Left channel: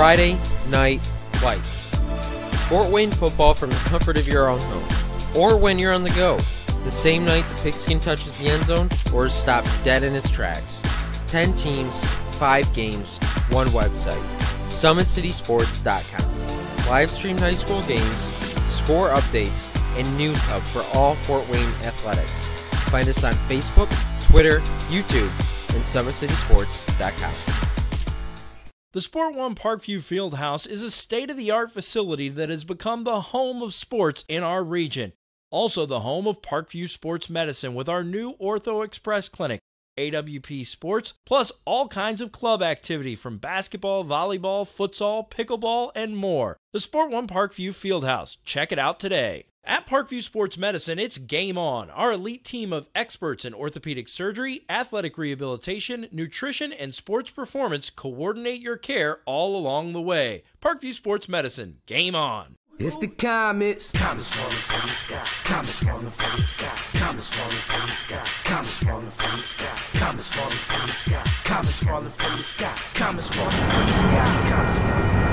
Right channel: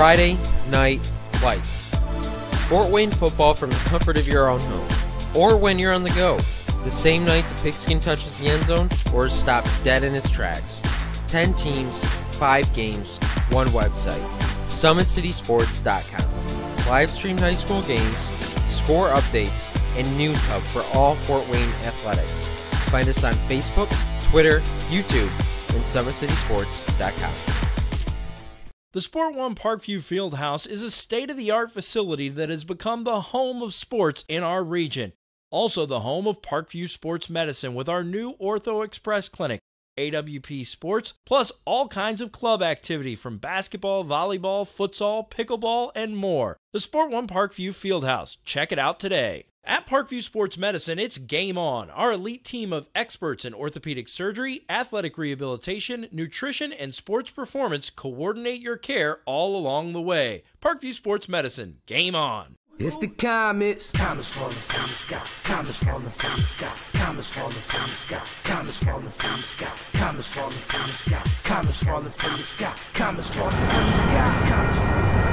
Friday Night Lights. Fort Wayne football from the comfort of your own home, or when you're on the go. The same night the pigskin touches the end zone or is stopped dead in its tracks. 10 teams, 5 games, 1 website. SummitCitySports.com. Live streamed high school games, score updates, and news hub for all Fort Wayne athletics. Find us on Facebook, Twitter, YouTube, and SummitCitySports.com. The Sport One Parkview Fieldhouse is a state-of-the-art facility that has become the home of sports in our region. Also the home of Parkview Sports Medicine with our new Ortho Express Clinic, AWP Sports, plus all kinds of club activity from basketball, volleyball, futsal, pickleball, and more. The Sport One Parkview Fieldhouse. Check it out today. At Parkview Sports Medicine, it's game on. Our elite team of experts in orthopedic surgery, athletic rehabilitation, nutrition, and sports performance coordinate your care all along the way. Parkview Sports Medicine. Game on. It's the comets. Comets falling from the sky. Comets falling from the sky. Comets falling from the sky. Comets falling from the sky. Comets falling from the sky. Comets falling from the sky. Comets falling from the sky. Comets falling from the sky.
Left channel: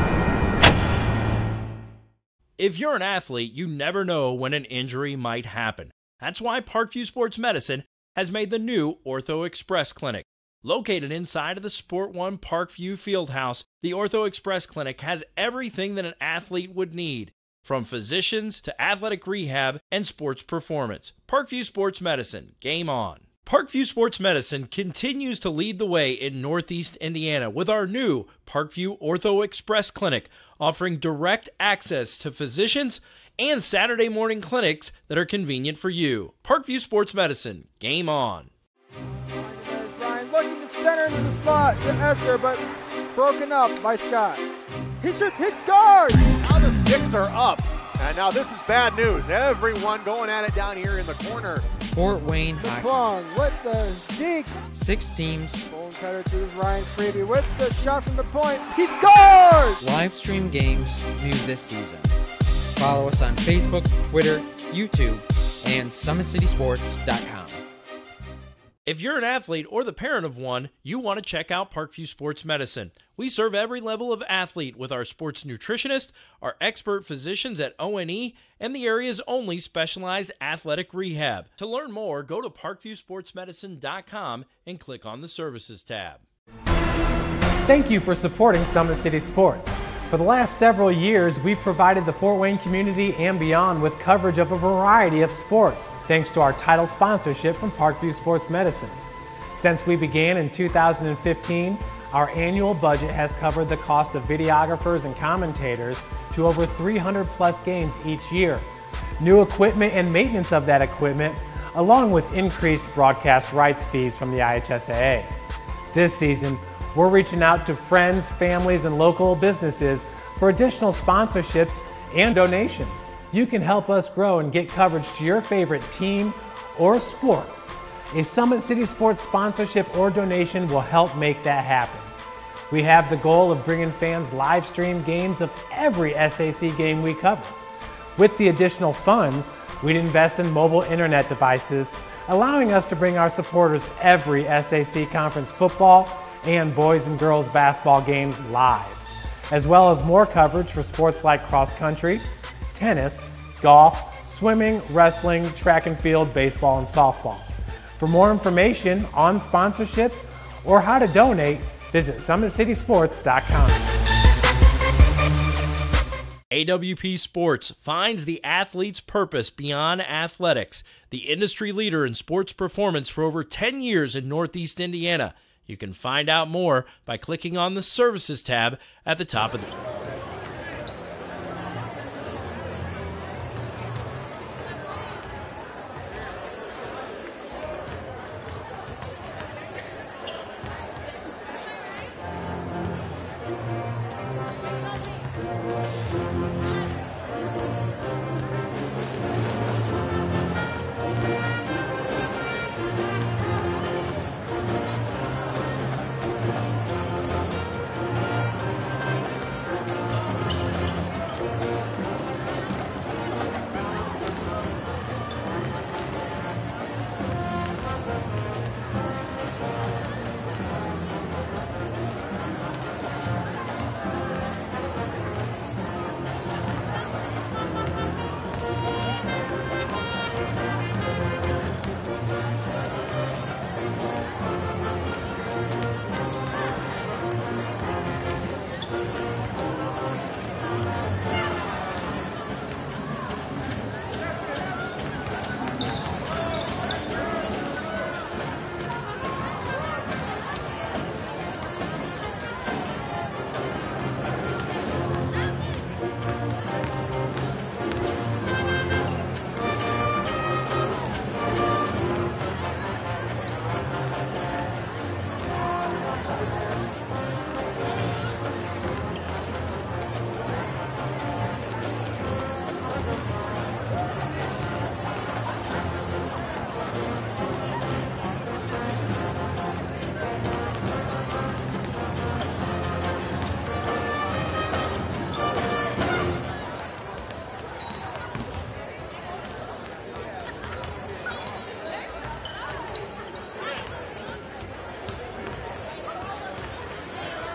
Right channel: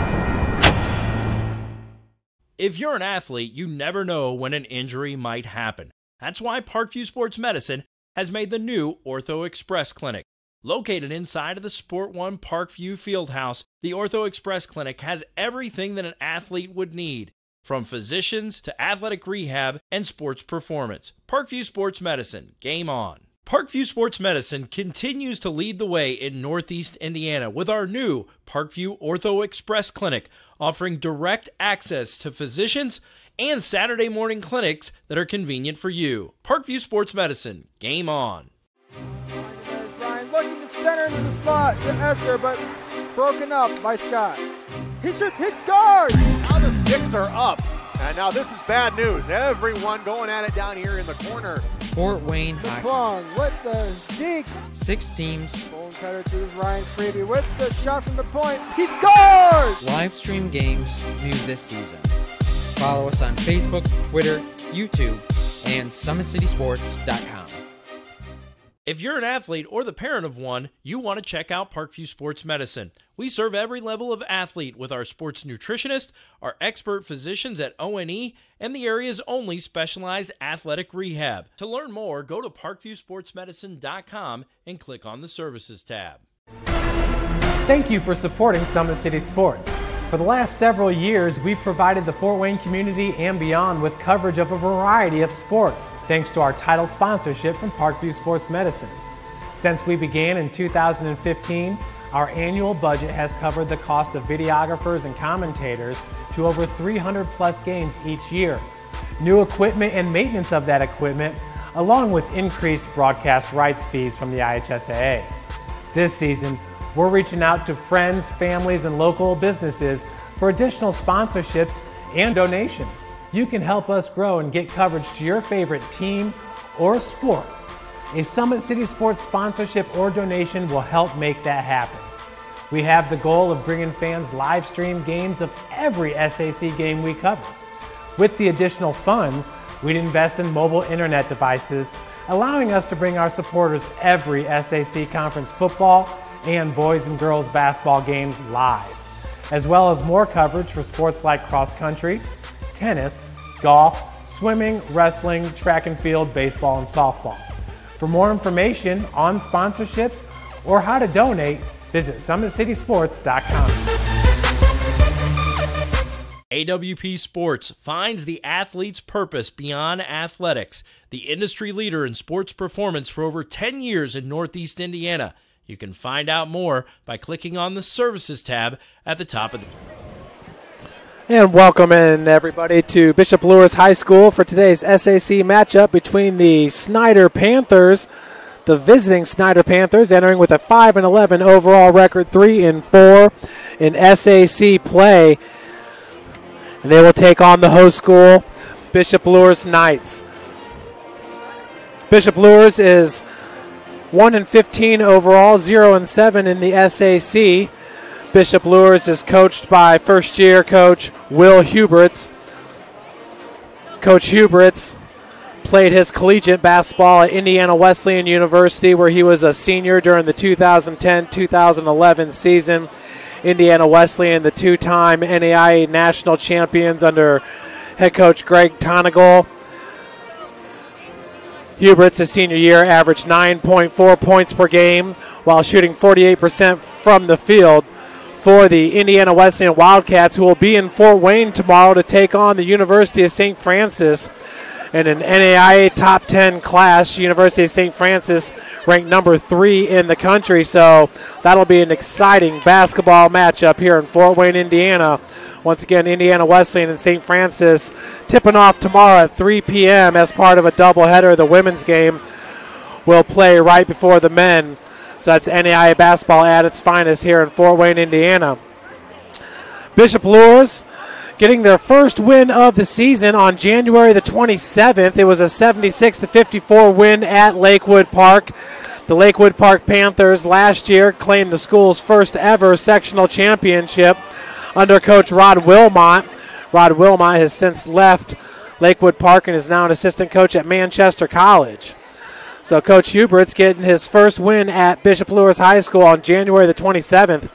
If you're an athlete, you never know when an injury might happen. That's why Parkview Sports Medicine has made the new Ortho Express Clinic. Located inside of the Sport One Parkview Fieldhouse, the Ortho Express Clinic has everything that an athlete would need, from physicians to athletic rehab and sports performance. Parkview Sports Medicine, game on. Parkview Sports Medicine continues to lead the way in Northeast Indiana with our new Parkview Ortho Express Clinic, offering direct access to physicians and Saturday morning clinics that are convenient for you. Parkview Sports Medicine, game on. Ryan looking to center into the slot to Esther, but broken up by Scott. He shoots, hits, scores! Now the sticks are up, and now this is bad news. Everyone going at it down here in the corner. Fort Wayne McClung hockey. with the deke. 6 teams. Bone cutter to Ryan Freeby with the shot from the point. He scores! Live stream games new this season. Follow us on Facebook, Twitter, YouTube, and SummitCitySports.com. If you're an athlete or the parent of one, you want to check out Parkview Sports Medicine. We serve every level of athlete with our sports nutritionist, our expert physicians at O&E, and the area's only specialized athletic rehab. To learn more, go to parkviewsportsmedicine.com and click on the Services tab. Thank you for supporting Summit City Sports. For the last several years, we've provided the Fort Wayne community and beyond with coverage of a variety of sports, thanks to our title sponsorship from Parkview Sports Medicine. Since we began in 2015, our annual budget has covered the cost of videographers and commentators to over 300 plus games each year. New equipment and maintenance of that equipment, along with increased broadcast rights fees from the IHSAA. This season, we're reaching out to friends, families, and local businesses for additional sponsorships and donations. You can help us grow and get coverage to your favorite team or sport. A Summit City Sports sponsorship or donation will help make that happen. We have the goal of bringing fans live stream games of every SAC game we cover. With the additional funds, we'd invest in mobile internet devices, allowing us to bring our supporters every SAC conference football and boys and girls basketball games live, as well as more coverage for sports like cross country, tennis, golf, swimming, wrestling, track and field, baseball, and softball. For more information on sponsorships or how to donate, visit SummitCitySports.com. AWP Sports finds the athlete's purpose beyond athletics, the industry leader in sports performance for over 10 years in Northeast Indiana. You can find out more by clicking on the Services tab at the top of the... And welcome in everybody to Bishop Luers High School for today's SAC matchup between the Snider Panthers, the visiting Snider Panthers, entering with a 5-11 overall record, 3-4 in SAC play. And they will take on the host school, Bishop Luers Knights. Bishop Luers is 1-15 overall, 0-7 in the SAC. Bishop Luers is coached by first-year coach Will Huberts. Coach Huberts played his collegiate basketball at Indiana Wesleyan University, where he was a senior during the 2010-2011 season. Indiana Wesleyan, the two-time NAIA national champions under head coach Greg Tonigal. Hubert's his senior year averaged 9.4 points per game while shooting 48% from the field for the Indiana Wesleyan Wildcats, who will be in Fort Wayne tomorrow to take on the University of St. Francis in an NAIA top 10 class. University of St. Francis ranked number 3 in the country, so that'll be an exciting basketball matchup here in Fort Wayne, Indiana. Once again, Indiana Wesleyan and St. Francis tipping off tomorrow at 3 p.m. as part of a doubleheader. The women's game will play right before the men. So that's NAIA basketball at its finest here in Fort Wayne, Indiana. Bishop Luers getting their first win of the season on January the 27th. It was a 76-54 win at Lakewood Park. The Lakewood Park Panthers last year claimed the school's first ever sectional championship under Coach Rod Wilmot. Rod Wilmot has since left Lakewood Park and is now an assistant coach at Manchester College. So Coach Hubert's getting his first win at Bishop Luers High School on January the 27th.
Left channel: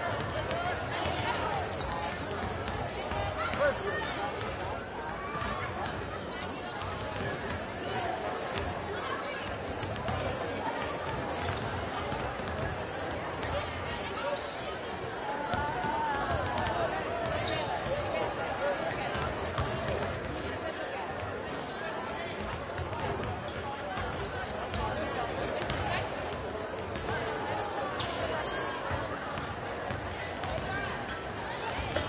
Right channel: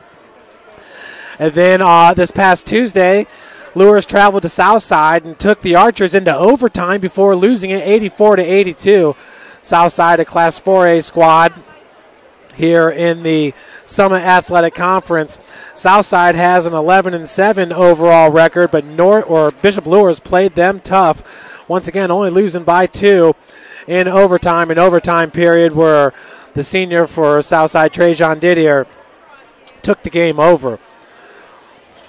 And then this past Tuesday, Luers traveled to Southside and took the Archers into overtime before losing it 84-82. Southside, a Class 4A squad here in the Summit Athletic Conference. Southside has an 11-7 overall record, but Bishop Luers played them tough. Once again, only losing by 2 in overtime. An overtime period where the senior for Southside, Trajan Didier, took the game over.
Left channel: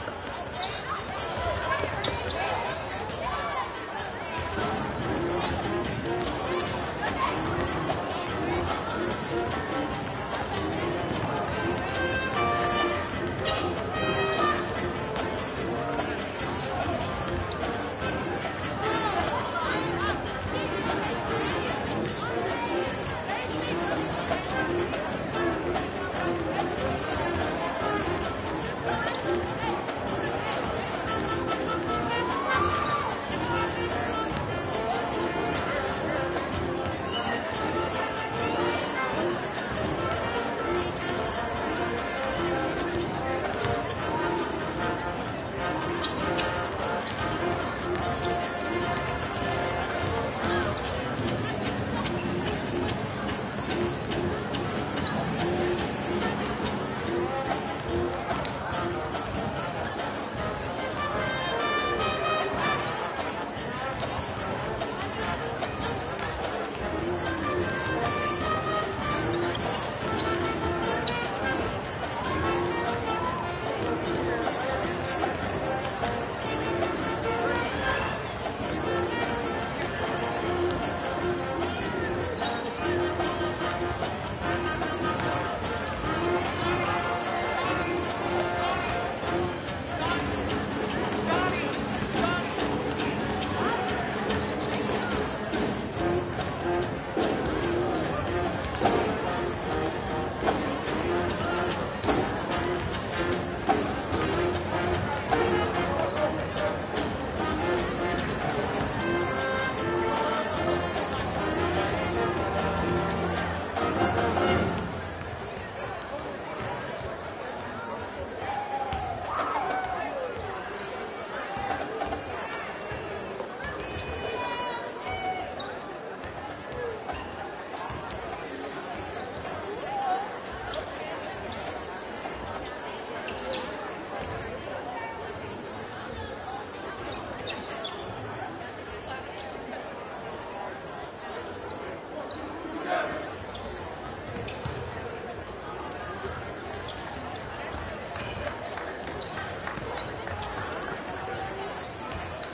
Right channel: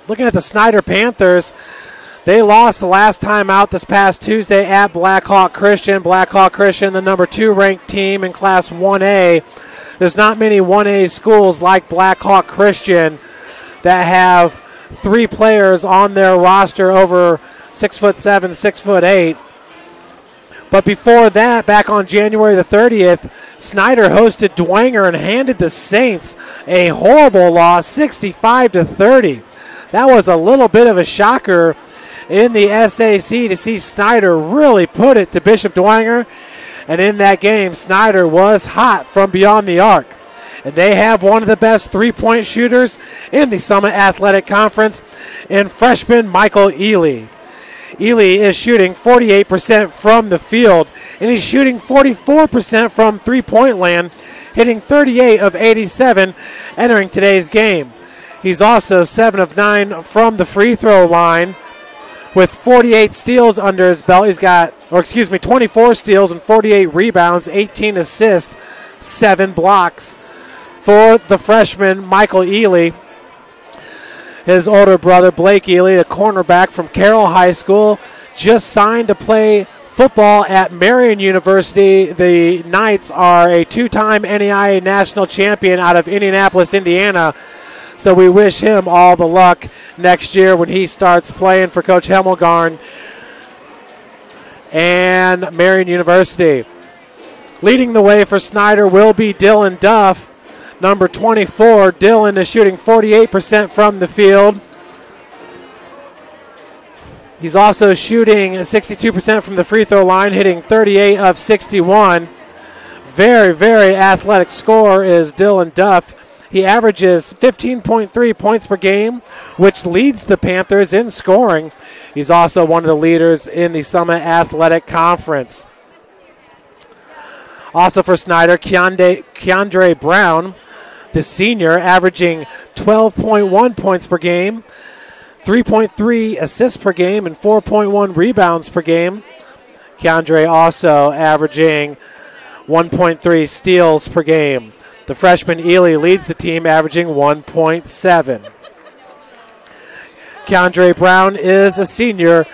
Looking at the Snider Panthers, they lost the last time out this past Tuesday at Blackhawk Christian. Blackhawk Christian, the number 2 ranked team in Class 1A. There's not many 1A schools like Blackhawk Christian that have 3 players on their roster over 6'7", 6'8". But before that, back on January the 30th, Snider hosted Dwenger and handed the Saints a horrible loss, 65-30. That was a little bit of a shocker in the SAC to see Snider really put it to Bishop Dwenger. And in that game, Snider was hot from beyond the arc. And they have one of the best three-point shooters in the Summit Athletic Conference in freshman Michael Ely. Ely is shooting 48% from the field, and he's shooting 44% from three-point land, hitting 38 of 87 entering today's game. He's also 7 of 9 from the free throw line with 48 steals under his belt. He's got, 24 steals and 48 rebounds, 18 assists, 7 blocks for the freshman Michael Ely. His older brother Blake Ely, a cornerback from Carroll High School, just signed to play football at Marion University. The Knights are a 2-time NAIA national champion out of Indianapolis, Indiana. So we wish him all the luck next year when he starts playing for Coach Hemmelgarn and Marion University. Leading the way for Snider will be Dylan Duff, number 24. Dylan is shooting 48% from the field. He's also shooting 62% from the free throw line, hitting 38 of 61. Very, very athletic scorer is Dylan Duff. He averages 15.3 points per game, which leads the Panthers in scoring. He's also one of the leaders in the Summit Athletic Conference. Also for Snider, Keandre Brown, the senior, averaging 12.1 points per game, 3.3 assists per game, and 4.1 rebounds per game. Keandre also averaging 1.3 steals per game. The freshman Ely leads the team, averaging 1.7. Keandre Brown is a senior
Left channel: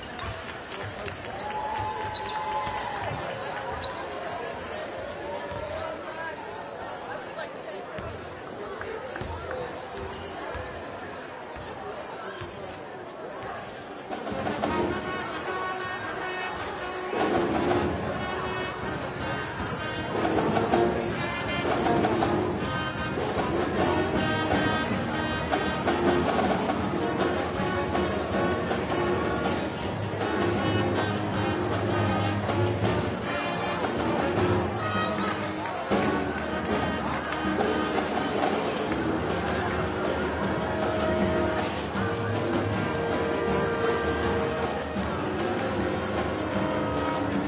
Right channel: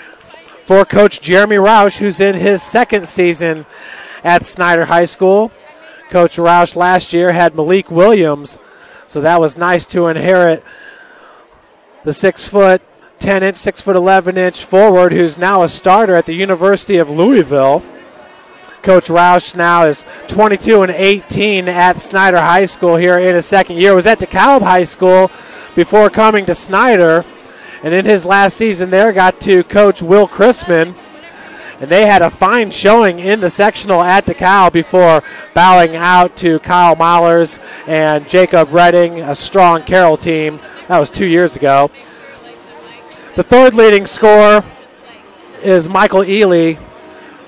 for Coach Jeremy Roush, who's in his second season at Snider High School. Coach Roush last year had Malik Williams, so that was nice to inherit the 6'10", 6'11" forward who's now a starter at the University of Louisville. Coach Roush now is 22-18 at Snider High School here in his second year. Was at DeKalb High School before coming to Snider, and in his last season there got to coach Will Chrisman, and they had a fine showing in the sectional at DeKalb before bowing out to Kyle Mahlers and Jacob Redding, a strong Carroll team That was 2 years ago. The third leading scorer is Michael Ely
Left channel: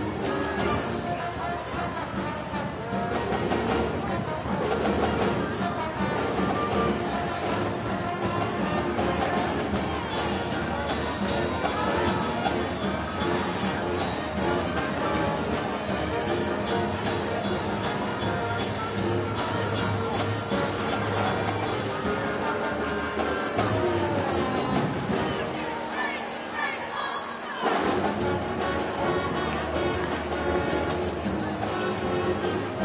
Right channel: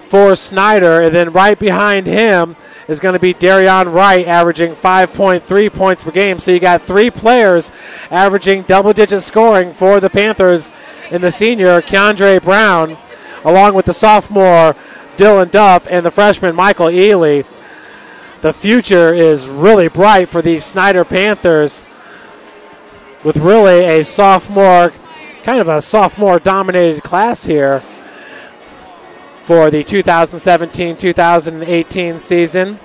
for Snider, and then right behind him is going to be Darion Wright, averaging 5.3 points per game. So you got 3 players averaging double-digit scoring for the Panthers in the senior Keandre Brown, along with the sophomore Dylan Duff and the freshman Michael Ely. The future is really bright for these Snider Panthers, with really a sophomore, kind of a sophomore-dominated class here for the 2017-2018 season.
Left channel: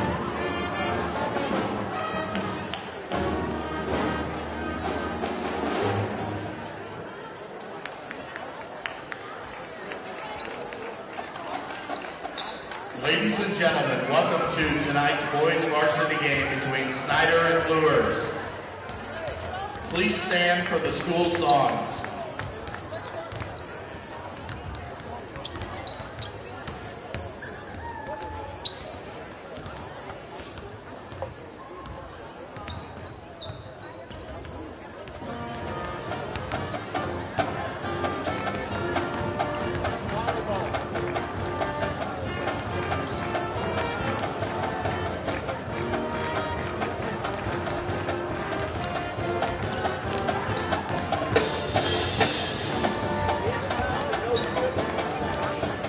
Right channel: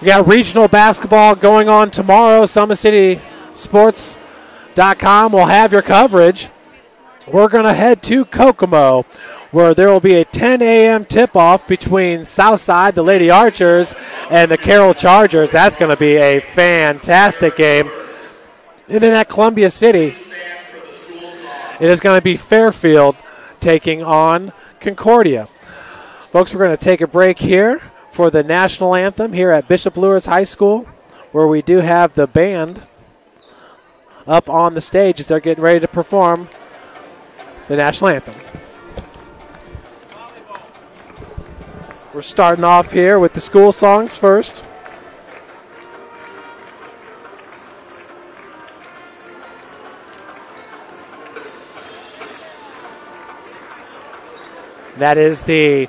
We got regional basketball going on tomorrow. SummitCitySports.com will have your coverage. We're going to head to Kokomo, where there will be a 10 a.m. tip-off between Southside, the Lady Archers, and the Carroll Chargers. That's going to be a fantastic game. And then at Columbia City, it is going to be Fairfield taking on Concordia. Folks, we're going to take a break here for the national anthem here at Bishop Luers High School, where we do have the band up on the stage as they're getting ready to perform the national anthem. We're starting off here with the school songs first. That is the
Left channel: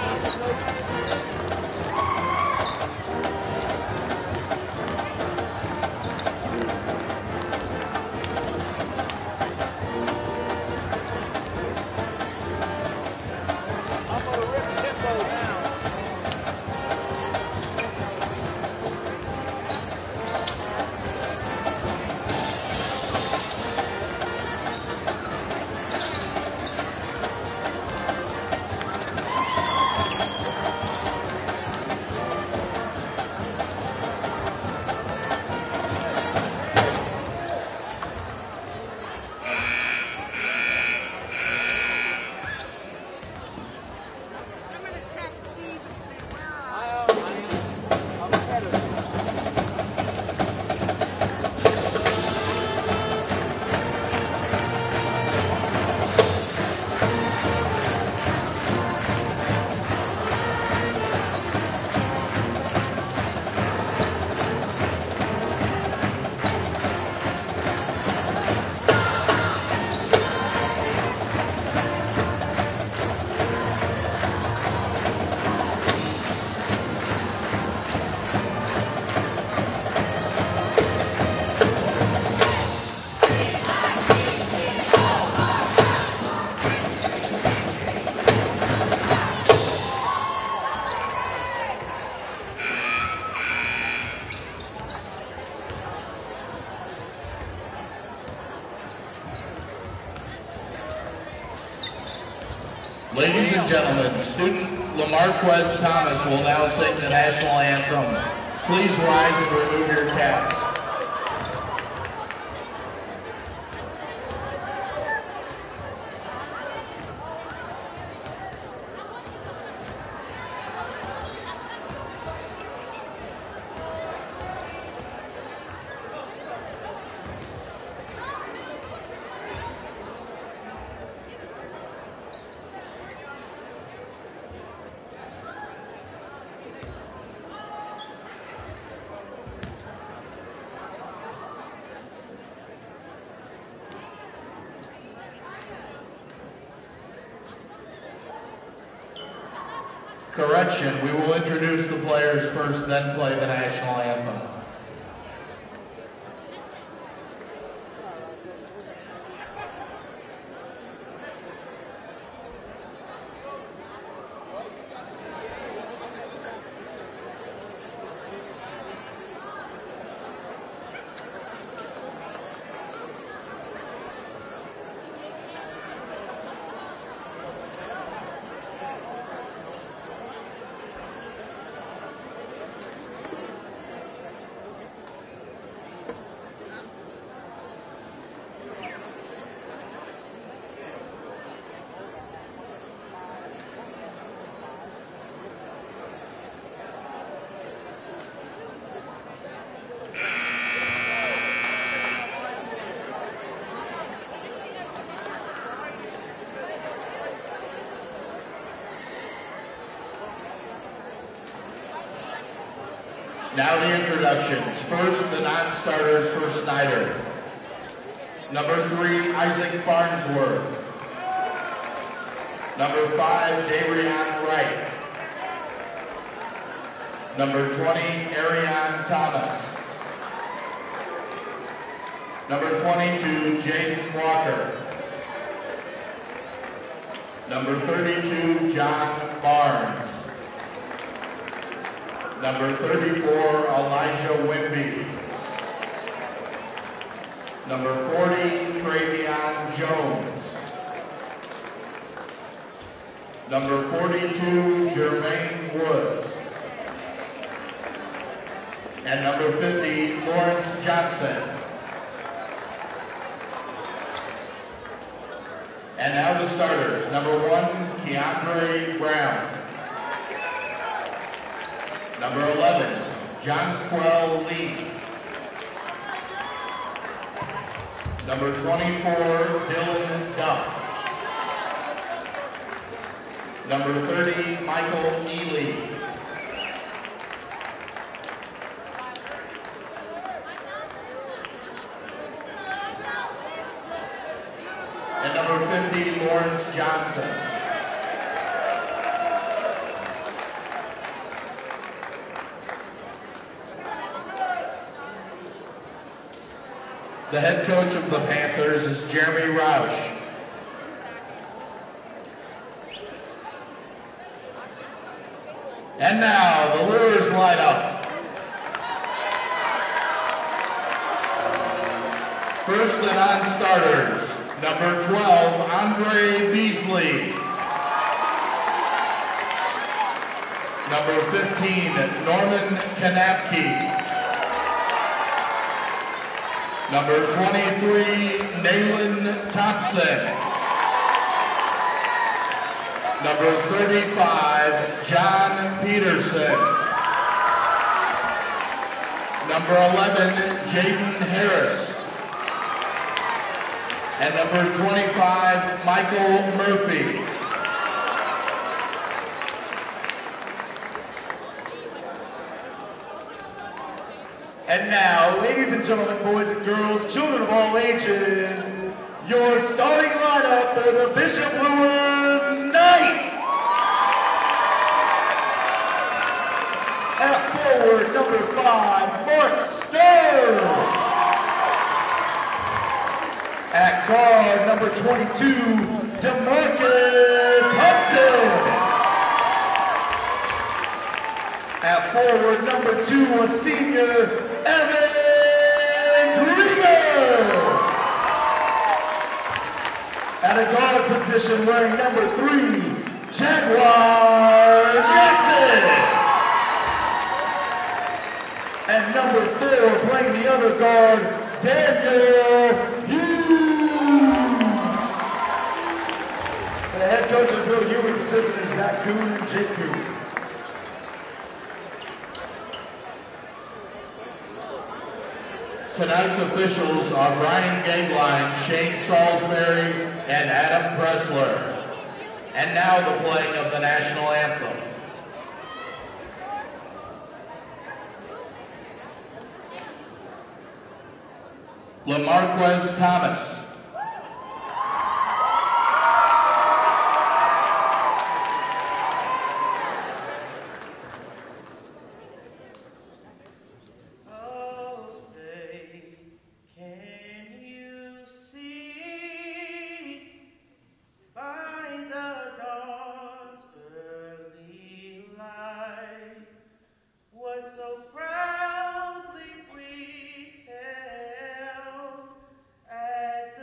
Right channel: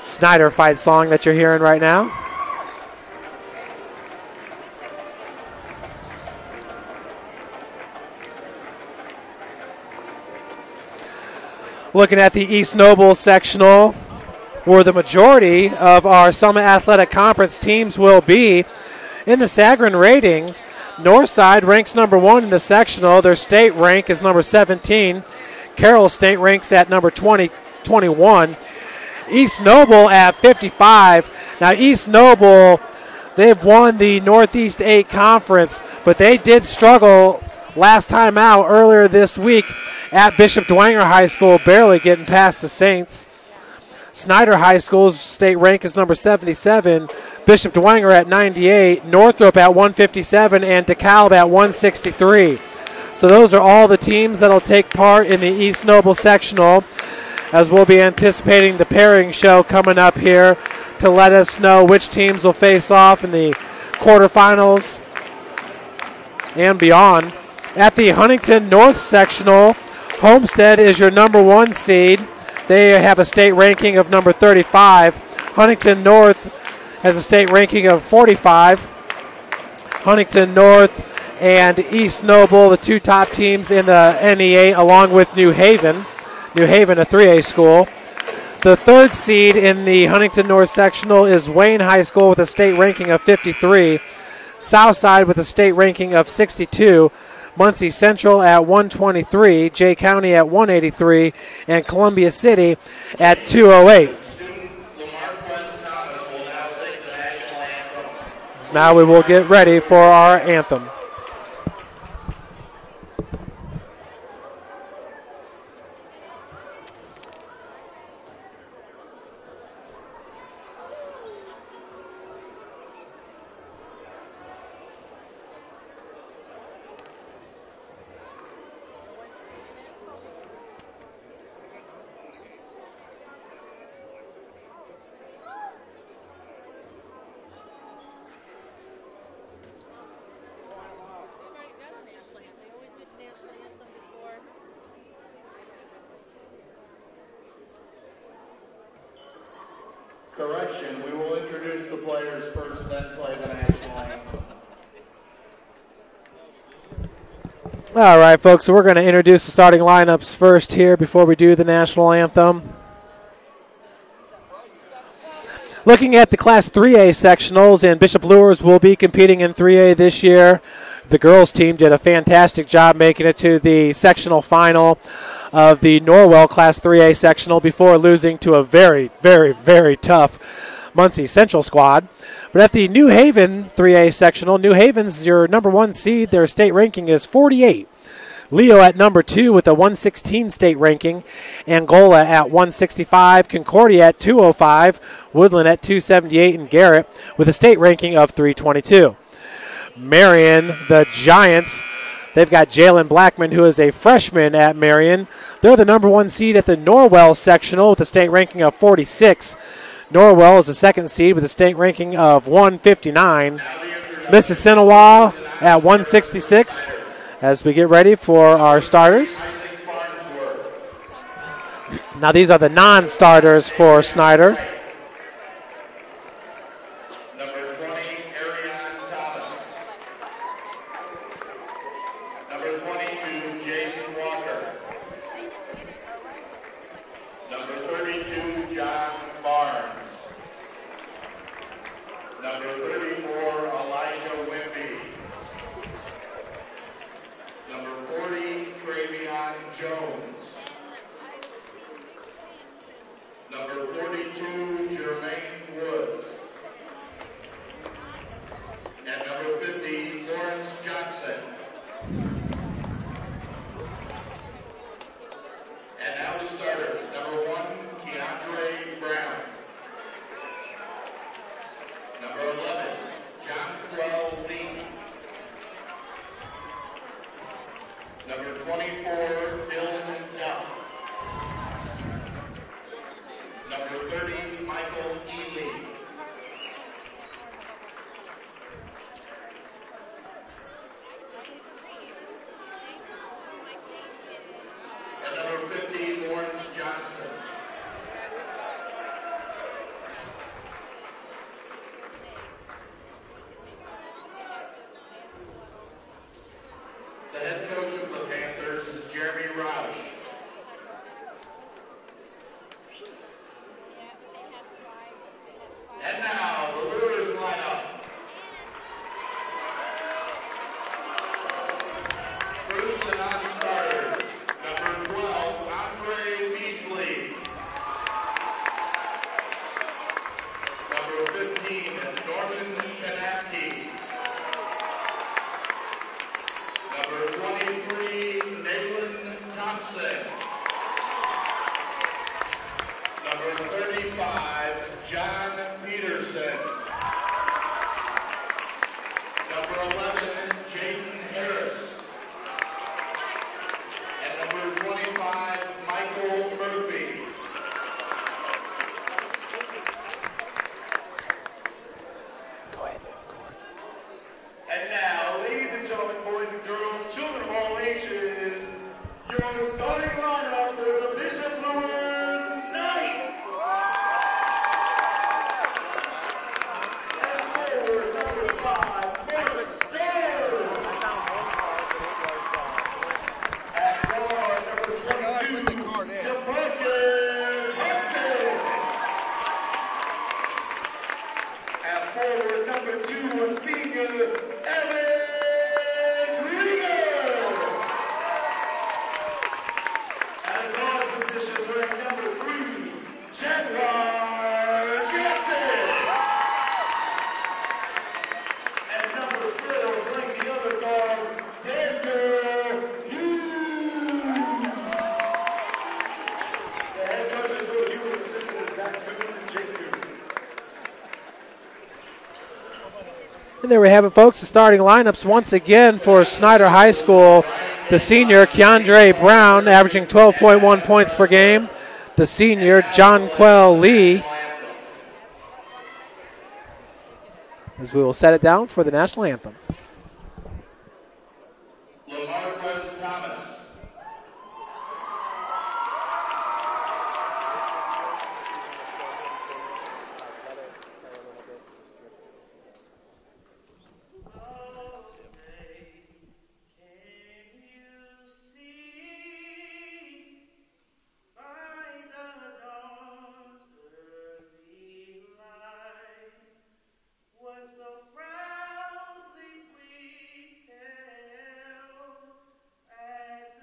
Snider fight song that you're hearing right now. Looking at the East Noble sectional, where the majority of our Summit Athletic Conference teams will be. In the Sagarin ratings, Northside ranks number 1 in the sectional. Their state rank is number 17. Carroll State ranks at number 21. East Noble at 55. Now East Noble, they've won the Northeast 8 Conference, but they did struggle last time out earlier this week at Bishop Dwenger High School, barely getting past the Saints. Snider High School's state rank is number 77. Bishop Dwenger at 98. Northrop at 157 and DeKalb at 163. So those are all the teams that will take part in the East Noble sectional, as we'll be anticipating the pairing show coming up here to let us know which teams will face off in the quarterfinals and beyond. At the Huntington North sectional, Homestead is your number 1 seed. They have a state ranking of number 35. Huntington North has a state ranking of 45. Huntington North and East Noble, the 2 top teams in the NEA, along with New Haven. New Haven, a 3A school. The 3rd seed in the Huntington North sectional is Wayne High School with a state ranking of 53. Southside with a state ranking of 62. Muncie Central at 123. Jay County at 183. And Columbia City at 208. Student LaMarquez Thomas will now sing the national anthem. So now we will get ready for our anthem. Correction, we will introduce the players first, then play the national anthem. All right, folks, so we're going to introduce the starting lineups first here before we do the national anthem. Looking at the Class 3A sectionals, and Bishop Luers will be competing in 3A this year. The girls team did a fantastic job making it to the sectional final of the Norwell Class 3A sectional before losing to a very, very, very tough Muncie Central squad. But at the New Haven 3A sectional, New Haven's your number 1 seed. Their state ranking is 48. Leo at number 2 with a 116 state ranking. Angola at 165. Concordia at 205. Woodland at 278. And Garrett with a state ranking of 322. Marion, the Giants, They've got Jalen Blackman, who is a freshman at Marion. They're the number 1 seed at the Norwell sectional with a state ranking of 46. Norwell is the 2nd seed with a state ranking of 159. Mississinawa at 166 as we get ready for our starters. Now these are the non-starters for Snider. Number 20, Arion Thomas. Number 22, Jaden Walker. Number 32, John Barnes. Number 34, Elijah Wimby. Number 40, Travion Jones. Number 42, Jermaine Woods. And number 50, Lawrence Johnson. And now the starters. Number 1, Keandre Brown. Number 11, Jonquel Lee. Number 24, Dylan Duff. Number 30, Michael Ely. And number 50, Lawrence Johnson. The head coach of the Panthers is Jeremy Roush. And now, the Luers lineup. First and non-starters, number 12, Andre Beasley. Number 15, Norman Kanapke. Number 23, Nayland Thompson. Number 35, John Peterson. Number 11, Jaden Harris. And number 25, Michael Murphy. And now, ladies and gentlemen, boys and girls, children of all ages, your starting lineup for the Bishop Luers Knights. At forward, number 5, Mark Stern. At guard, number 22, DeMarcus Hudson. At forward, number 2, a senior, Evan Greener. At a guard position, wearing number 3, Jaguar Jackson. And number 4, playing the other guard, Daniel Hughes. The head coaches Will Ewing, assistant Zach Kuhn and Jake Kuhn. And there we have it, folks, the starting lineups once again for Snider High School. The senior, Keandre Brown, averaging 12.1 points per game. The senior, Jonquel Lee. As we will set it down for the national anthem. LaMarquez Thomas. Proudly we held at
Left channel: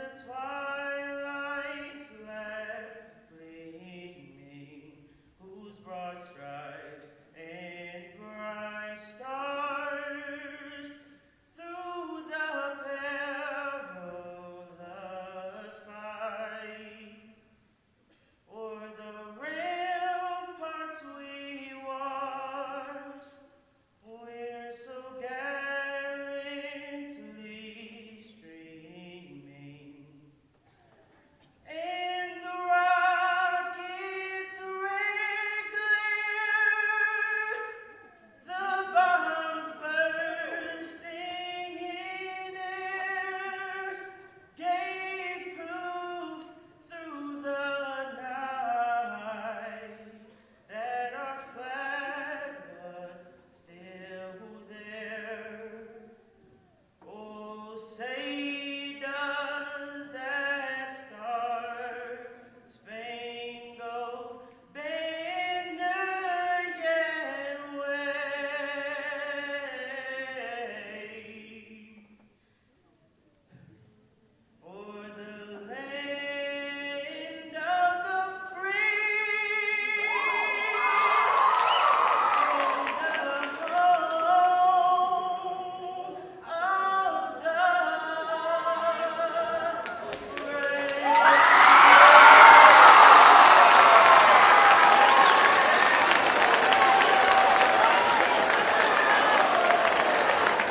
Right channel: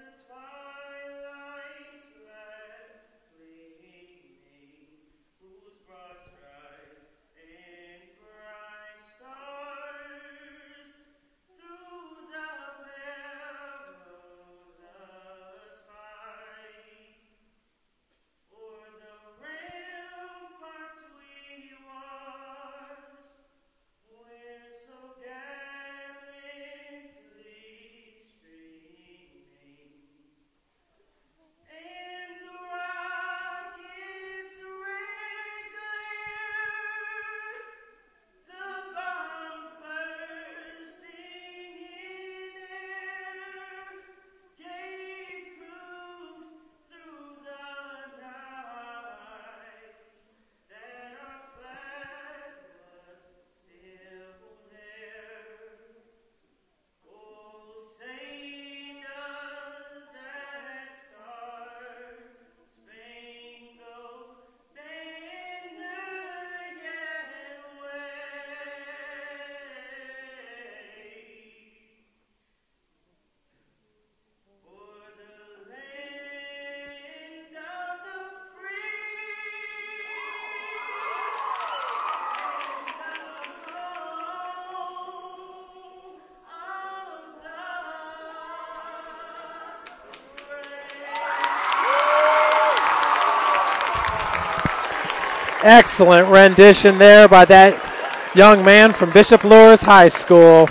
Excellent rendition there by that young man from Bishop Luers High School.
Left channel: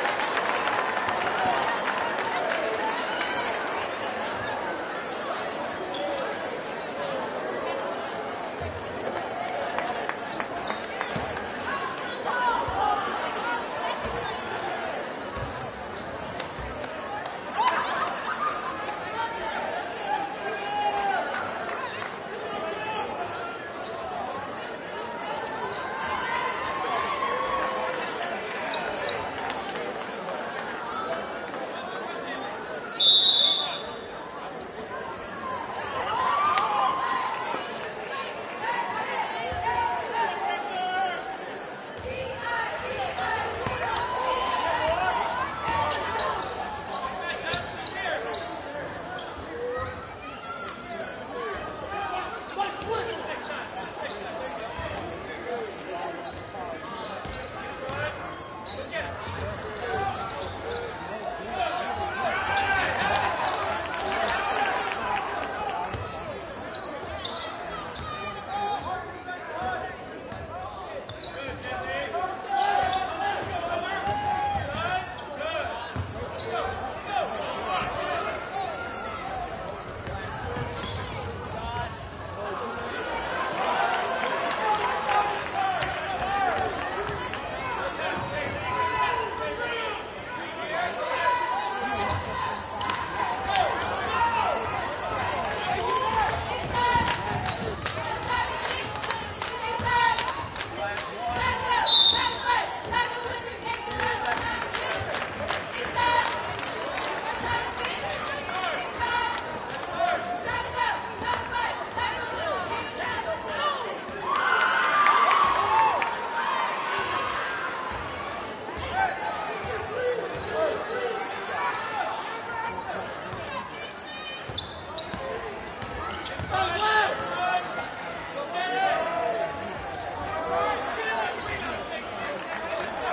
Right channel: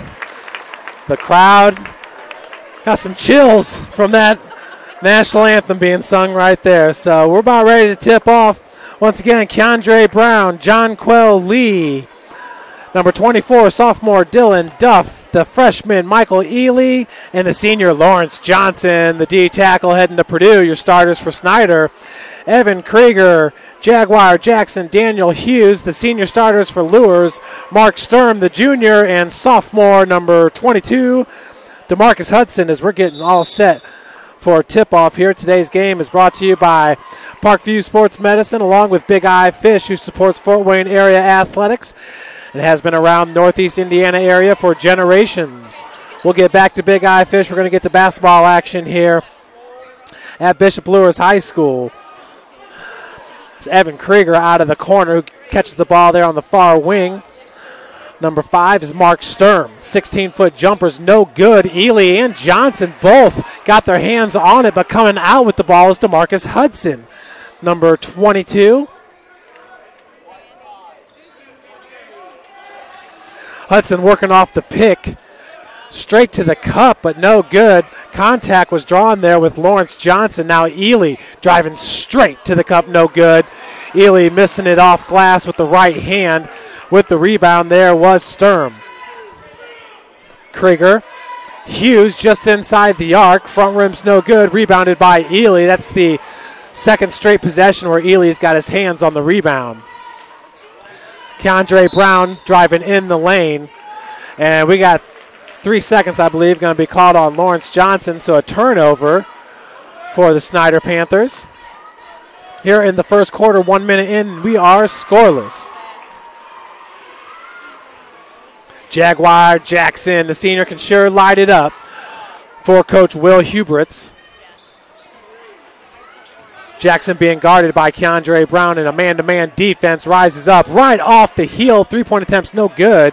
The crowd got some chills from that national anthem being sung right there. So we're about ready to tip off. Once again, Keandre Brown, John Quell Lee, number 24, sophomore Dylan Duff, the freshman Michael Ely, and the senior Lawrence Johnson, the D tackle heading to Purdue. Your starters for Snider, Evan Krieger, Jaguar Jackson, Daniel Hughes, the senior starters for Luers, Mark Sturm, the junior, and sophomore number 22, DeMarcus Hudson, as we're getting all set for tip-off here. Today's game is brought to you by Parkview Sports Medicine, along with Big Eye Fish, who supports Fort Wayne area athletics. It has been around Northeast Indiana area for generations. We'll get back to Big Eye Fish. We're going to get to basketball action here at Bishop Luers High School. It's Evan Krieger out of the corner who catches the ball there on the far wing. Number 5 is Mark Sturm. 16-foot jumpers, no good. Ely and Johnson both got their hands on it, but coming out with the ball is DeMarcus Hudson, number 22. Hudson working off the pick, straight to the cup, but no good. Contact was drawn there with Lawrence Johnson. Now Ely driving straight to the cup, no good. Ely missing it off glass with the right hand. With the rebound there was Sturm. Krieger. Hughes just inside the arc. Front rim's no good. Rebounded by Ely. That's the second straight possession where Ely's got his hands on the rebound. Keandre Brown driving in the lane. And we got 3 seconds, I believe, going to be called on Lawrence Johnson. So a turnover for the Snider Panthers. Here in the first quarter, 1 minute in, we are scoreless. Jaguar Jackson, the senior, can sure light it up for Coach Will Huberts. Jackson being guarded by Keandre Brown, and a man-to-man defense rises up right off the heel. Three-point attempts no good.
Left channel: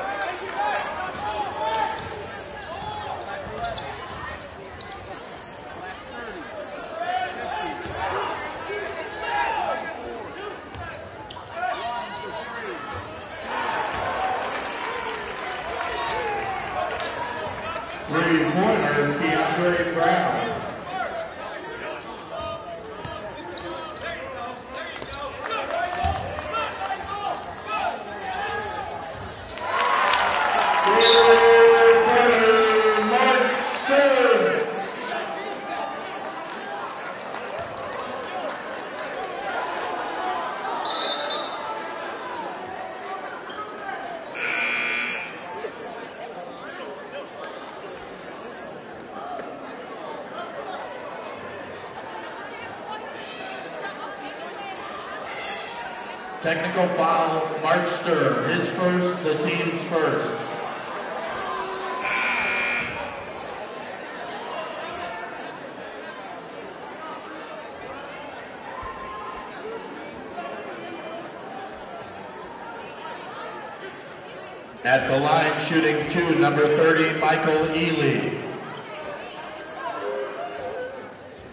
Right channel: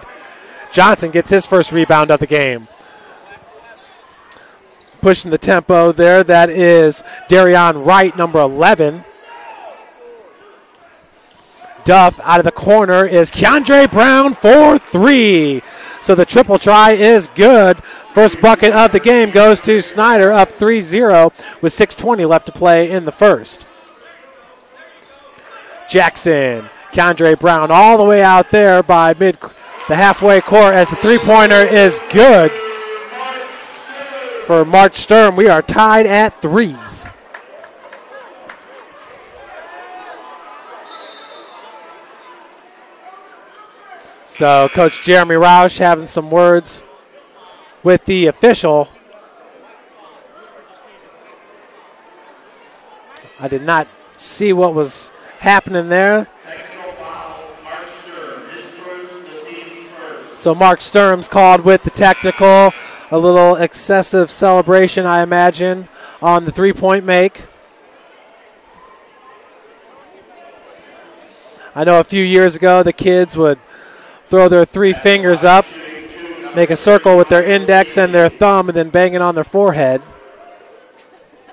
Johnson gets his first rebound of the game. Pushing the tempo there, that is Darion Wright, number 11. Duff out of the corner is Keandre Brown for 3. So the triple try is good. First bucket of the game goes to Snider, up 3-0 with 6:20 left to play in the first. Jackson, Keandre Brown all the way out there by the halfway court as the three-pointer is good for Mark Sturm. We are tied at 3s. So Coach Jeremy Roush having some words with the official. I did not see what was happening there. Technical foul, Mark Sturm, his first, the team's first. So Mark Sturm's called with the technical. A little excessive celebration, I imagine, on the three-point make. I know a few years ago the kids would throw their three fingers up, make a circle with their index and their thumb, and then bang it on their forehead.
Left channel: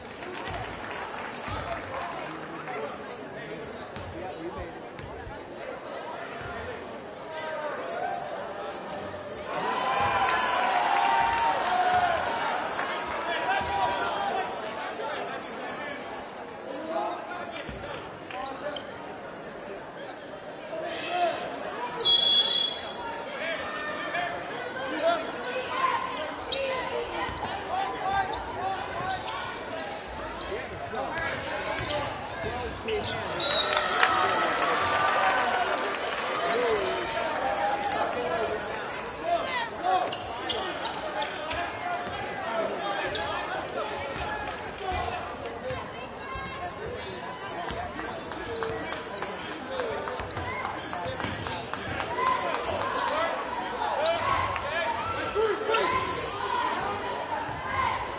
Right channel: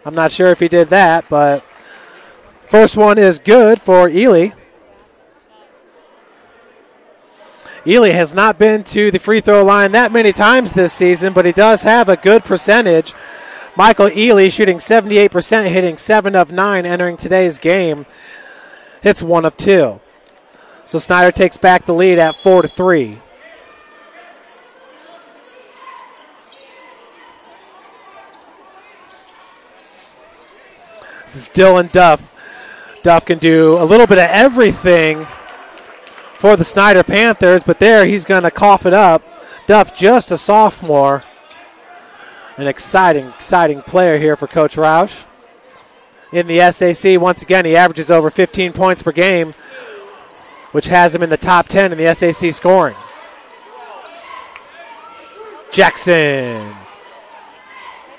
I'm not sure if he did that, but first one is good for Ely. Ely has not been to the free throw line that many times this season, but he does have a good percentage. Michael Ely shooting 78%, hitting 7 of 9 entering today's game. Hits 1 of 2. So Snider takes back the lead at 4-3. This is Dylan Duff. Duff can do a little bit of everything for the Snider Panthers, but there he's going to cough it up. Duff, just a sophomore. An exciting player here for Coach Roush. In the SAC, once again, he averages over 15 points per game, which has him in the top 10 in the SAC scoring. Jackson.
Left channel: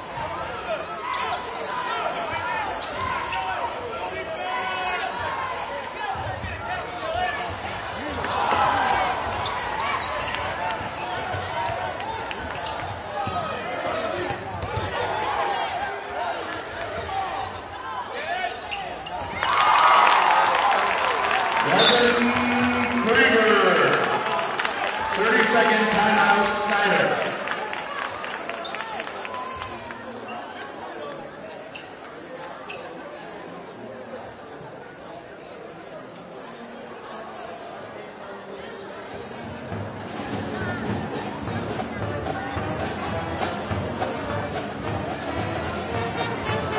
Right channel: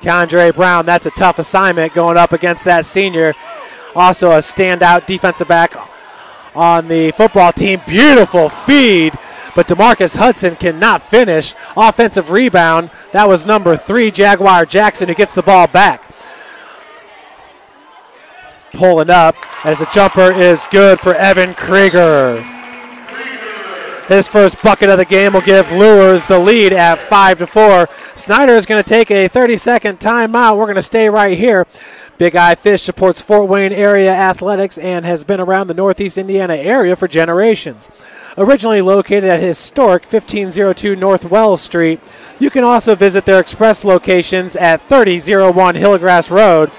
Keandre Brown, that's a tough assignment going up against that senior. Also a standout defensive back on the football team. Beautiful feed, but DeMarcus Hudson cannot finish. Offensive rebound. That was number 3, Jaguar Jackson, who gets the ball back. Pulling up. as the jumper is good for Evan Krieger. His first bucket of the game will give Luers the lead at 5-4. Snider is going to take a 30-second timeout. We're going to stay right here. Big Eye Fish supports Fort Wayne area athletics and has been around the Northeast Indiana area for generations. Originally located at historic 1502 North Wells Street, you can also visit their express locations at 3001 Hillgrass Road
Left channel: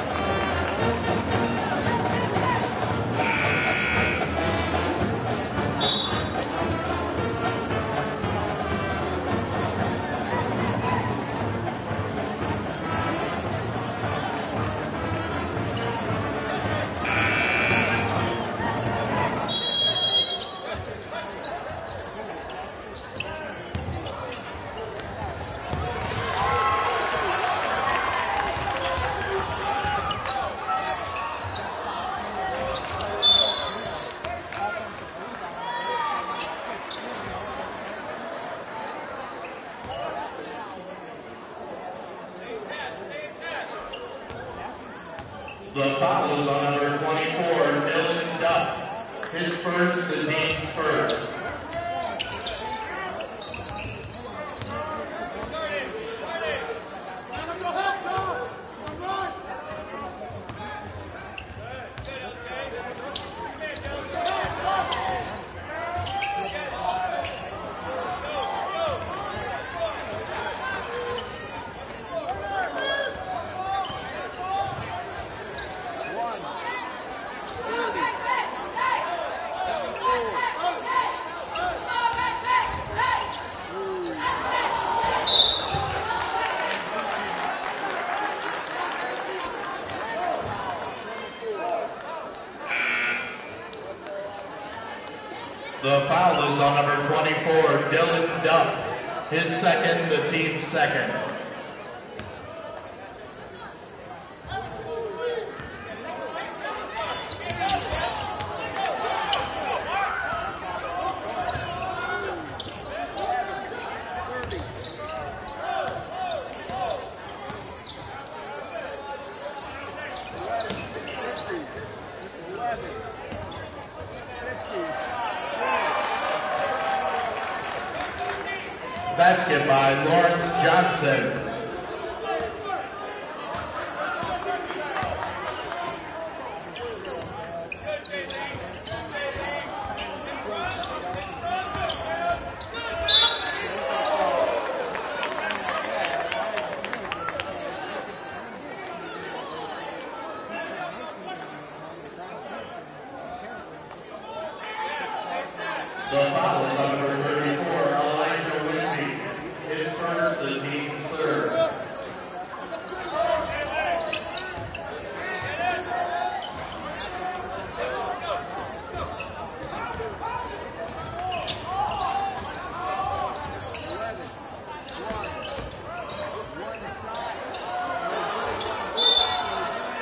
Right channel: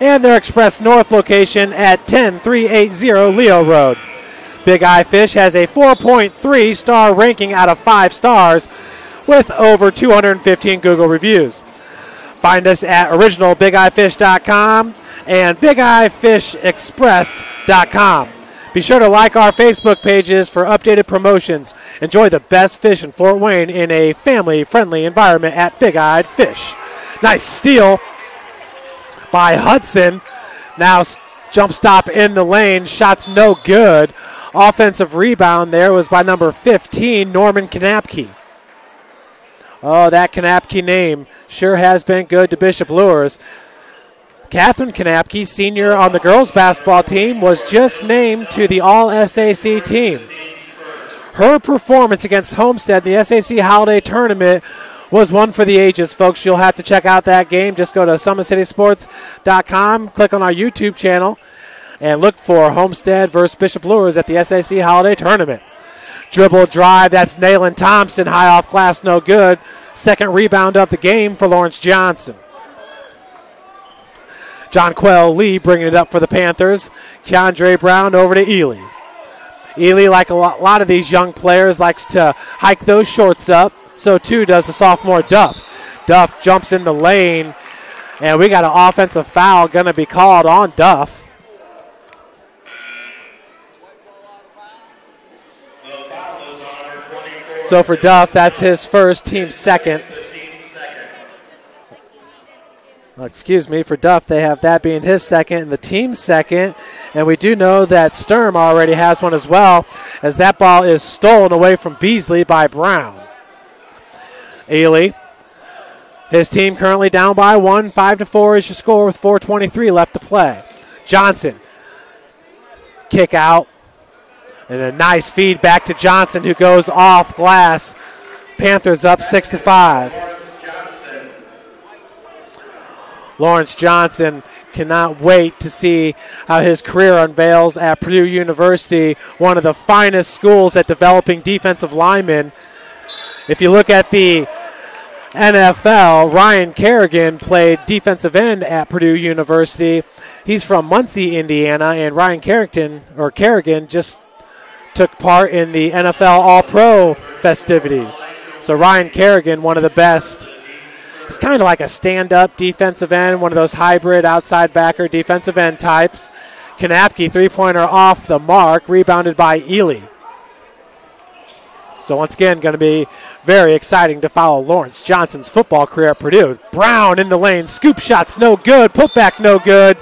and their express north location at 10380 Leo Road. Big Eye Fish has a 4.3 star ranking out of 5 stars with over 215 Google reviews. Find us at originalbigeyefish.com and bigeyeFishExpress.com. Be sure to like our Facebook pages for updated promotions. Enjoy the best fish in Fort Wayne in a family-friendly environment at Big Eyed Fish. Nice steal by Hudson. Now jump stop in the lane. Shot's no good. Offensive rebound there was by number 15, Norman Kanapke. Oh, that Kanapke name sure has been good to Bishop Luers. Catherine Kanapke, senior on the girls basketball team, was just named to the All-SAC team. Her performance against Homestead in the SAC Holiday Tournament was one for the ages, folks. You'll have to check out that game. Just go to SummitCitySports.com, click on our YouTube channel, and look for Homestead versus Bishop Luers at the SAC Holiday Tournament. Dribble drive, that's Nayland Thompson, high off glass, no good. Second rebound of the game for Lawrence Johnson. John Quell Lee bringing it up for the Panthers. Keandre Brown over to Ely. Ely, like a lot of these young players, likes to hike those shorts up. So too does the sophomore Duff. Duff jumps in the lane, and we got an offensive foul going to be called on Duff. The foul is on number 24. So for Duff, that's his first, team second. Excuse me, for Duff, they have that being his second and the team's second. And we do know that Sturm already has one as well, as that ball is stolen away from Beasley by Brown. Ely, his team currently down by 1, 5-4 is your score with 4:23 left to play. Johnson, kick out, and a nice feed back to Johnson, who goes off glass. Panthers up 6-5. Lawrence Johnson cannot wait to see how his career unveils at Purdue University, one of the finest schools at developing defensive linemen. If you look at the NFL, Ryan Kerrigan played defensive end at Purdue University. He's from Muncie, Indiana, and Ryan Kerrigan just took part in the NFL All-Pro festivities. So Ryan Kerrigan, one of the best. He's kind of like a stand-up defensive end, one of those hybrid outside backer defensive end types. Kanapke, three-pointer off the mark, rebounded by Ely. So once again, going to be very exciting to follow Lawrence Johnson's football career at Purdue. Brown in the lane, scoop shots no good, putback no good,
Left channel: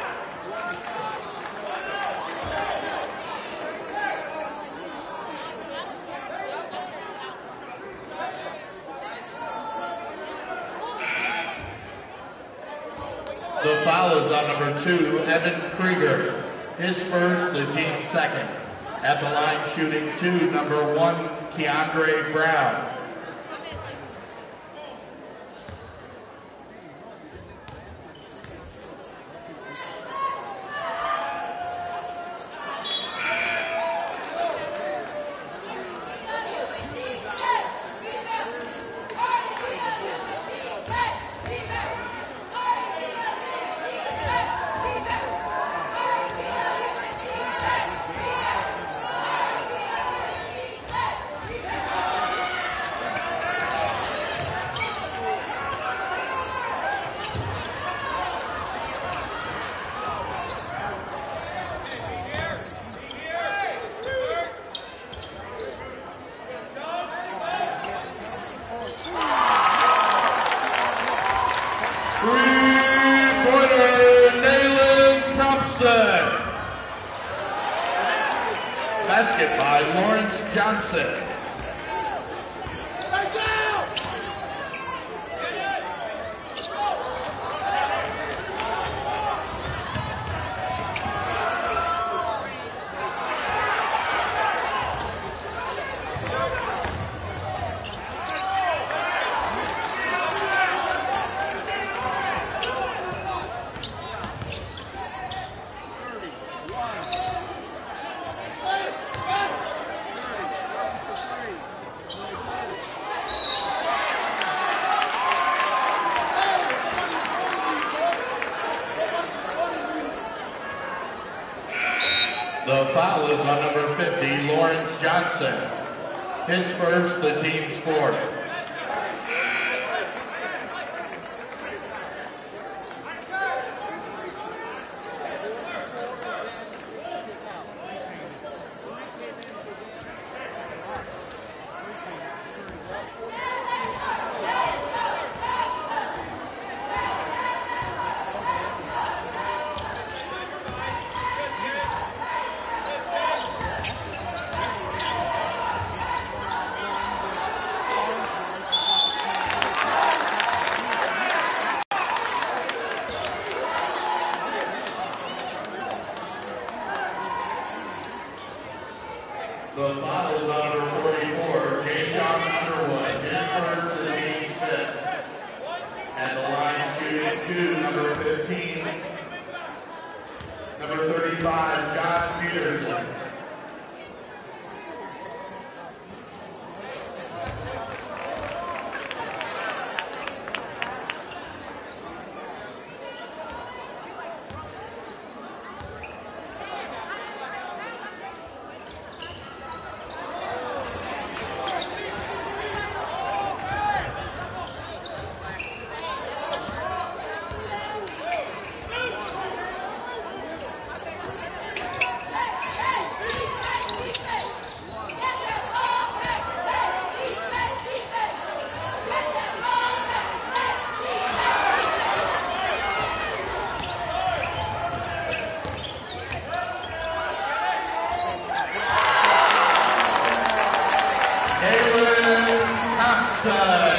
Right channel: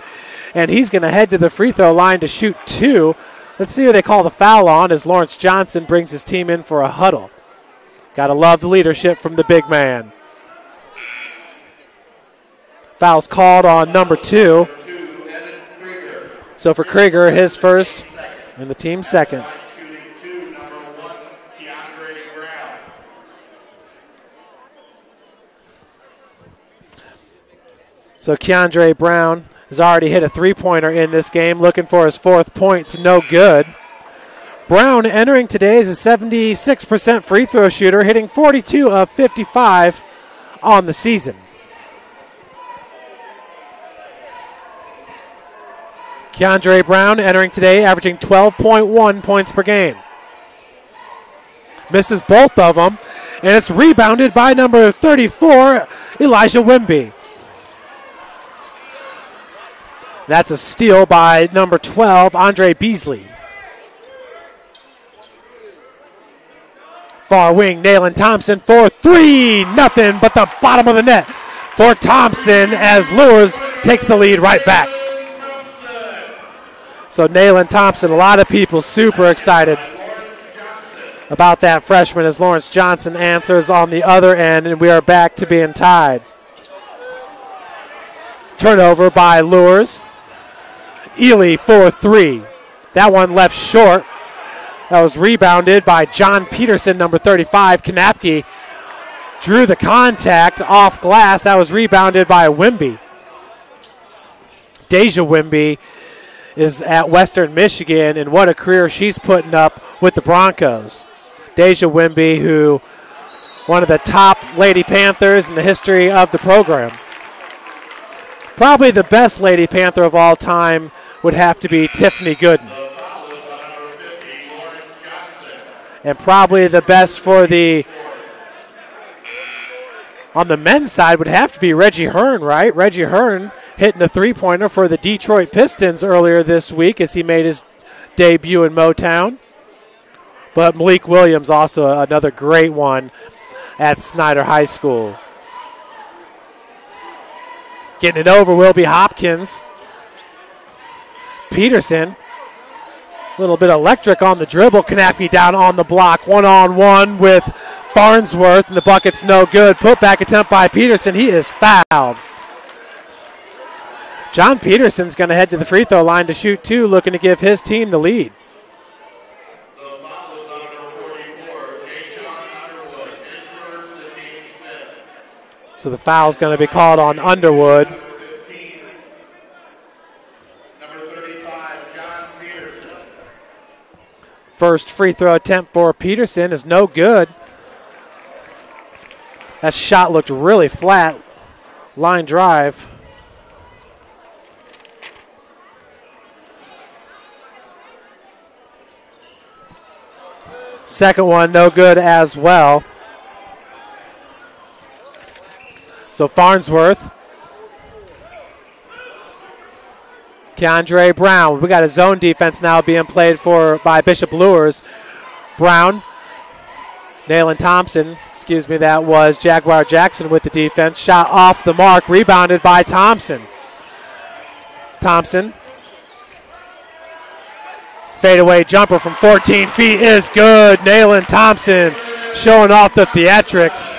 and he's going to head to the free throw line to shoot 2. Let's see who they call the foul on as Lawrence Johnson brings his team in for a huddle. Got to love the leadership from the big man. Foul's called on number 2. So for Krieger, his first and the team's second. Shooting 2, number 1, Keandre Brown. So Keandre Brown has already hit a three-pointer in this game, looking for his 4th point, no good. Brown entering today is a 76% free throw shooter, hitting 42 of 55 on the season. Keandre Brown entering today, averaging 12.1 points per game. Misses both of them, and it's rebounded by number 34, Elijah Wimby. That's a steal by number 12, Andre Beasley. Far wing, Nayland Thompson for 3, nothing but the bottom of the net for Thompson as Luers takes the lead right back. So Nayland Thompson, a lot of people super excited about that freshman as Lawrence Johnson answers on the other end, and we are back to being tied. Turnover by Luers. Ely for three. That one left short. That was rebounded by John Peterson, number 35. Kanapke drew the contact off glass. That was rebounded by Wimby. Deja Wimby is at Western Michigan, and what a career she's putting up with the Broncos. Deja Wimby, who one of the top Lady Panthers in the history of the program. Probably the best Lady Panther of all time would have to be Tiffany Gooden. The foul is on number 50, Lawrence Johnson. And probably the best for the, on the men's side, would have to be Reggie Hearn, right? Reggie Hearn hitting a three-pointer for the Detroit Pistons earlier this week as he made his debut in Motown. But Malik Williams also another great one at Snider High School. Getting it over will be Hopkins. Peterson, a little bit electric on the dribble. Kanapke down on the block. One-on-one with Farnsworth, and the bucket's no good. Put-back attempt by Peterson. He is fouled. John Peterson's going to head to the free throw line to shoot two, looking to give his team the lead. The foul is on number 44, Jay-Sean Underwood. His first and team's fifth. So the foul's going to be called on Underwood. Number 15, number 35, John Peterson. First free throw attempt for Peterson is no good. That shot looked really flat. Line drive. Second one, no good as well. So Farnsworth. Keandre Brown. We got a zone defense now being played for by Bishop Luers. Brown. Nayland Thompson. Excuse me, that was Jaguar Jackson with the defense. Shot off the mark, rebounded by Thompson. Thompson. Fadeaway jumper from 14 feet is good. Nayland Thompson showing off the theatrics.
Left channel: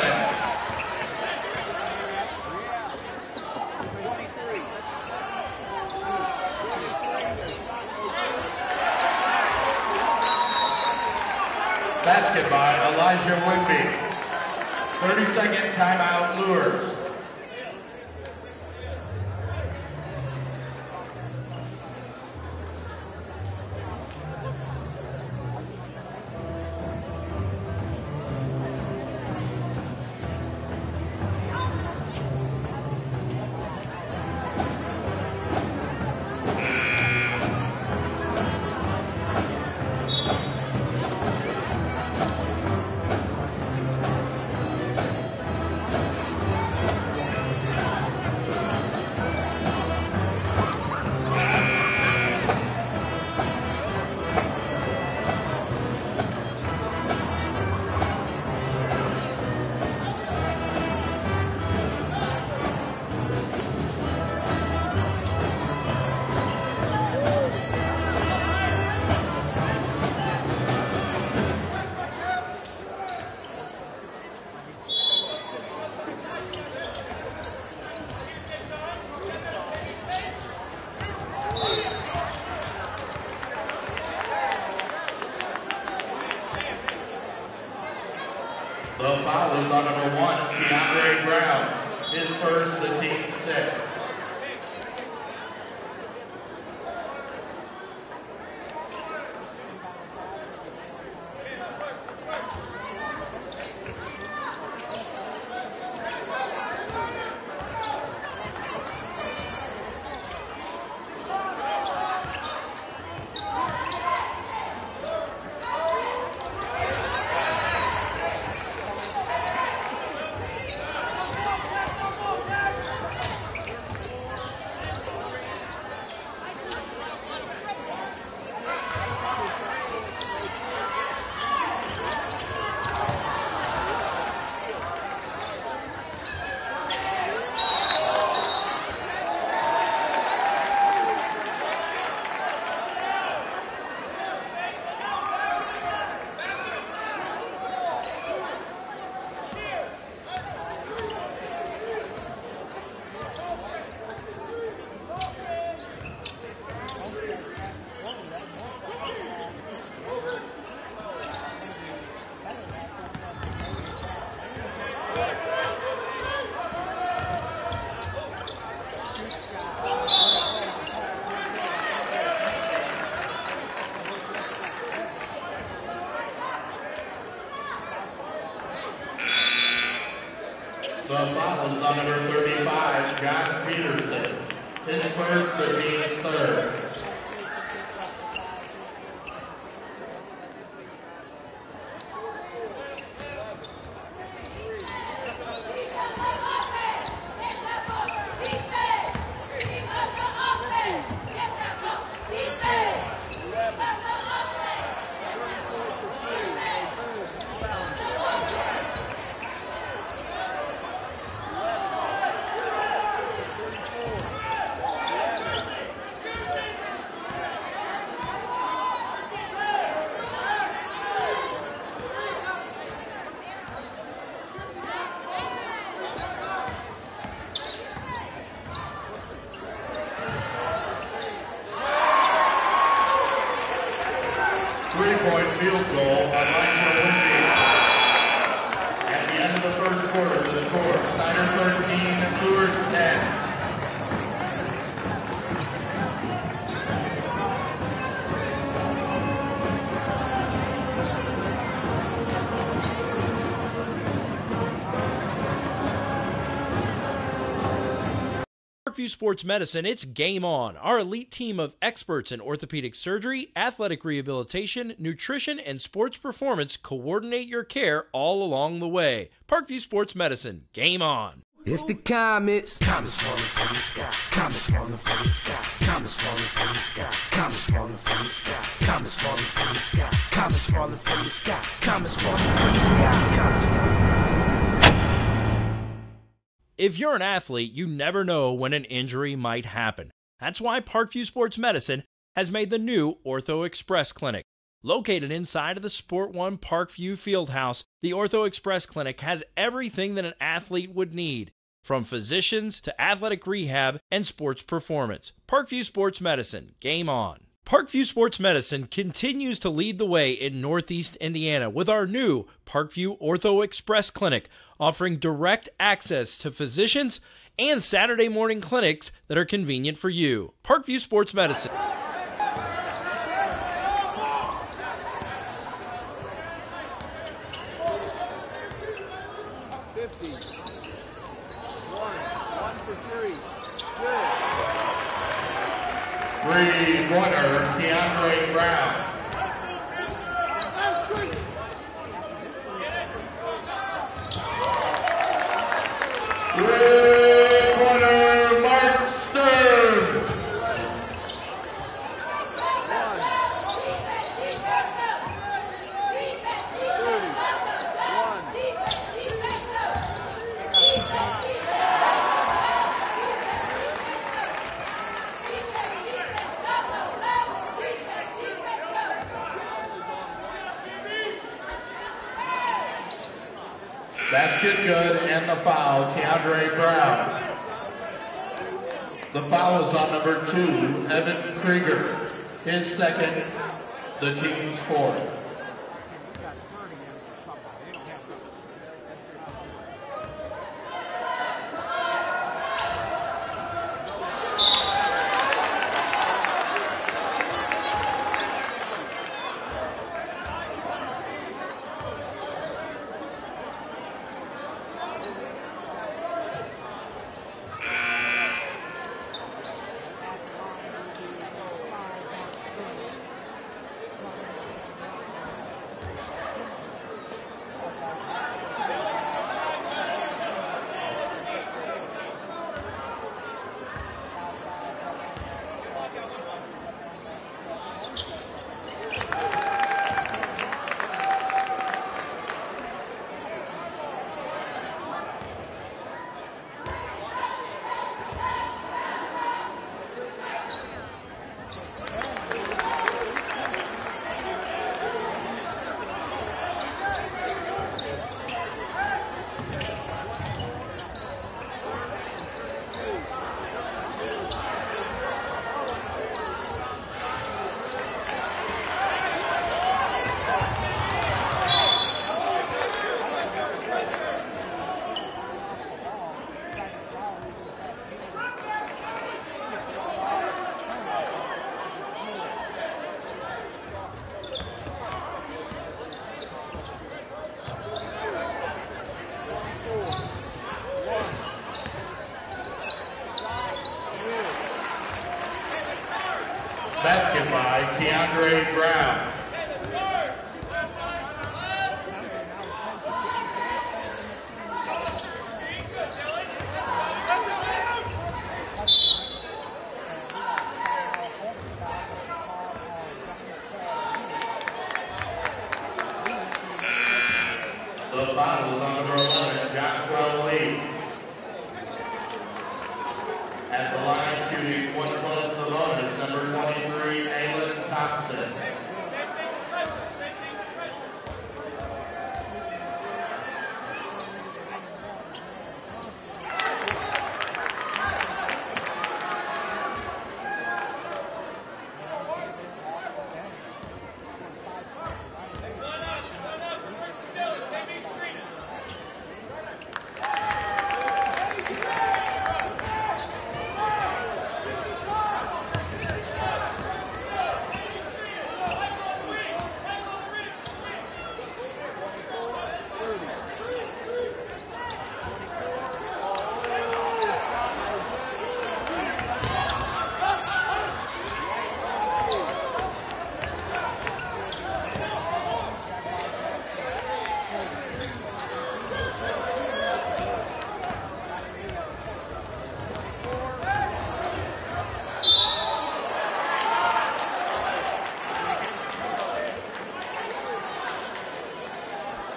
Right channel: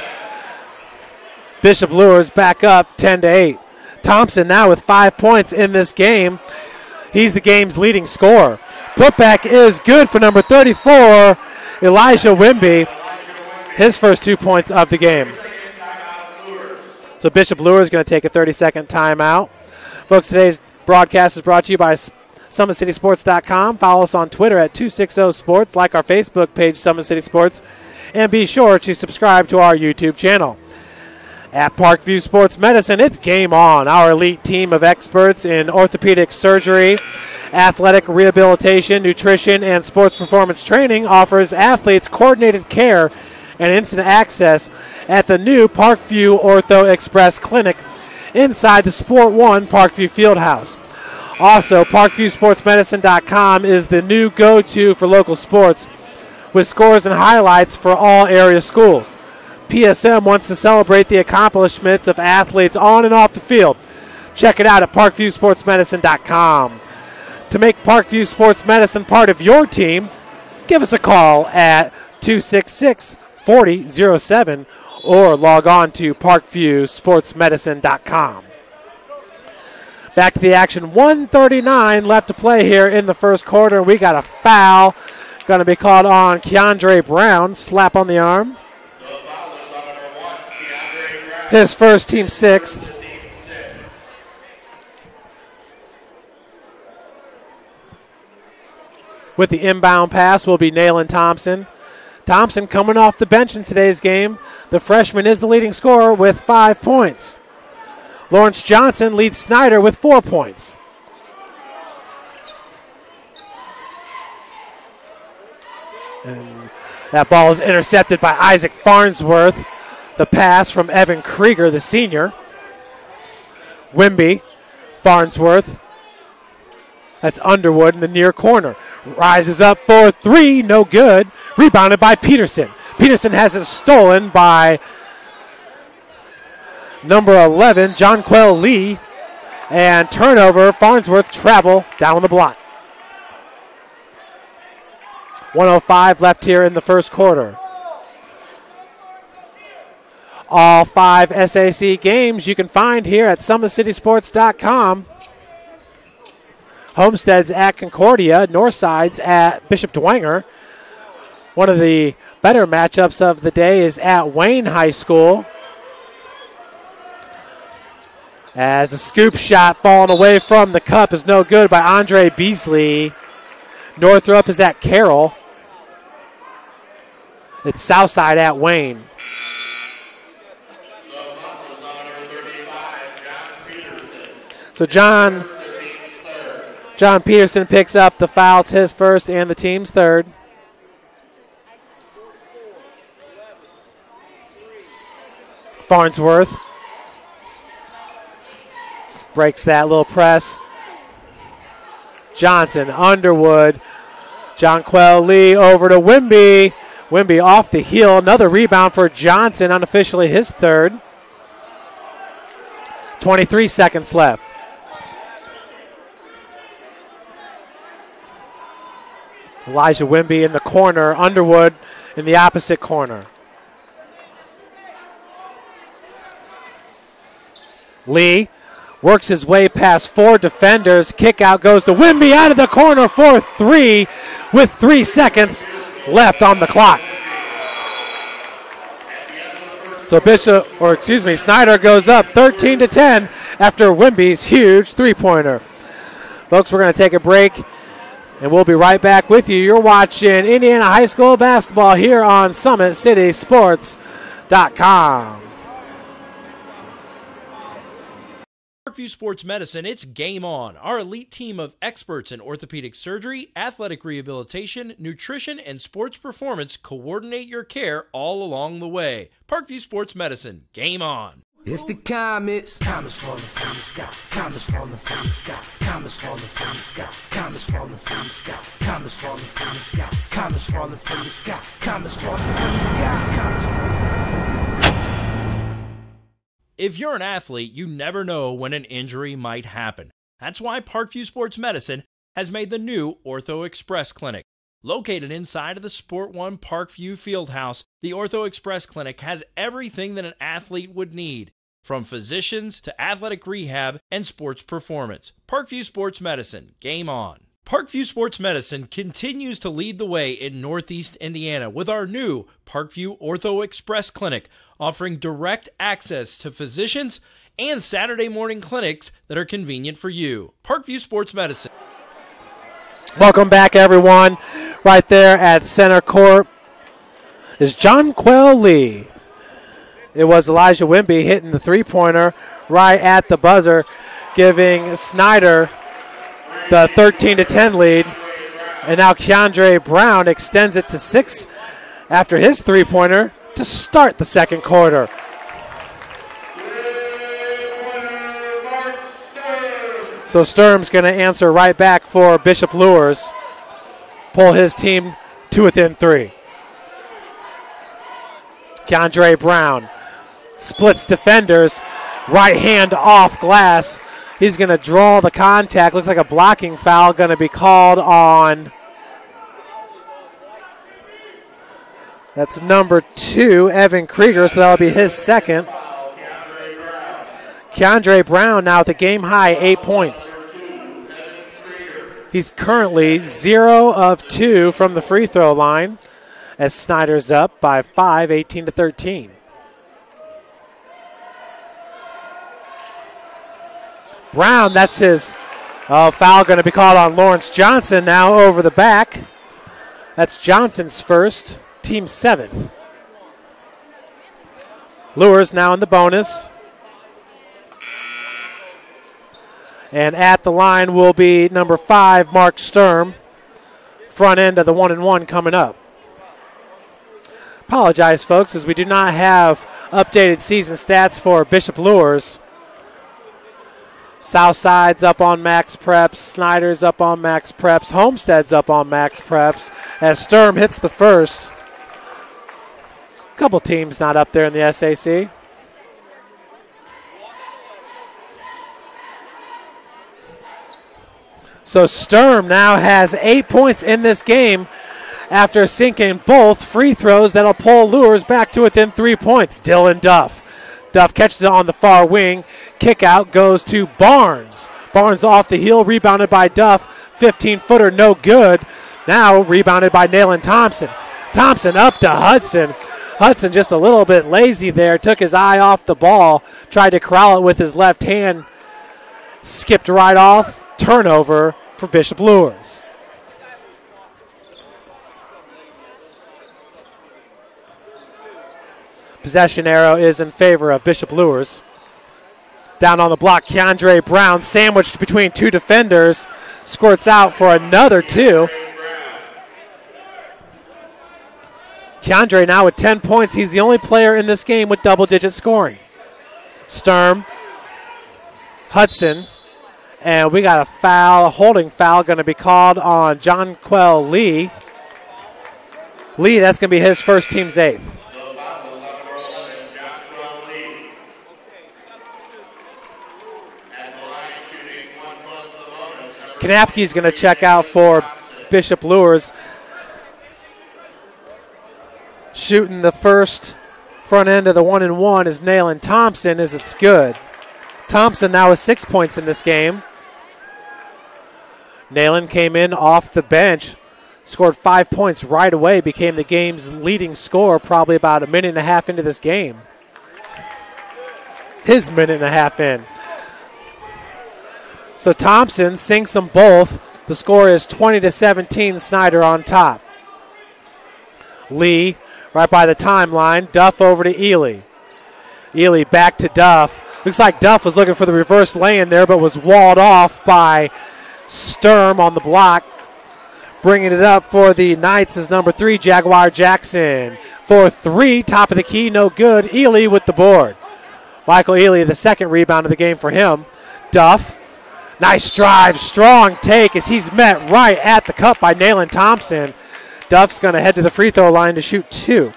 Bishop Luers back up 10-8. Thompson now with 5 points in this game. He's the game's leading scorer. Putback is good for number 34, Elijah Wimby. His first 2 points of the game. So Bishop Luers is going to take a 30-second timeout. Folks, today's broadcast is brought to you by SummitCitySports.com. Follow us on Twitter at 260sports. Like our Facebook page, Summit City Sports. And be sure to subscribe to our YouTube channel. At Parkview Sports Medicine, it's game on. Our elite team of experts in orthopedic surgery, athletic rehabilitation, nutrition, and sports performance training offers athletes coordinated care and instant access at the new Parkview Ortho Express Clinic inside the Sport One Parkview Fieldhouse. Also, ParkviewSportsMedicine.com is the new go-to for local sports with scores and highlights for all area schools. PSM wants to celebrate the accomplishments of athletes on and off the field. Check it out at ParkviewSportsMedicine.com. To make Parkview Sports Medicine part of your team, give us a call at 266-4007 or log on to ParkviewSportsMedicine.com. Back to the action, 1:39 left to play here in the first quarter. We got a foul going to be called on Keandre Brown. Slap on the arm. The foul is on number 1, Keandre Brown. His first, team sixth. With the inbound pass will be Nayland Thompson. Thompson coming off the bench in today's game. The freshman is the leading scorer with 5 points. Lawrence Johnson leads Snider with 4 points. And that ball is intercepted by Isaac Farnsworth. The pass from Evan Krieger, the senior. Wimby, Farnsworth. That's Underwood in the near corner. Rises up for three, no good. Rebounded by Peterson. Peterson has it stolen by number 11, Jonquel Lee. And turnover, Farnsworth travel down the block. 1:05 left here in the first quarter. All 5 SAC games you can find here at SummitCitySports.com. Homestead's at Concordia. Northside's at Bishop Dwenger. One of the better matchups of the day is at Wayne High School. As a scoop shot falling away from the cup is no good by Andre Beasley. Northrop is at Carroll. It's Southside at Wayne. The foul is on number 35, John Peterson. So John Peterson picks up the foul. It's his first and the team's third. Farnsworth breaks that little press. Johnson, Underwood, Jonquel Lee over to Wimby. Wimby off the heel. Another rebound for Johnson, unofficially his third. 23 seconds left. Elijah Wimby in the corner. Underwood in the opposite corner. Lee works his way past 4 defenders. Kick out goes to Wimby out of the corner for 3 with 3 seconds left on the clock. So Snider goes up 13-10 after Wimby's huge three-pointer. Folks, we're going to take a break, and we'll be right back with you. You're watching Indiana High School basketball here on SummitCitySports.com. Parkview Sports Medicine, it's game on. Our elite team of experts in orthopedic surgery, athletic rehabilitation, nutrition, and sports performance coordinate your care all along the way. Parkview Sports Medicine, game on. It's the comets. Comets falling from the sky. Comets falling from the sky. Comets falling from the sky. Comets falling from the sky. Comets falling from the sky. Comets falling from the sky. Comets falling from the sky. Comets falling from the sky. If you're an athlete, you never know when an injury might happen. That's why Parkview Sports Medicine has made the new Ortho Express Clinic. Located inside of the Sport One Parkview Fieldhouse, the Ortho Express Clinic has everything that an athlete would need, from physicians to athletic rehab and sports performance. Parkview Sports Medicine, game on. Parkview Sports Medicine continues to lead the way in Northeast Indiana with our new Parkview Ortho Express Clinic, offering direct access to physicians and Saturday morning clinics that are convenient for you. Parkview Sports Medicine. Welcome back, everyone. Right there at center court is Jonquel Lee. It was Elijah Wimby hitting the three-pointer right at the buzzer, giving Snider the 13-10 lead. And now Keandre Brown extends it to 6 after his three-pointer to start the second quarter. So Sturm's going to answer right back for Bishop Luers. Pull his team to within 3. Keandre Brown splits defenders. Right hand off glass. He's going to draw the contact. Looks like a blocking foul going to be called on. That's number 2, Evan Krieger, so that'll be his second. Keandre Brown now with a game-high 8 points. He's currently 0 of 2 from the free throw line as Snider's up by 5, 18-13. Brown, that's his foul going to be called on Lawrence Johnson now over the back. That's Johnson's first, team 7th. Luers now in the bonus. And at the line will be number 5, Mark Sturm. Front end of the 1-and-1 coming up. Apologize, folks, as we do not have updated season stats for Bishop Luers. Southside's up on max preps. Snider's up on max preps. Homestead's up on max preps as Sturm hits the first. A couple teams not up there in the SAC. So Sturm now has 8 points in this game after sinking both free throws that'll pull Luers back to within 3 points. Dylan Duff. Duff catches it on the far wing. Kick out goes to Barnes. Barnes off the heel, rebounded by Duff. 15-footer, no good. Now rebounded by Nayland Thompson. Thompson up to Hudson. Hudson just a little bit lazy there, took his eye off the ball, tried to corral it with his left hand, skipped right off. Turnover for Bishop Luers. Possession arrow is in favor of Bishop Luers. Down on the block, Keandre Brown sandwiched between two defenders, squirts out for another two. Keandre now with 10 points. He's the only player in this game with double-digit scoring. Sturm, Hudson, and we got a foul, a holding foul going to be called on Jonquel Lee. Lee, that's going to be his first team's 8th. The foul is on the roll and Jonquel Lee. At the line shooting 1 plus the bonus. Kanapke's going to check out for Bishop Luers. Shooting the first front end of the 1-and-1 is Nayland Thompson, as it's good. Thompson now with 6 points in this game. Nayland came in off the bench, scored 5 points right away, became the game's leading scorer probably about a minute and a half into this game. His minute and a half in. So Thompson sinks them both. The score is 20-17, Snider on top. Lee right by the timeline. Duff over to Ely. Ely back to Duff. Looks like Duff was looking for the reverse lay-in there, but was walled off by Sturm on the block. Bringing it up for the Knights is number 3, Jaguar Jackson. For 3, top of the key, no good. Ely with the board. Michael Ely, the second rebound of the game for him. Duff, nice drive, strong take as he's met right at the cup by Nayland Thompson. Duff's going to head to the free throw line to shoot 2.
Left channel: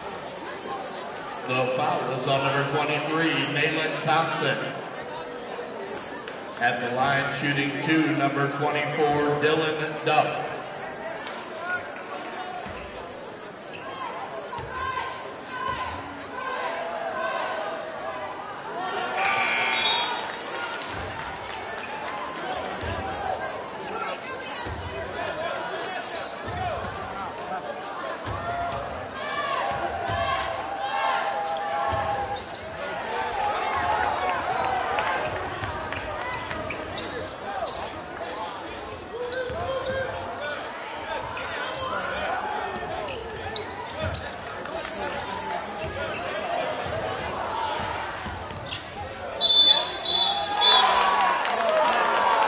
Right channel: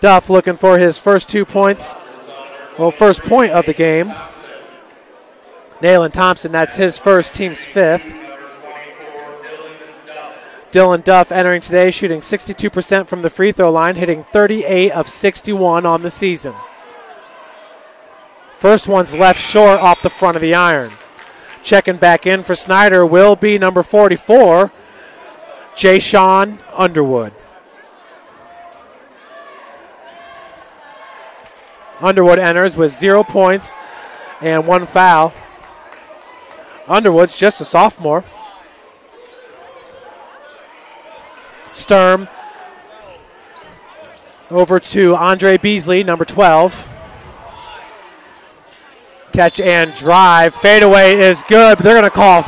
Duff looking for his first 2 points, well, first point of the game. Nayland Thompson, that's his first, team's 5th. Number 24, Dylan Duff. Dylan Duff entering today, shooting 62% from the free throw line, hitting 38 of 61 on the season. First one's left short off the front of the iron. Checking back in for Snider will be number 44, Jay-Sean Underwood. Underwood enters with 0 points and 1 foul. Underwood's just a sophomore. Sturm over to Andre Beasley, number 12. Catch and drive. Fadeaway is good, but they're going to call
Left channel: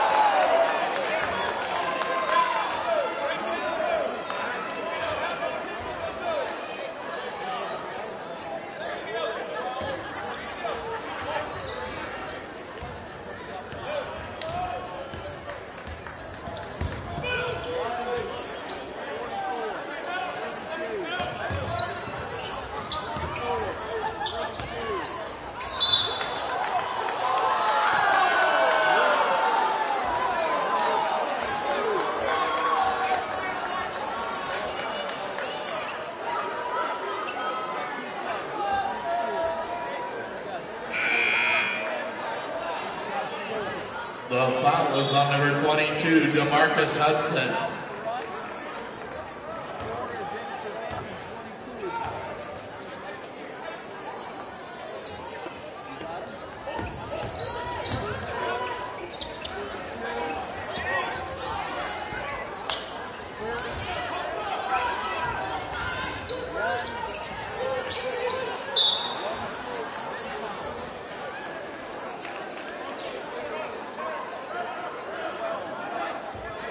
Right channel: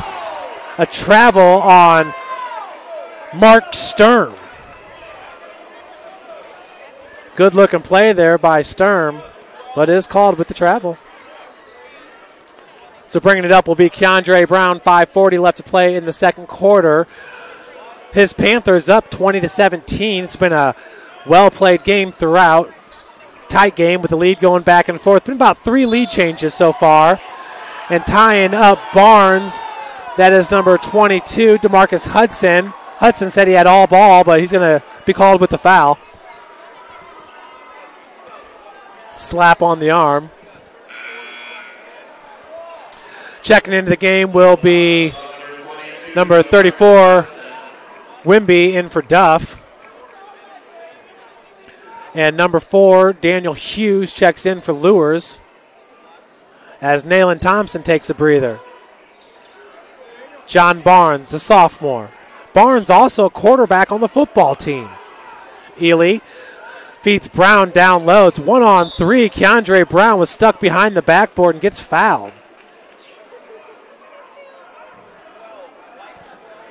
a travel on Mark Sturm. Good looking play there by Sturm, but is called with the travel. So bringing it up will be Keandre Brown, 5:40 left to play in the second quarter. His Panthers up 20-17. It's been a well-played game throughout. Tight game with the lead going back and forth. Been about 3 lead changes so far. And tying up Barnes, that is number 22, DeMarcus Hudson. Hudson said he had all ball, but he's going to be called with the foul. Slap on the arm. Checking into the game will be number 34, Wimby, in for Duff. And number 4, Daniel Hughes, checks in for Luers as Nayland Thompson takes a breather. John Barnes, the sophomore. Barnes also a quarterback on the football team. Ely feeds Brown down low. It's 1-on-3. Keandre Brown was stuck behind the backboard and gets fouled.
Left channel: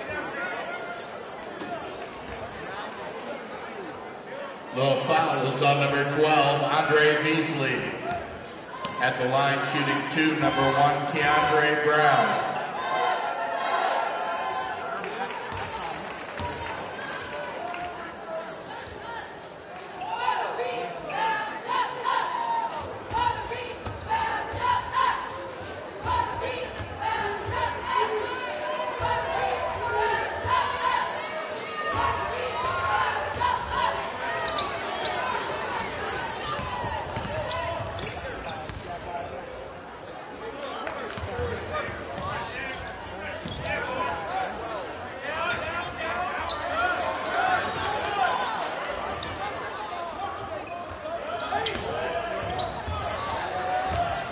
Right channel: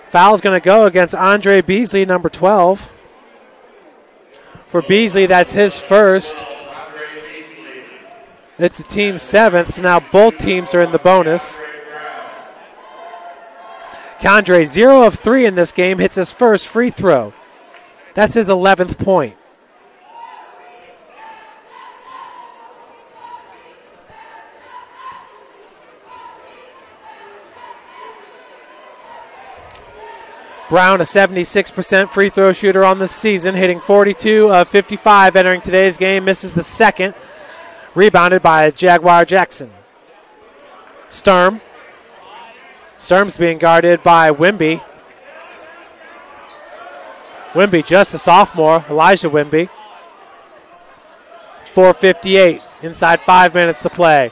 Foul's going to go against Andre Beasley, number 12. For Beasley, that's his first. It's the team's 7th, so now both teams are in the bonus. Keandre, 0 of 3 in this game, hits his first free throw. That's his 11th point. Brown, a 76% free throw shooter on the season, hitting 42 of 55 entering today's game, misses the second. Rebounded by Jaguar Jackson. Sturm Sturm's being guarded by Wimby. Wimby, just a sophomore, Elijah Wimby. 4:58, inside 5 minutes to play.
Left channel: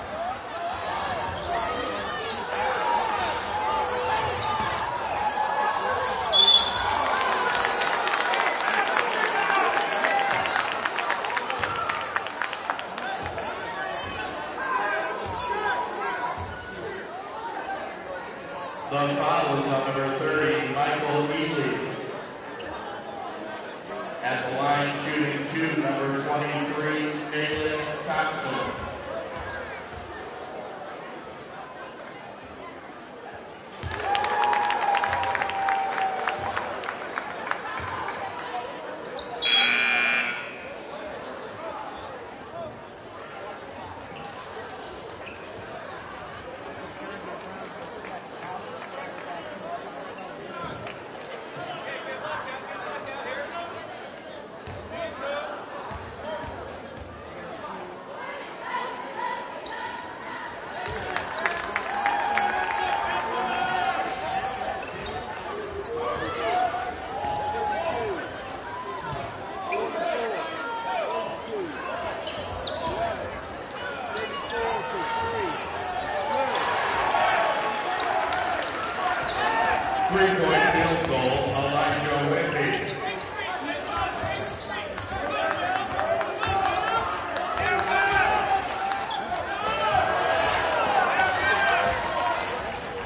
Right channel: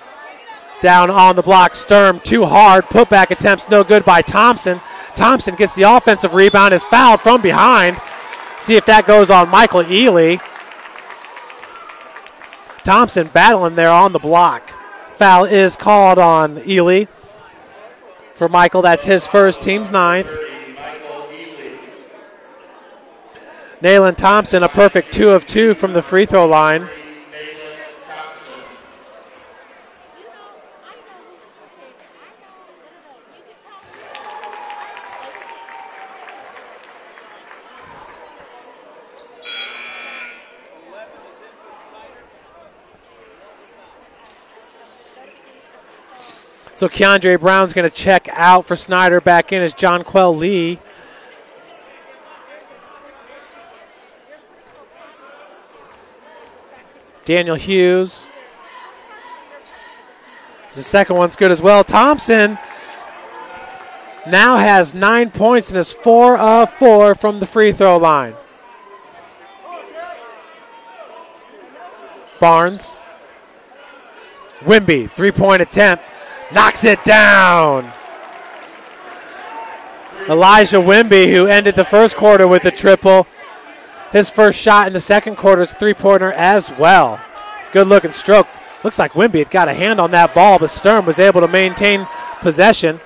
Down on the block, Sturm, too hard. Putback attempts no good by Thompson. Thompson gets the offensive rebound, is fouled from behind. See if that goes on Michael Ely. Thompson battling there on the block. Foul is called on Ely. For Michael, that's his first, team's 9th. Nayland Thompson, a perfect 2 of 2 from the free throw line. So Keandre Brown's going to check out for Snider. Back in is Jonquel Lee. Daniel Hughes. The second one's good as well. Thompson now has 9 points and is 4 of 4 from the free throw line. Barnes. Wimby, 3-point attempt. Knocks it down. Elijah Wimby, who ended the first quarter with a triple. His first shot in the second quarter is 3-pointer as well. Good looking stroke. Looks like Wimby had got a hand on that ball, but Sturm was able to maintain possession.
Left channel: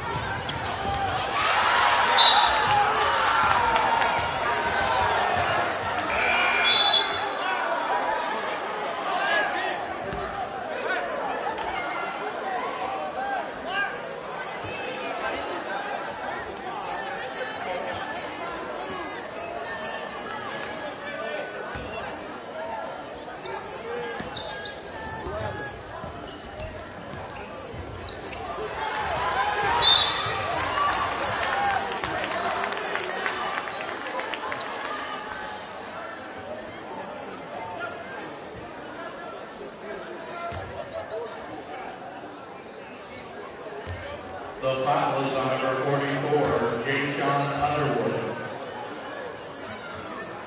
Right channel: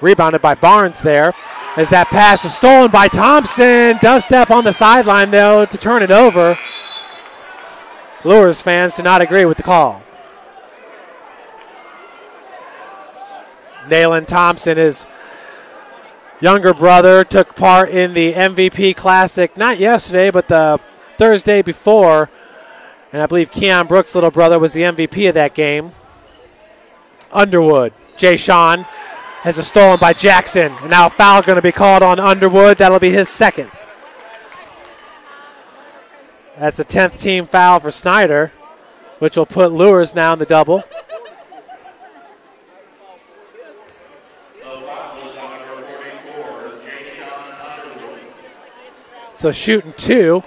Rebounded by Barnes there. As that pass is stolen by Thompson. Does step on the sideline though to turn it over. Luers fans do not agree with the call. Nayland Thompson, his younger brother, took part in the MVP Classic, not yesterday, but the Thursday before. And I believe Keon Brooks' little brother was the MVP of that game. Underwood, Jay Sean, has a stolen by Jackson. And now a foul going to be called on Underwood. That'll be his second. That's a 10th team foul for Snider, which will put Luers now in the double. So shooting 2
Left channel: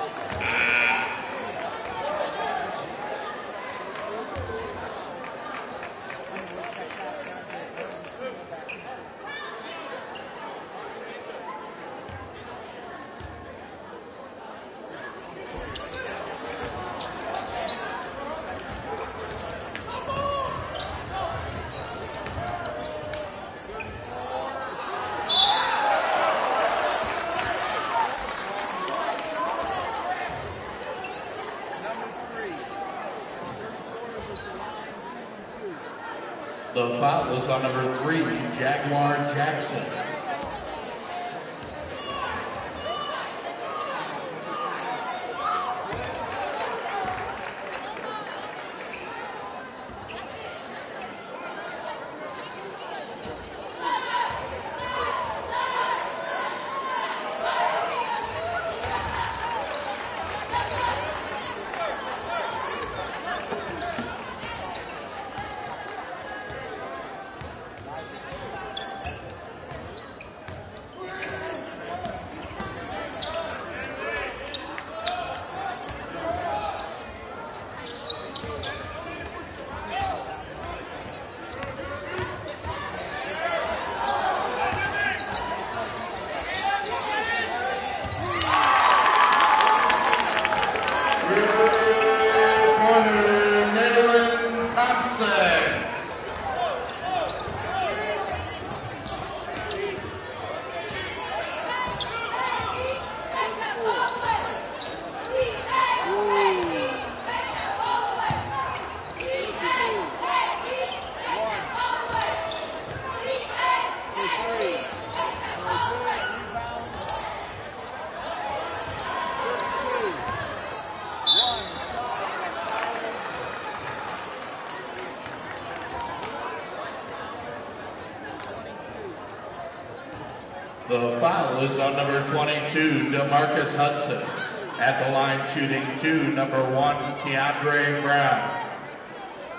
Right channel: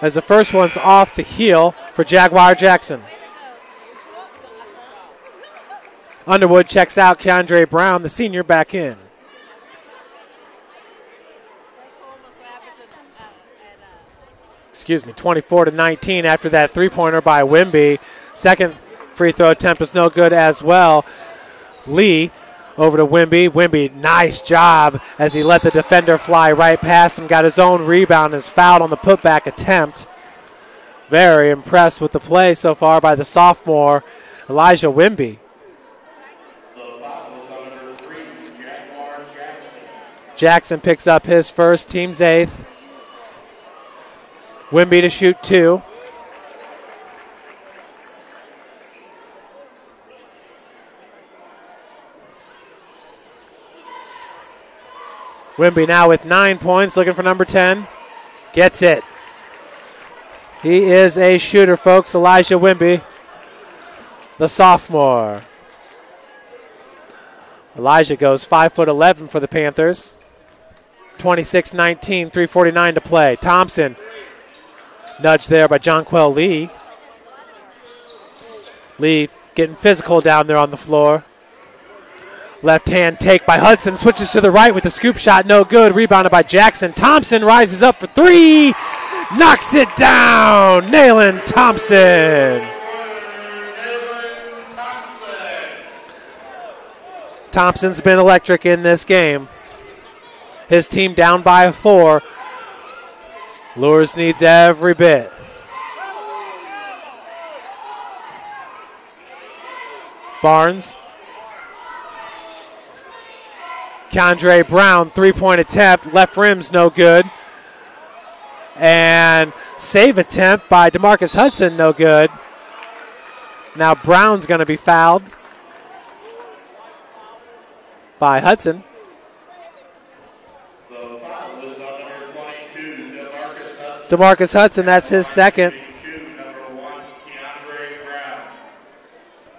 as the first one's off the heel for Jaguar Jackson. Underwood checks out Keandre Brown, the senior, back in. Excuse me, 24-19 after that 3-pointer by Wimby. Second free throw attempt is no good as well. Lee over to Wimby. Wimby, nice job as he let the defender fly right past him. Got his own rebound, is fouled on the putback attempt. Very impressed with the play so far by the sophomore, Elijah Wimby. The foul was on number 3, Jaguar Jackson. Jackson picks up his first, team's 8th. Wimby to shoot 2. Wimby now with 9 points, looking for number 10. Gets it. He is a shooter, folks. Elijah Wimby, the sophomore. Elijah goes 5'11" for the Panthers. 26-19, 3:49 to play. Thompson, nudged there by Jonquel Lee. Lee getting physical down there on the floor. Left hand take by Hudson, switches to the right with the scoop shot, no good. Rebounded by Jackson. Thompson rises up for 3, knocks it down. Nayland Thompson. Thompson's been electric in this game. His team down by 4. Luers needs every bit. Barnes. Keandre Brown, 3-point attempt. Left rim's no good. And save attempt by DeMarcus Hudson, no good. Now Brown's going to be fouled by Hudson. The foul is on number 22, DeMarcus Hudson. DeMarcus Hudson, that's his second. 2, number 1, Keandre Brown.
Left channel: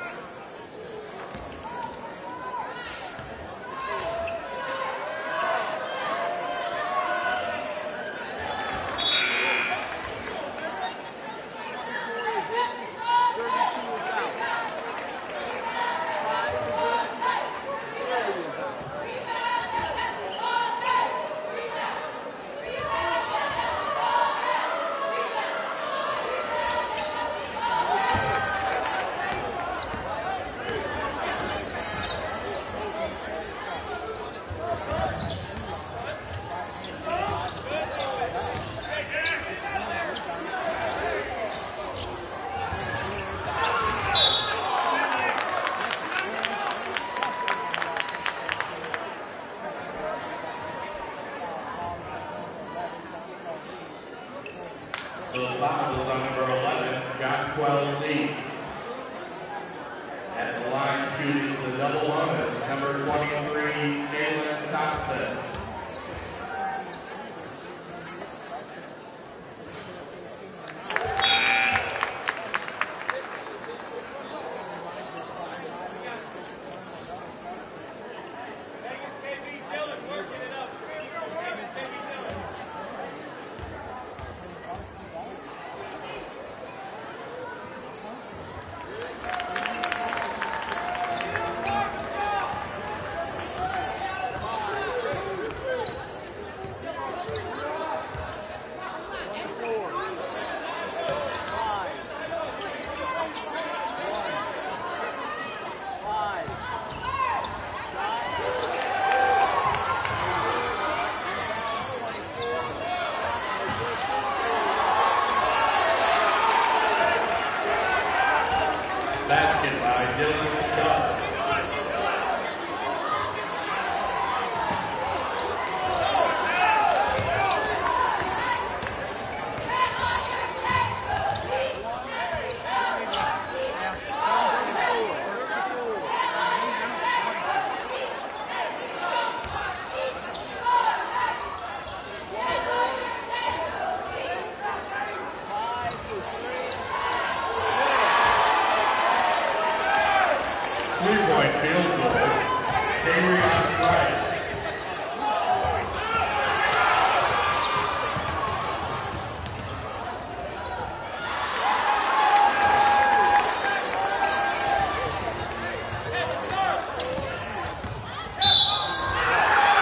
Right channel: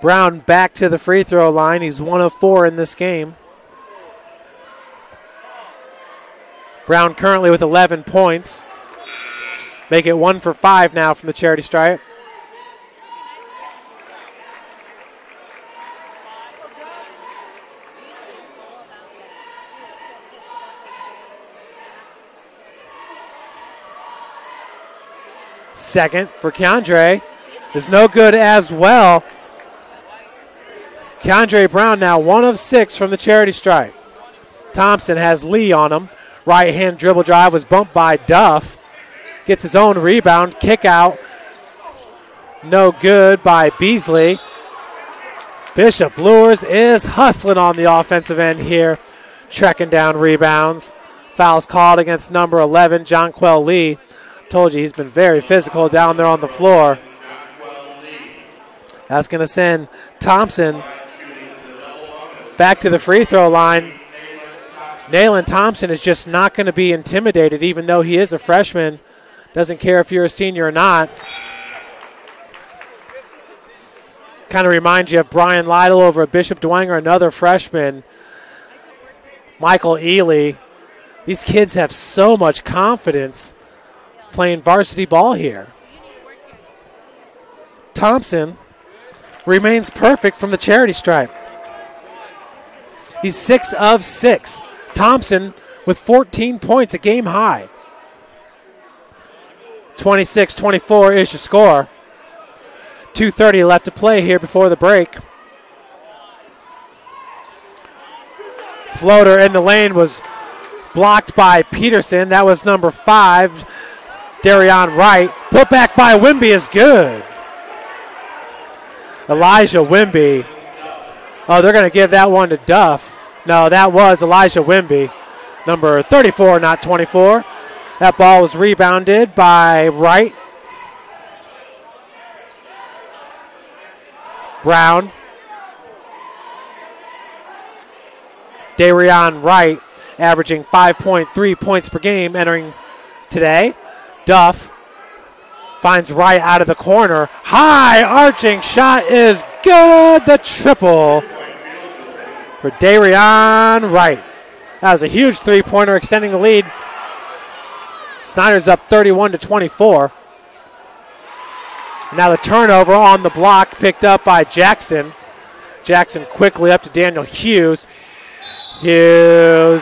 Brown back to the free throw line. He's 1 of 4 in this game. Brown currently with 11 points. Make it 1 for 5 now from the charity stripe. Second for Keandre is no good as well. Keandre Brown now 1 of 6 from the charity stripe. Thompson has Lee on him. Right hand dribble drive was bumped by Duff. Gets his own rebound, kick out. No good by Beasley. Bishop Luers is hustling on the offensive end here, trekking down rebounds. Fouls called against number 11, Jonquel Lee. Told you he's been very physical down there on the floor. That's going to send Thompson back to the free throw line. Nayland Thompson is just not going to be intimidated, even though he is a freshman. Doesn't care if you're a senior or not. Kind of reminds you of Brian Lytle over at Bishop Dwenger, another freshman. Michael Ely. These kids have so much confidence playing varsity ball here. Thompson remains perfect from the charity stripe. He's 6 of 6. Thompson with 14 points, a game high. 26-24 is your score. 2:30 left to play here before the break. Floater in the lane was blocked by Peterson. That was number 5, Darion Wright. Put back by Wimby is good. Elijah Wimby. Oh, they're going to give that one to Duff. No, that was Elijah Wimby, number 34, not 24. That ball was rebounded by Wright. Brown. Darion Wright averaging 5.3 points per game entering today. Duff finds Wright out of the corner. High arching shot is good. The triple for Darion Wright. That was a huge three-pointer extending the lead. Snider's up 31-24. Now the turnover on the block picked up by Jackson. Jackson quickly up to Daniel Hughes. Hughes.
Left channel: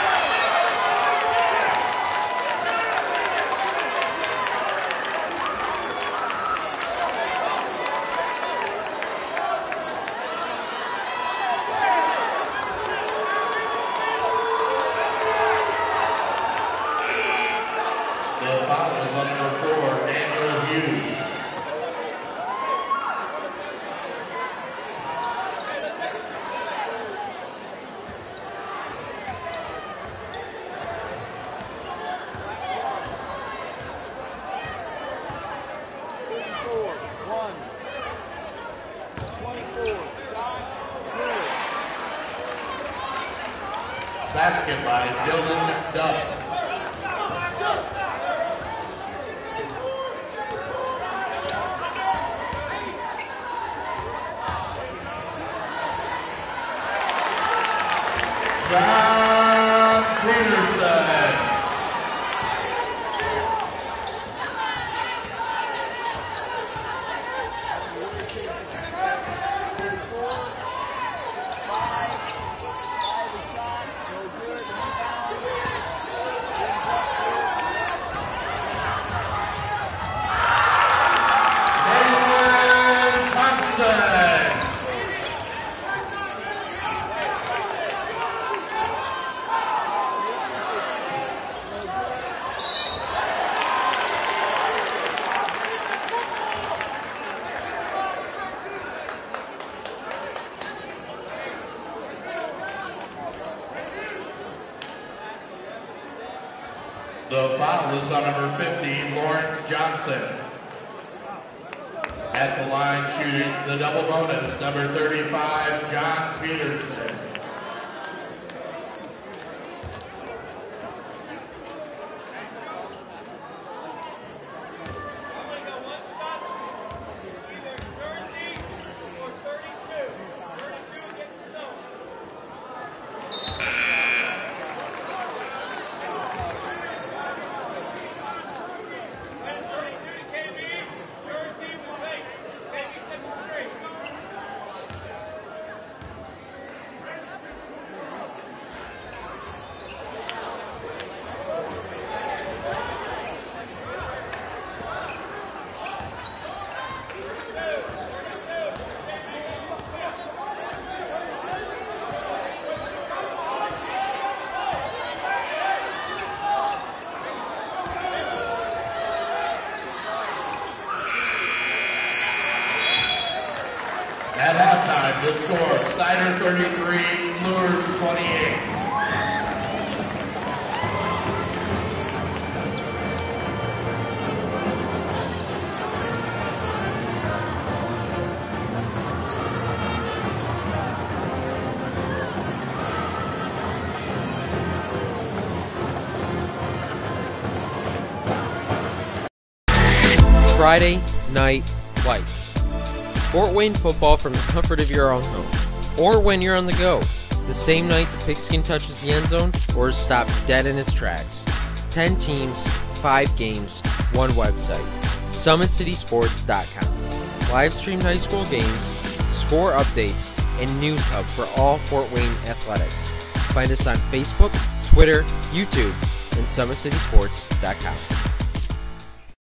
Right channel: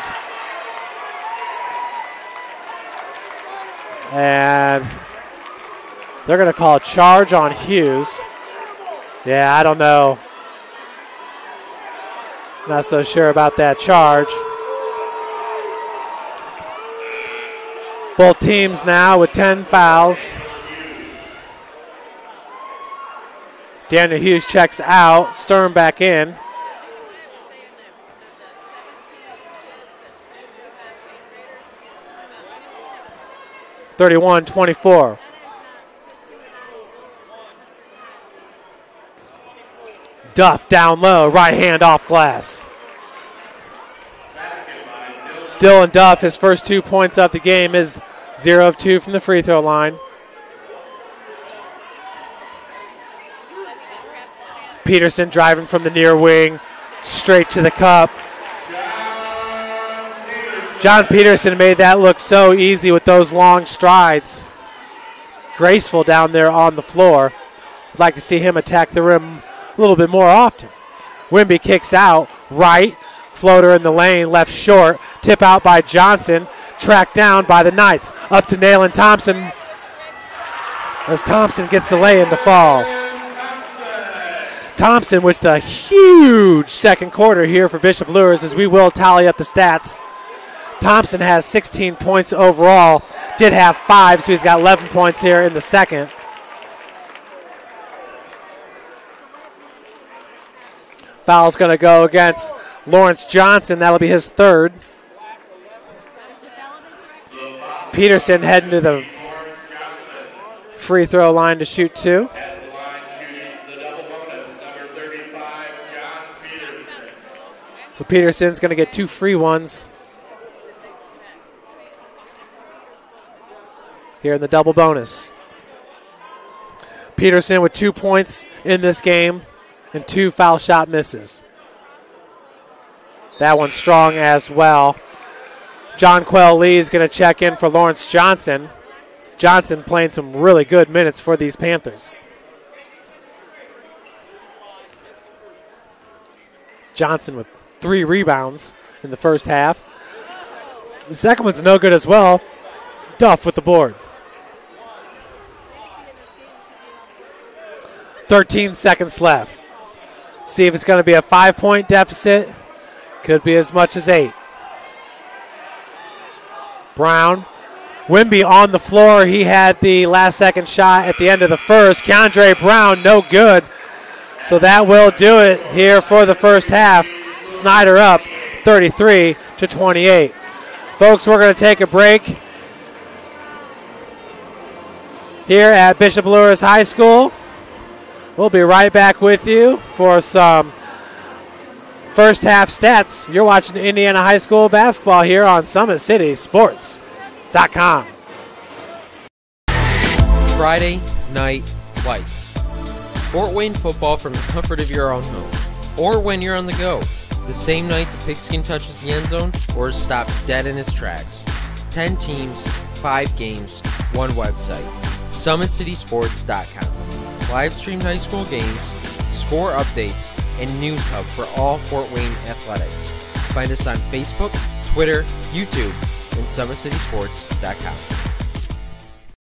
And they're going to call a charge on Hughes. Yeah, I don't know. Not so sure about that charge. Both teams now with 10 fouls. Daniel Hughes checks out. Stern back in. (31-24). Duff down low, right hand off glass. Dylan Duff, his first 2 points of the game, is 0 of 2 from the free throw line. Peterson driving from the near wing, straight to the cup. John Peterson made that look so easy with those long strides. Graceful down there on the floor. I'd like to see him attack the rim a little bit more often. Wimby kicks out, right, floater in the lane, left short, tip out by Johnson, tracked down by the Knights. Up to Nayland Thompson as Thompson gets the lay in the fall. Thompson with the huge second quarter here for Bishop Luers, as we will tally up the stats. Thompson has 16 points overall, did have 5, so he's got 11 points here in the second. Foul's going to go against Lawrence Johnson. That'll be his third. Peterson heading to the free throw line to shoot 2. At the line shooting the double bonus, number 35, John Peterson. So Peterson's going to get 2 free ones here in the double bonus. Peterson with 2 points in this game and 2 foul shot misses. That one's strong as well. John Quell Lee is going to check in for Lawrence Johnson. Johnson playing some really good minutes for these Panthers. Johnson with 3 rebounds in the first half. The second one's no good as well. Duff with the board. 13 seconds left. See if it's going to be a 5-point deficit. Could be as much as 8. Brown. Wimby on the floor. He had the last second shot at the end of the first. Keandre Brown, no good. So that will do it here for the first half. Snider up 33-28. Folks, we're going to take a break here at Bishop Luers High School. We'll be right back with you for some first half stats. You're watching Indiana High School basketball here on SummitCitySports.com. Friday Night Lights. Fort Wayne football from the comfort of your own home, or when you're on the go. The same night the pigskin touches the end zone or is stopped dead in its tracks. 10 teams, 5 games, 1 website. SummitCitySports.com. Live streamed high school games, score updates, and news hub for all Fort Wayne athletics. Find us on Facebook, Twitter, YouTube, and SummitCitySports.com.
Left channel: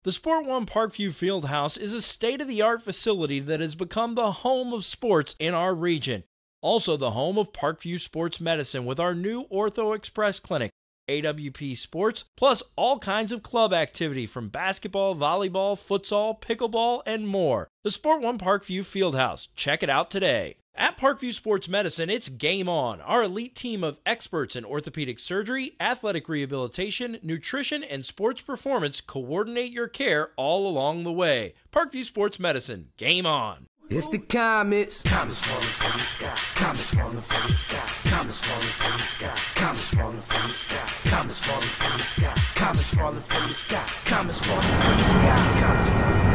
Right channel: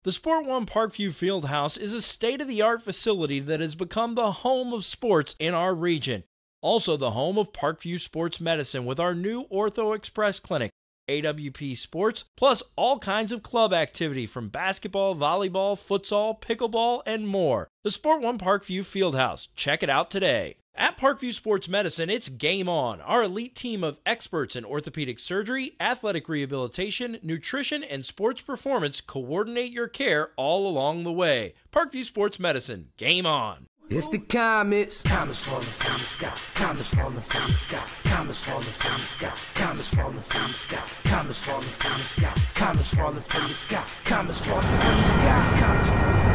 The Sport One Parkview Fieldhouse is a state-of-the-art facility that has become the home of sports in our region. Also the home of Parkview Sports Medicine with our new Ortho Express Clinic, AWP Sports, plus all kinds of club activity from basketball, volleyball, futsal, pickleball, and more. The Sport One Parkview Fieldhouse. Check it out today. At Parkview Sports Medicine, it's game on. Our elite team of experts in orthopedic surgery, athletic rehabilitation, nutrition, and sports performance coordinate your care all along the way. Parkview Sports Medicine. Game on. It's the comets. Comets falling from the sky. Comets falling from the sky. Comets falling from the sky. Comets falling from the sky. Comets falling from the sky. Comets falling from the sky. Comets falling from the sky. Comets falling from the sky.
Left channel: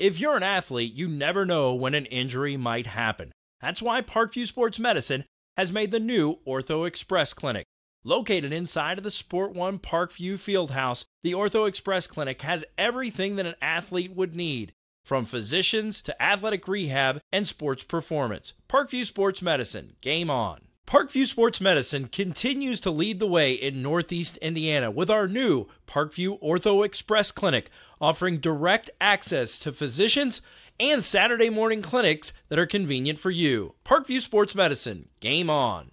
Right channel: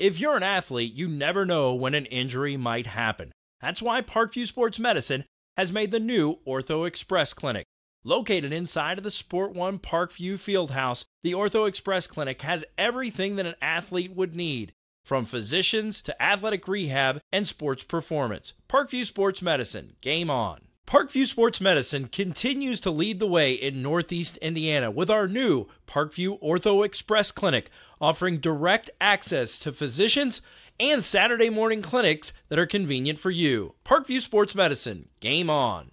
If you're an athlete, you never know when an injury might happen. That's why Parkview Sports Medicine has made the new Ortho Express Clinic. Located inside of the Sport One Parkview Fieldhouse, the Ortho Express Clinic has everything that an athlete would need, from physicians to athletic rehab and sports performance. Parkview Sports Medicine. Game on. Parkview Sports Medicine continues to lead the way in Northeast Indiana with our new Parkview Ortho Express Clinic, offering direct access to physicians and Saturday morning clinics that are convenient for you. Parkview Sports Medicine. Game on.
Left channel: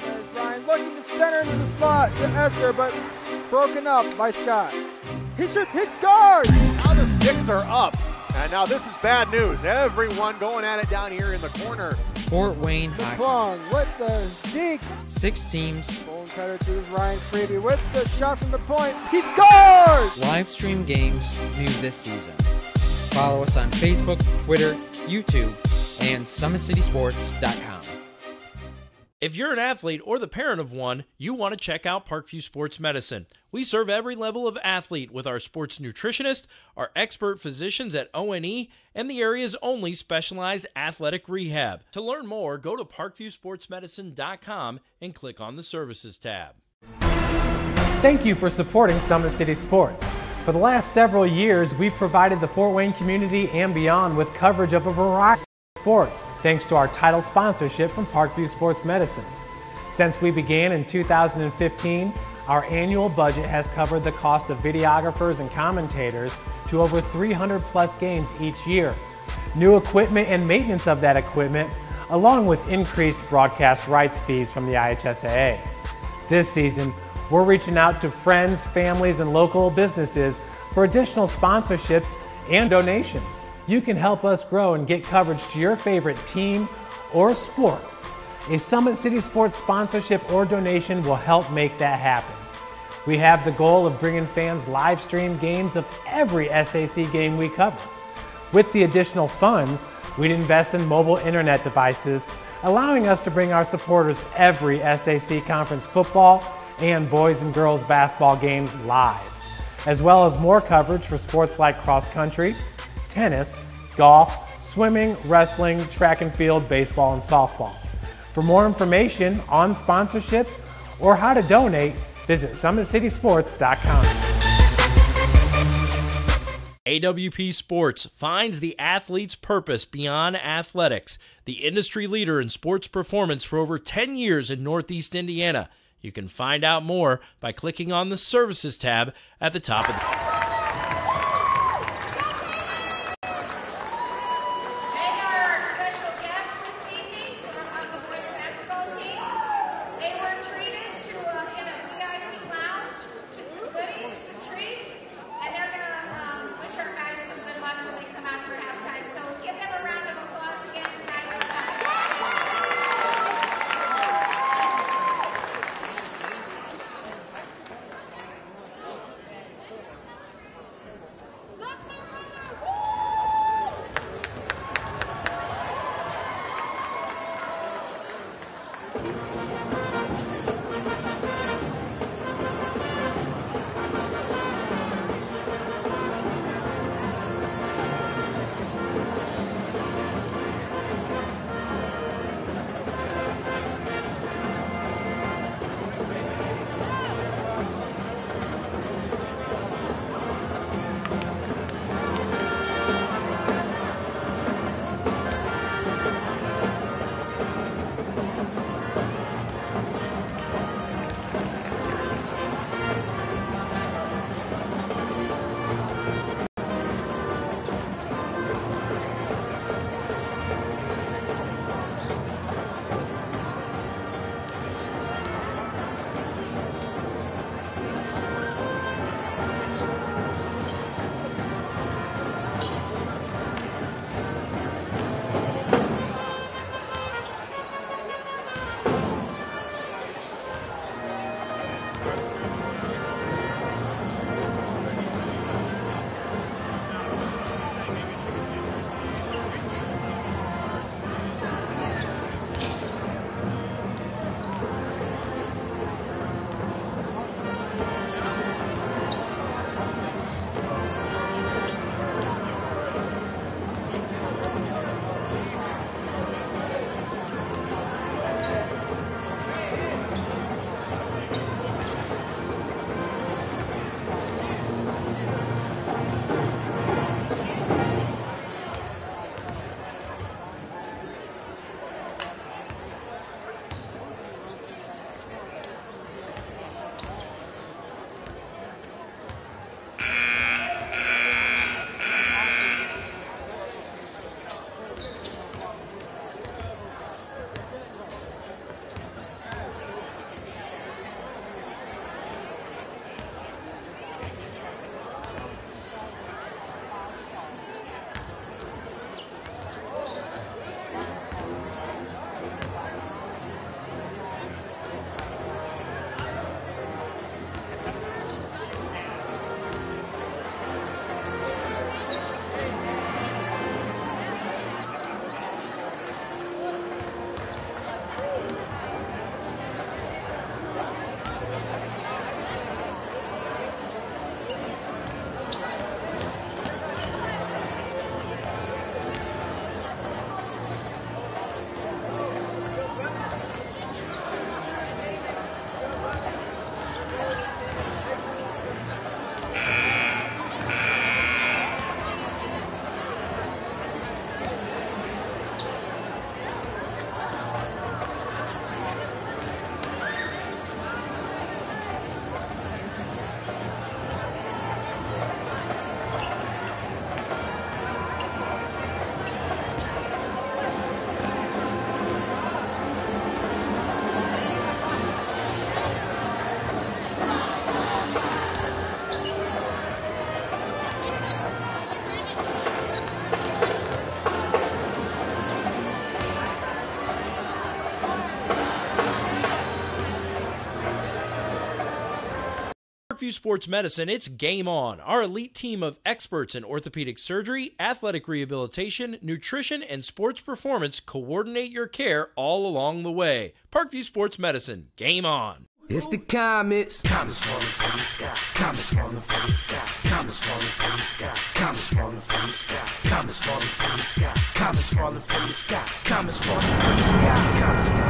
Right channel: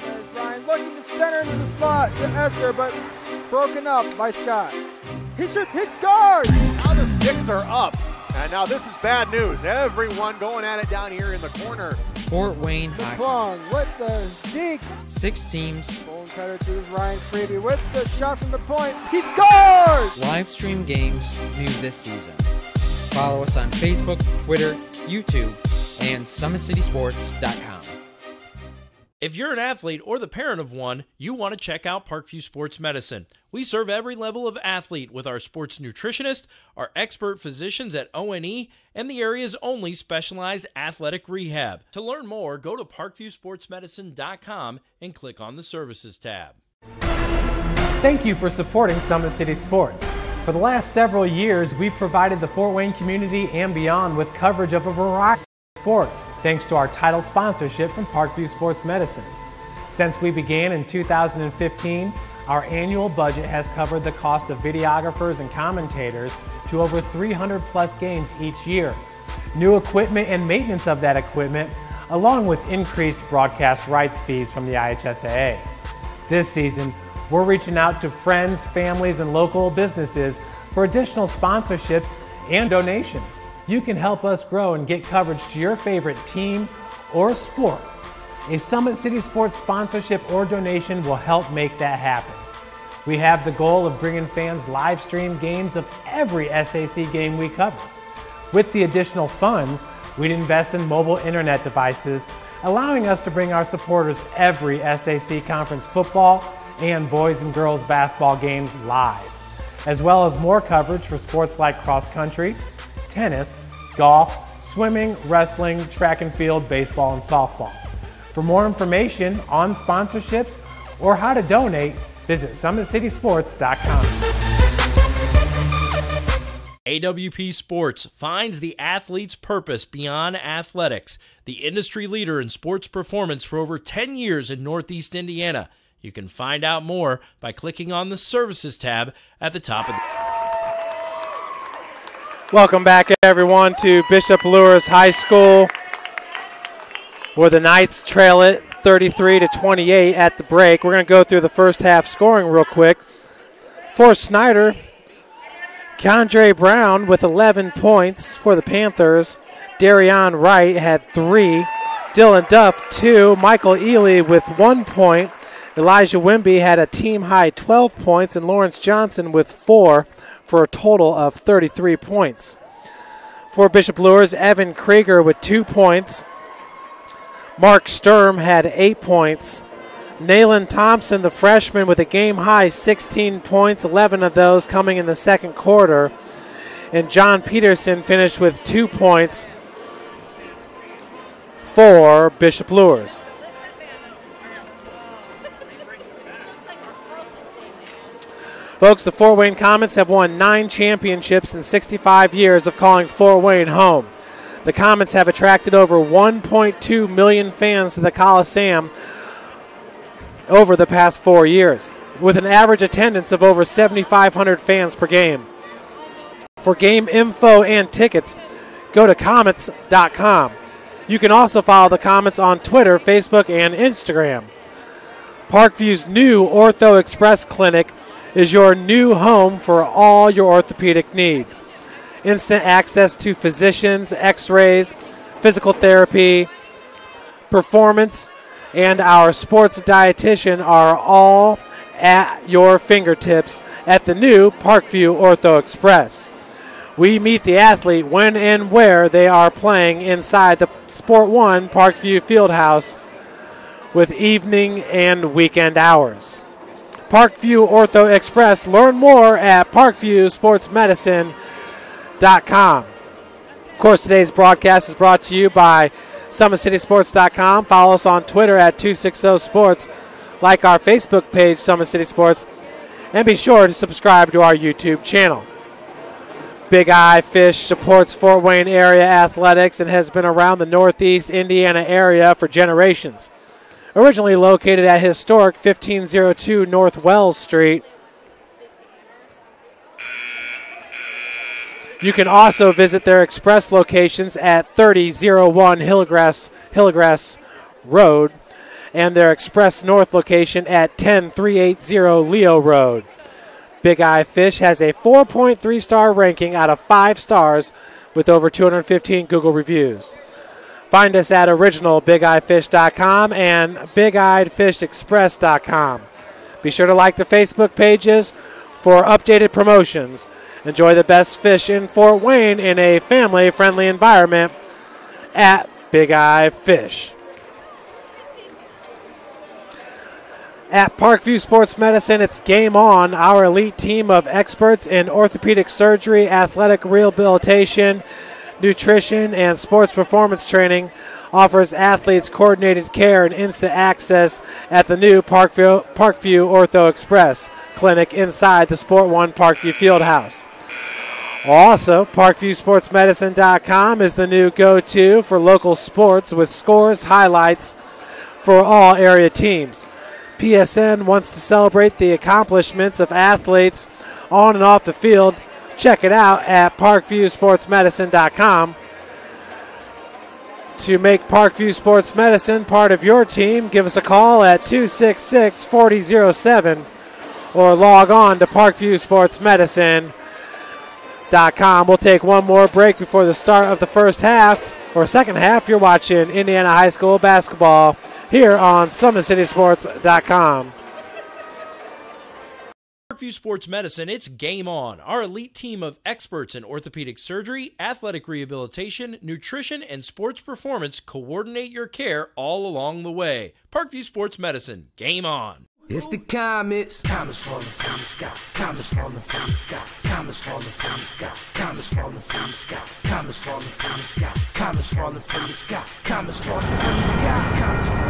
There's Ryan looking to center into the slot to Esther, but broken up by Scott. He shoots, hits guard! Now the sticks are up. And now this is bad news. Everyone going at it down here in the corner. Fort Wayne Hockey. McClung with the deke. 6 teams. Bone cutter to Ryan Freeby with the shot from the point. He scores! Live stream games new this season. Follow us on Facebook, Twitter, YouTube, and SummitCitySports.com. If you're an athlete or the parent of one, you want to check out Parkview Sports Medicine. We serve every level of athlete with our sports nutritionist, our expert physicians at O&E, and the area's only specialized athletic rehab. To learn more, go to parkviewsportsmedicine.com and click on the Services tab. Thank you for supporting Summit City Sports. For the last several years, we've provided the Fort Wayne community and beyond with coverage of a variety of sports, thanks to our title sponsorship from Parkview Sports Medicine. Since we began in 2015, our annual budget has covered the cost of videographers and commentators to over 300 plus games each year. New equipment and maintenance of that equipment, along with increased broadcast rights fees from the IHSAA. This season, we're reaching out to friends, families, and local businesses for additional sponsorships and donations. You can help us grow and get coverage to your favorite team or sport. A Summit City Sports sponsorship or donation will help make that happen. We have the goal of bringing fans live stream games of every SAC game we cover. With the additional funds, we'd invest in mobile internet devices, allowing us to bring our supporters every SAC conference football and boys and girls basketball games live, as well as more coverage for sports like cross country, tennis, golf, swimming, wrestling, track and field, baseball, and softball. For more information on sponsorships or how to donate, visit SummitCitySports.com. AWP Sports finds the athlete's purpose beyond athletics, the industry leader in sports performance for over 10 years in Northeast Indiana. You can find out more by clicking on the Services tab at the top of the... Welcome back, everyone, to Bishop Luers High School, where the Knights trail it 33-28 at the break. We're going to go through the first half scoring real quick. For Snider, Keandre Brown with 11 points for the Panthers. Darion Wright had 3. Dylan Duff, 2. Michael Ely with 1 point. Elijah Wimby had a team-high 12 points, and Lawrence Johnson with 4 for a total of 33 points. For Bishop Luers, Evan Krieger with 2 points. Mark Sturm had 8 points. Nayland Thompson, the freshman, with a game-high 16 points, 11 of those coming in the second quarter. And John Peterson finished with 2 points for Bishop Luers. Folks, the Fort Wayne Comets have won 9 championships in 65 years of calling Fort Wayne home. The Comets have attracted over 1.2 million fans to the Coliseum over the past 4 years, with an average attendance of over 7,500 fans per game. For game info and tickets, go to Comets.com. You can also follow the Comets on Twitter, Facebook, and Instagram. Parkview's new Ortho Express Clinic is your new home for all your orthopedic needs. Instant access to physicians, x-rays, physical therapy, performance, and our sports dietitian are all at your fingertips at the new Parkview Ortho Express. We meet the athlete when and where they are playing inside the Sport One Parkview Fieldhouse with evening and weekend hours. Parkview Ortho Express. Learn more at parkviewsportsmedicine.com. Of course, today's broadcast is brought to you by SummitCitySports.com. Follow us on Twitter at 260sports. Like our Facebook page, Summit City Sports. And be sure to subscribe to our YouTube channel. Big Eye Fish supports Fort Wayne area athletics and has been around the Northeast Indiana area for generations. Originally located at historic 1502 North Wells Street. You can also visit their express locations at 3001 Hillgrass Road and their express north location at 10380 Leo Road. Big Eye Fish has a 4.3-star ranking out of 5 stars with over 215 Google reviews. Find us at originalbigeyefish.com and bigeyeedfishexpress.com. Be sure to like the Facebook pages for updated promotions. Enjoy the best fish in Fort Wayne in a family-friendly environment at Big Eye Fish. At Parkview Sports Medicine, it's game on. Our elite team of experts in orthopedic surgery, athletic rehabilitation, nutrition, and sports performance training offers athletes coordinated care and instant access at the new Parkview Ortho Express Clinic inside the Sport One Parkview Fieldhouse. Also, ParkviewSportsMedicine.com is the new go-to for local sports with scores, highlights for all area teams. PSN wants to celebrate the accomplishments of athletes on and off the field. Check it out at ParkviewSportsMedicine.com. To make Parkview Sports Medicine part of your team, give us a call at 266-4007 or log on to ParkviewSportsMedicine.com. We'll take one more break before the start of the first half, or second half. You're watching Indiana High School basketball here on SummitCitySports.com. Parkview Sports Medicine, it's game on. Our elite team of experts in orthopedic surgery, athletic rehabilitation, nutrition, and sports performance coordinate your care all along the way. Parkview Sports Medicine, game on. It's the comets. Comets falling from the sky. Comets falling from the sky. Comets falling from the sky. Comets falling from the sky. Comets falling from the sky. Comets falling from the sky. Comets falling from the sky. Comets falling from the sky.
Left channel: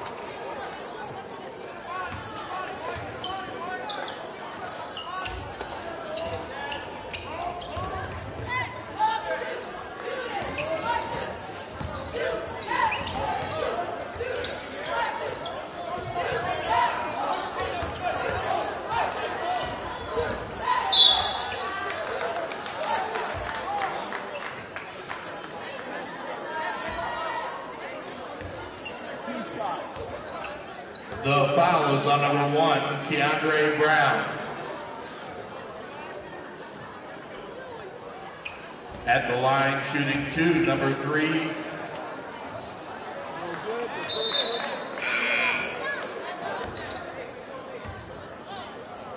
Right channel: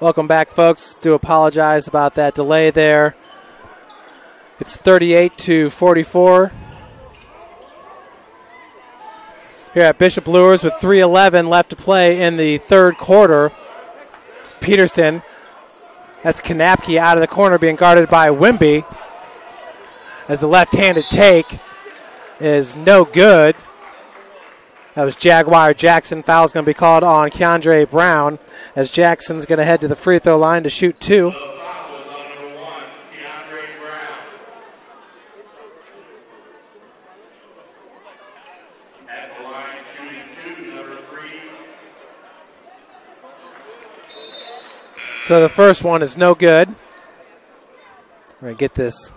Welcome back, folks. Do apologize about that delay there. It's 38-44. Here at Bishop Luers with 3:11 left to play in the third quarter. Peterson, that's Kanapke out of the corner being guarded by Wimby. As the left-handed take is no good. That was Jaguar Jackson. Foul's going to be called on Keandre Brown as Jackson's going to head to the free throw line to shoot two. The foul is on number 1, Keandre Brown. At the line, shooting 2, number 3. So the first one is no good. We're going to get this.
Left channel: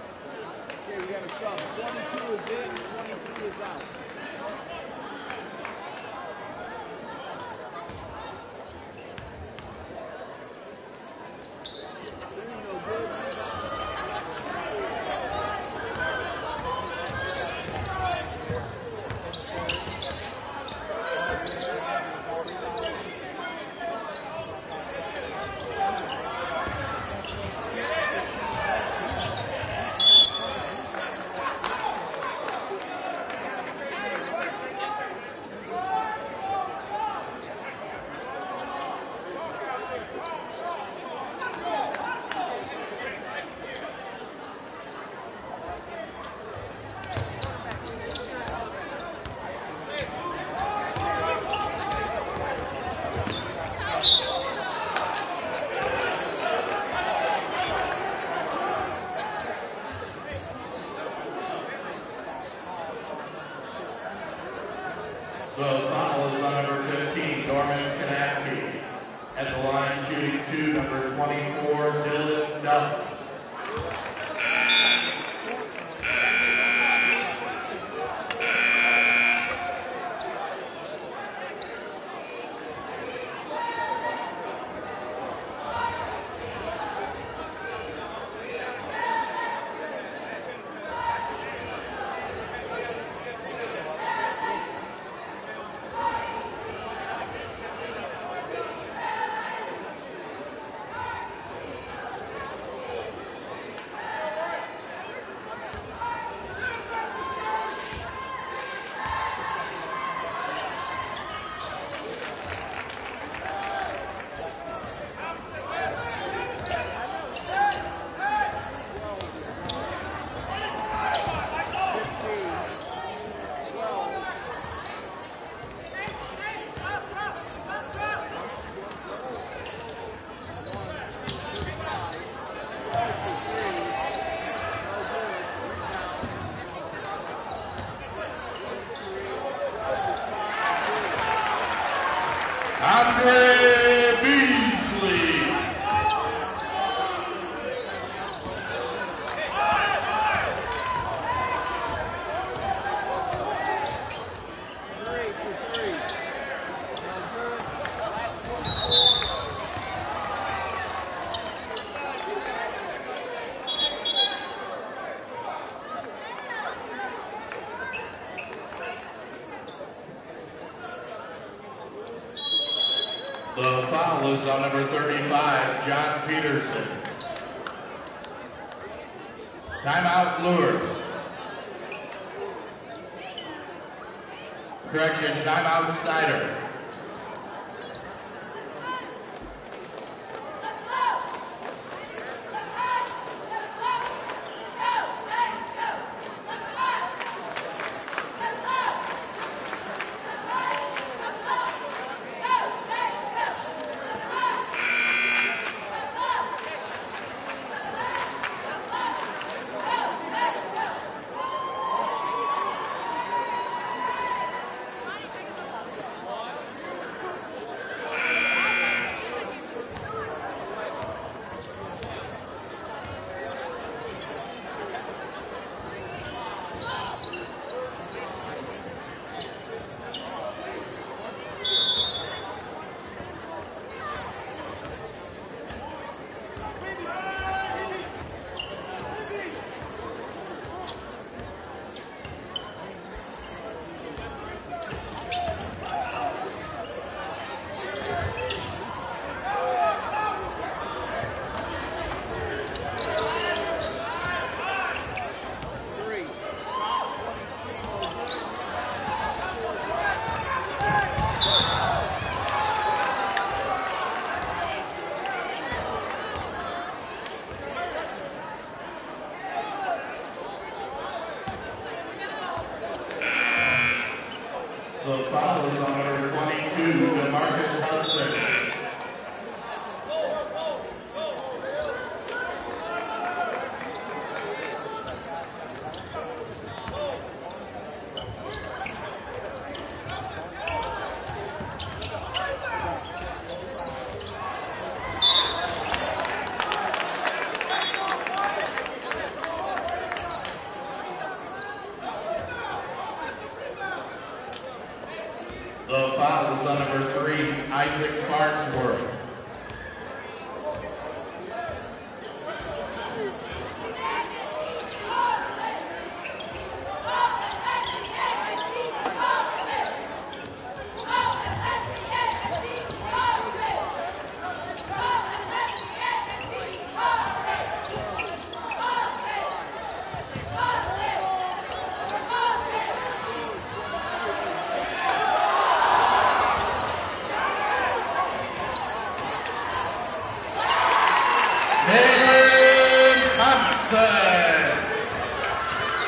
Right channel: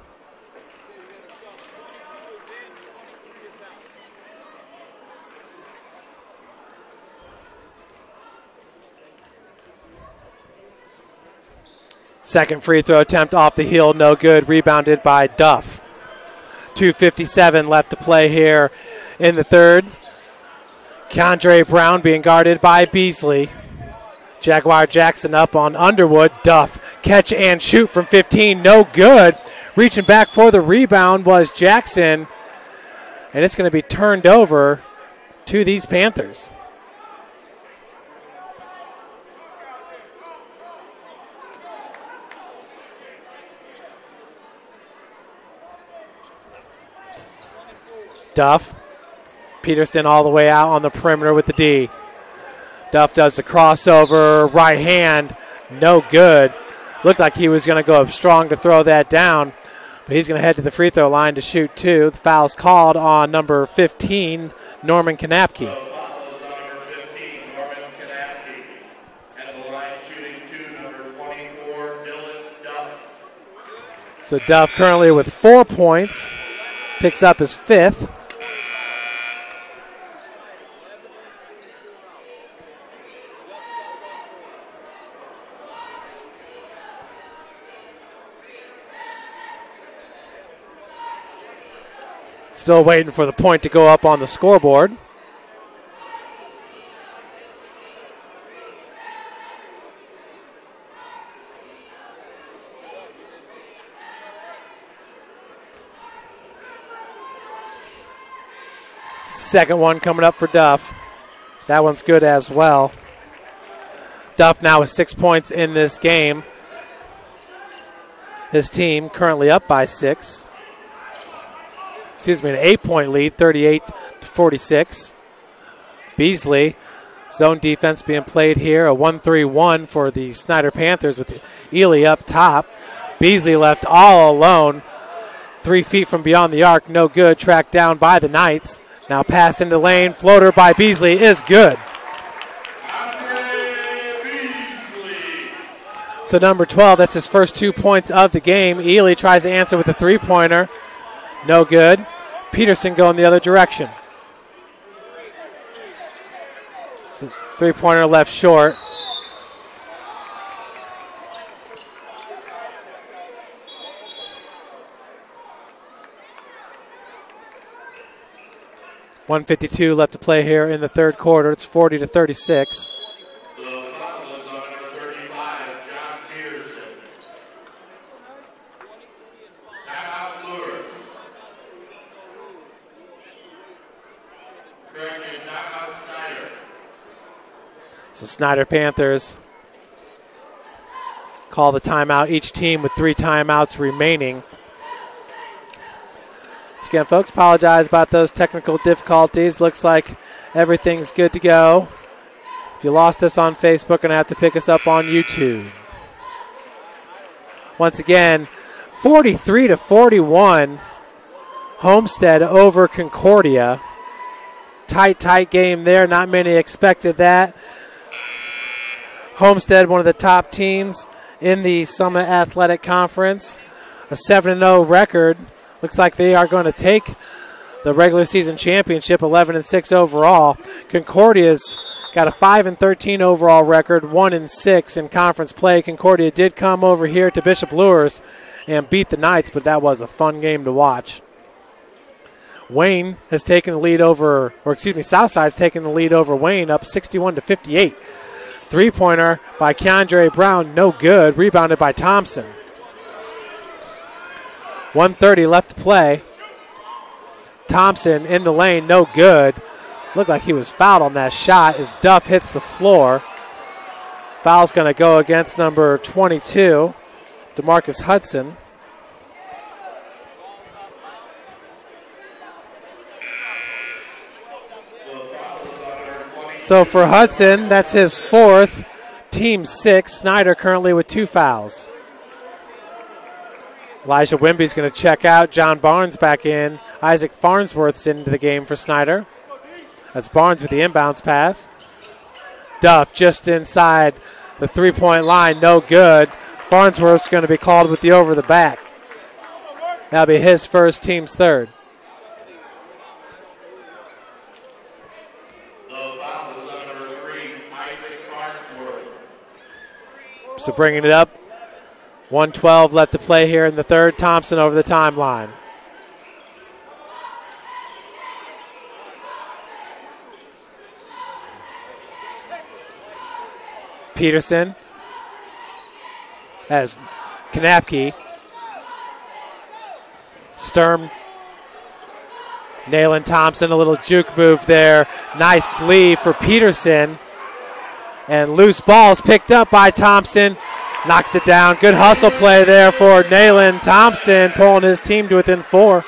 Second free throw attempt off the heel, no good. Rebounded by Duff. 2:57 left to play here in the third. Keandre Brown being guarded by Beasley. Jaguar Jackson up on Underwood. Duff, catch and shoot from 15, no good. Reaching back for the rebound was Jackson, and it's going to be turned over to these Panthers. Duff. Peterson all the way out on the perimeter with the D. Duff does the crossover, right hand, no good. Looked like he was going to go up strong to throw that down, but he's going to head to the free throw line to shoot two. The foul's called on number 15, Norman Kanapke. The foul is on number 15, Norman Kanapke. At the line, shooting 2, number 24, Dylan Duff. So Duff currently with 4 points, picks up his fifth. Still waiting for the point to go up on the scoreboard. Second one coming up for Duff. That one's good as well. Duff now with 6 points in this game. His team currently up by 6. Excuse me, an 8-point lead, 38-46. Beasley, zone defense being played here, a 1-3-1 for the Snider Panthers with Ely up top. Beasley left all alone, 3 feet from beyond the arc, no good, tracked down by the Knights. Now pass into the lane, floater by Beasley is good. Andre Beasley. So number 12, that's his first 2 points of the game. Ely tries to answer with a three-pointer. No good. Peterson going the other direction. So three-pointer left short. .152 left to play here in the third quarter. It's 40-36. The foul is on number 35, John Peterson. Timeout, Luers. Correction, timeout, Snider. So Snider Panthers call the timeout, each team with 3 timeouts remaining. Once again, folks, apologize about those technical difficulties. Looks like everything's good to go. If you lost us on Facebook, going to have to pick us up on YouTube. Once again, 43-41, Homestead over Concordia. Tight game there. Not many expected that. Homestead, one of the top teams in the Summit Athletic Conference. A 7-0 record. Looks like they are going to take the regular season championship, 11-6 overall. Concordia's got a 5-13 overall record, 1-6 in conference play. Concordia did come over here to Bishop Luers and beat the Knights, but that was a fun game to watch. Wayne has taken the lead over, or excuse me, Southside's taken the lead over Wayne, up 61-58. Three-pointer by Keandre Brown, no good. Rebounded by Thompson. 1:30 left to play. Thompson in the lane, no good. Looked like he was fouled on that shot as Duff hits the floor. Foul's going to go against number 22, DeMarcus Hudson. So for Hudson, that's his fourth, team 6. Snider currently with 2 fouls. Elijah Wimby's going to check out. John Barnes back in. Isaac Farnsworth's into the game for Snider. That's Barnes with the inbounds pass. Duff just inside the three-point line, no good. Farnsworth's going to be called with the over the back. That'll be his first, team's third. The foul is on number 3, Isaac Farnsworth. So bringing it up. 1:12 left to play here in the third. Thompson over the timeline. Peterson has Kanapke. Sturm nailing Thompson, a little juke move there. Nice sleeve for Peterson. And loose balls picked up by Thompson. Knocks it down. Good hustle play there for Nayland Thompson, pulling his team to within 4.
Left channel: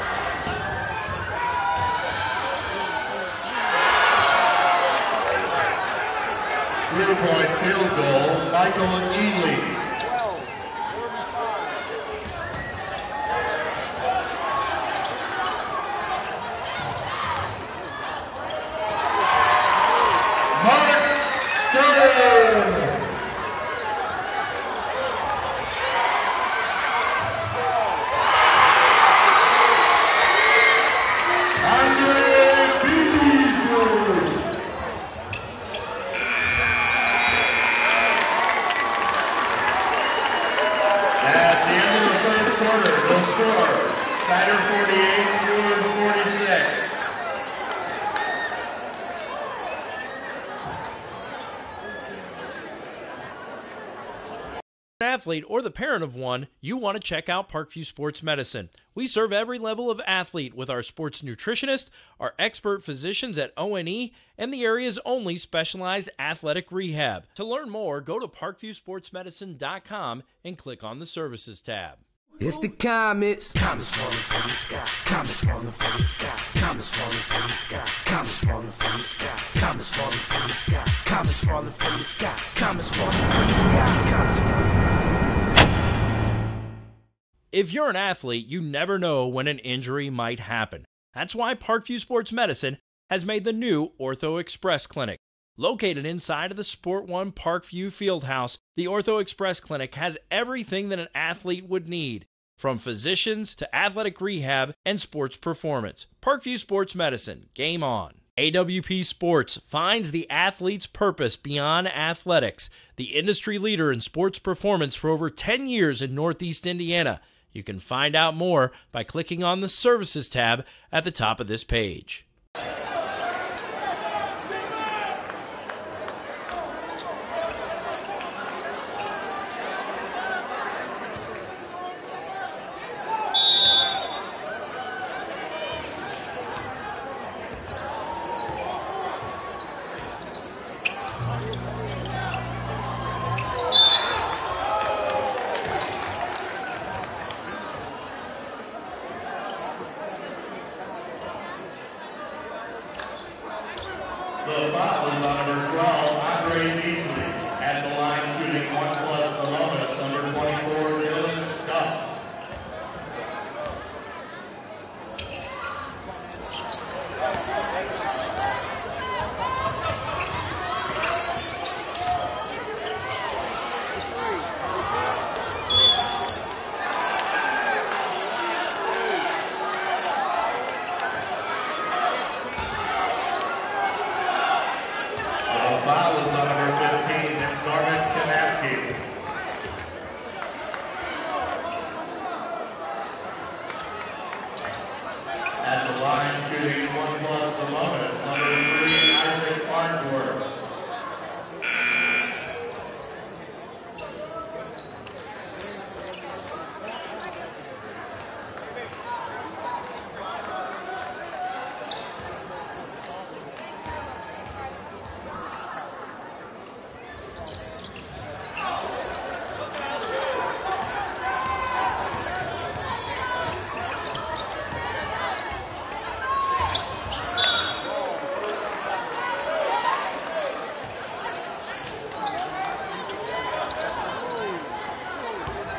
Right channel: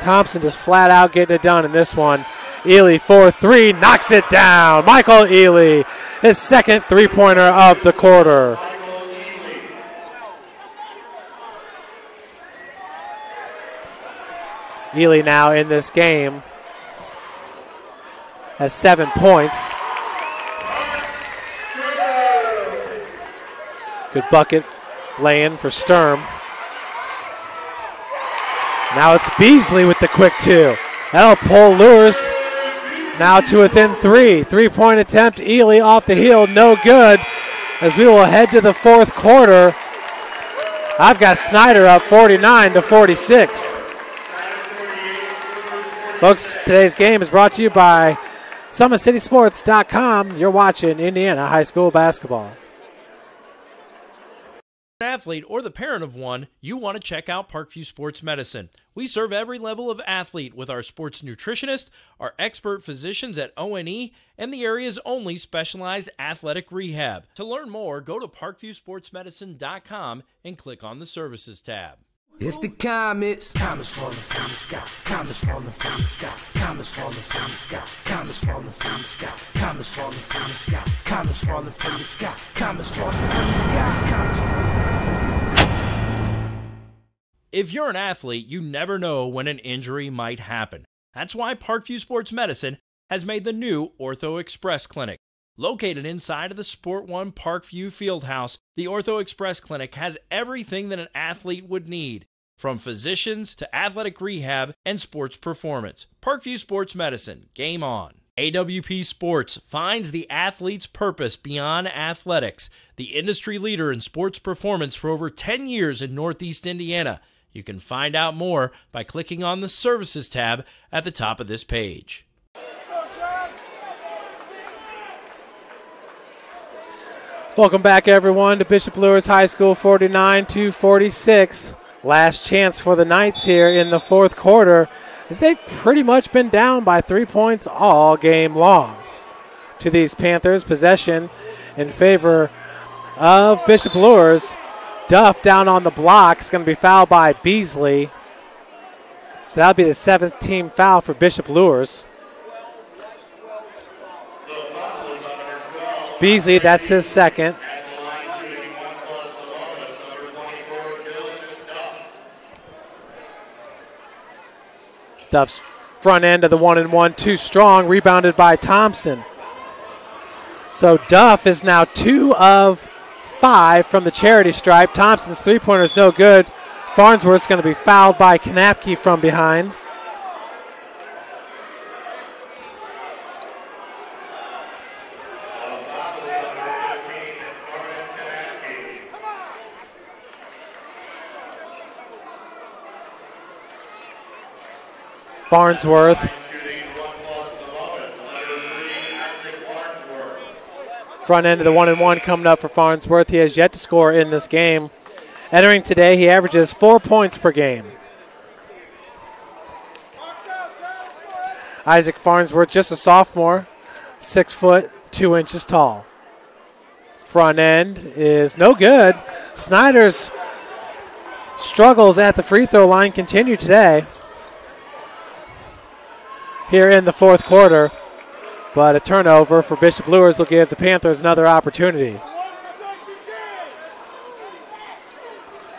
Thompson just flat out getting it done in this one. Ely 4-3, knocks it down. Michael Ely, his second three-pointer of the quarter. Ely now in this game has 7 points. Good bucket laying for Sturm. Now it's Beasley with the quick 2. That'll pull Luers now to within 3. Three-point attempt, Ely off the heel, no good. As we will head to the fourth quarter. I've got Snider up 49-46. Folks, today's game is brought to you by SummitCitySports.com. You're watching Indiana high school basketball. Athlete or the parent of one, you want to check out Parkview Sports Medicine. We serve every level of athlete with our sports nutritionist, our expert physicians at O&E, and the area's only specialized athletic rehab. To learn more, go to parkviewsportsmedicine.com and click on the Services tab. It's the comets. Comets falling from the sky. Comets falling from the sky. Comets falling from the sky. Comets falling from the sky. Comets falling from the sky. Comets falling from the sky. Comets falling from the sky. Comets falling from the sky. If you're an athlete, you never know when an injury might happen. That's why Parkview Sports Medicine has made the new Ortho Express Clinic. Located inside of the Sport One Parkview Fieldhouse, the Ortho Express Clinic has everything that an athlete would need, from physicians to athletic rehab and sports performance. Parkview Sports Medicine, game on. AWP Sports finds the athlete's purpose beyond athletics, the industry leader in sports performance for over 10 years in Northeast Indiana. You can find out more by clicking on the Services tab at the top of this page. Welcome back, everyone, to Bishop Luers High School, 49-46. Last chance for the Knights here in the fourth quarter, as they've pretty much been down by 3 points all game long. To these Panthers, possession in favor of Bishop Luers. Duff down on the block is going to be fouled by Beasley. So that'll be the 7th team foul for Bishop Luers. Beasley, that's his second. Duff's front end of the 1-and-1, too strong, rebounded by Thompson. So Duff is now 2 of 5 from the charity stripe. Thompson's three-pointer is no good. Farnsworth's going to be fouled by Knapke from behind. Foul is on number 15, Norman Knapke. Farnsworth. Front end of the 1-and-1 coming up for Farnsworth. He has yet to score in this game. Entering today, he averages 4 points per game. Isaac Farnsworth, just a sophomore, 6 foot 2 inches tall. Front end is no good. Snider's struggles at the free throw line continue today. Here in the fourth quarter, but a turnover for Bishop Luers will give the Panthers another opportunity.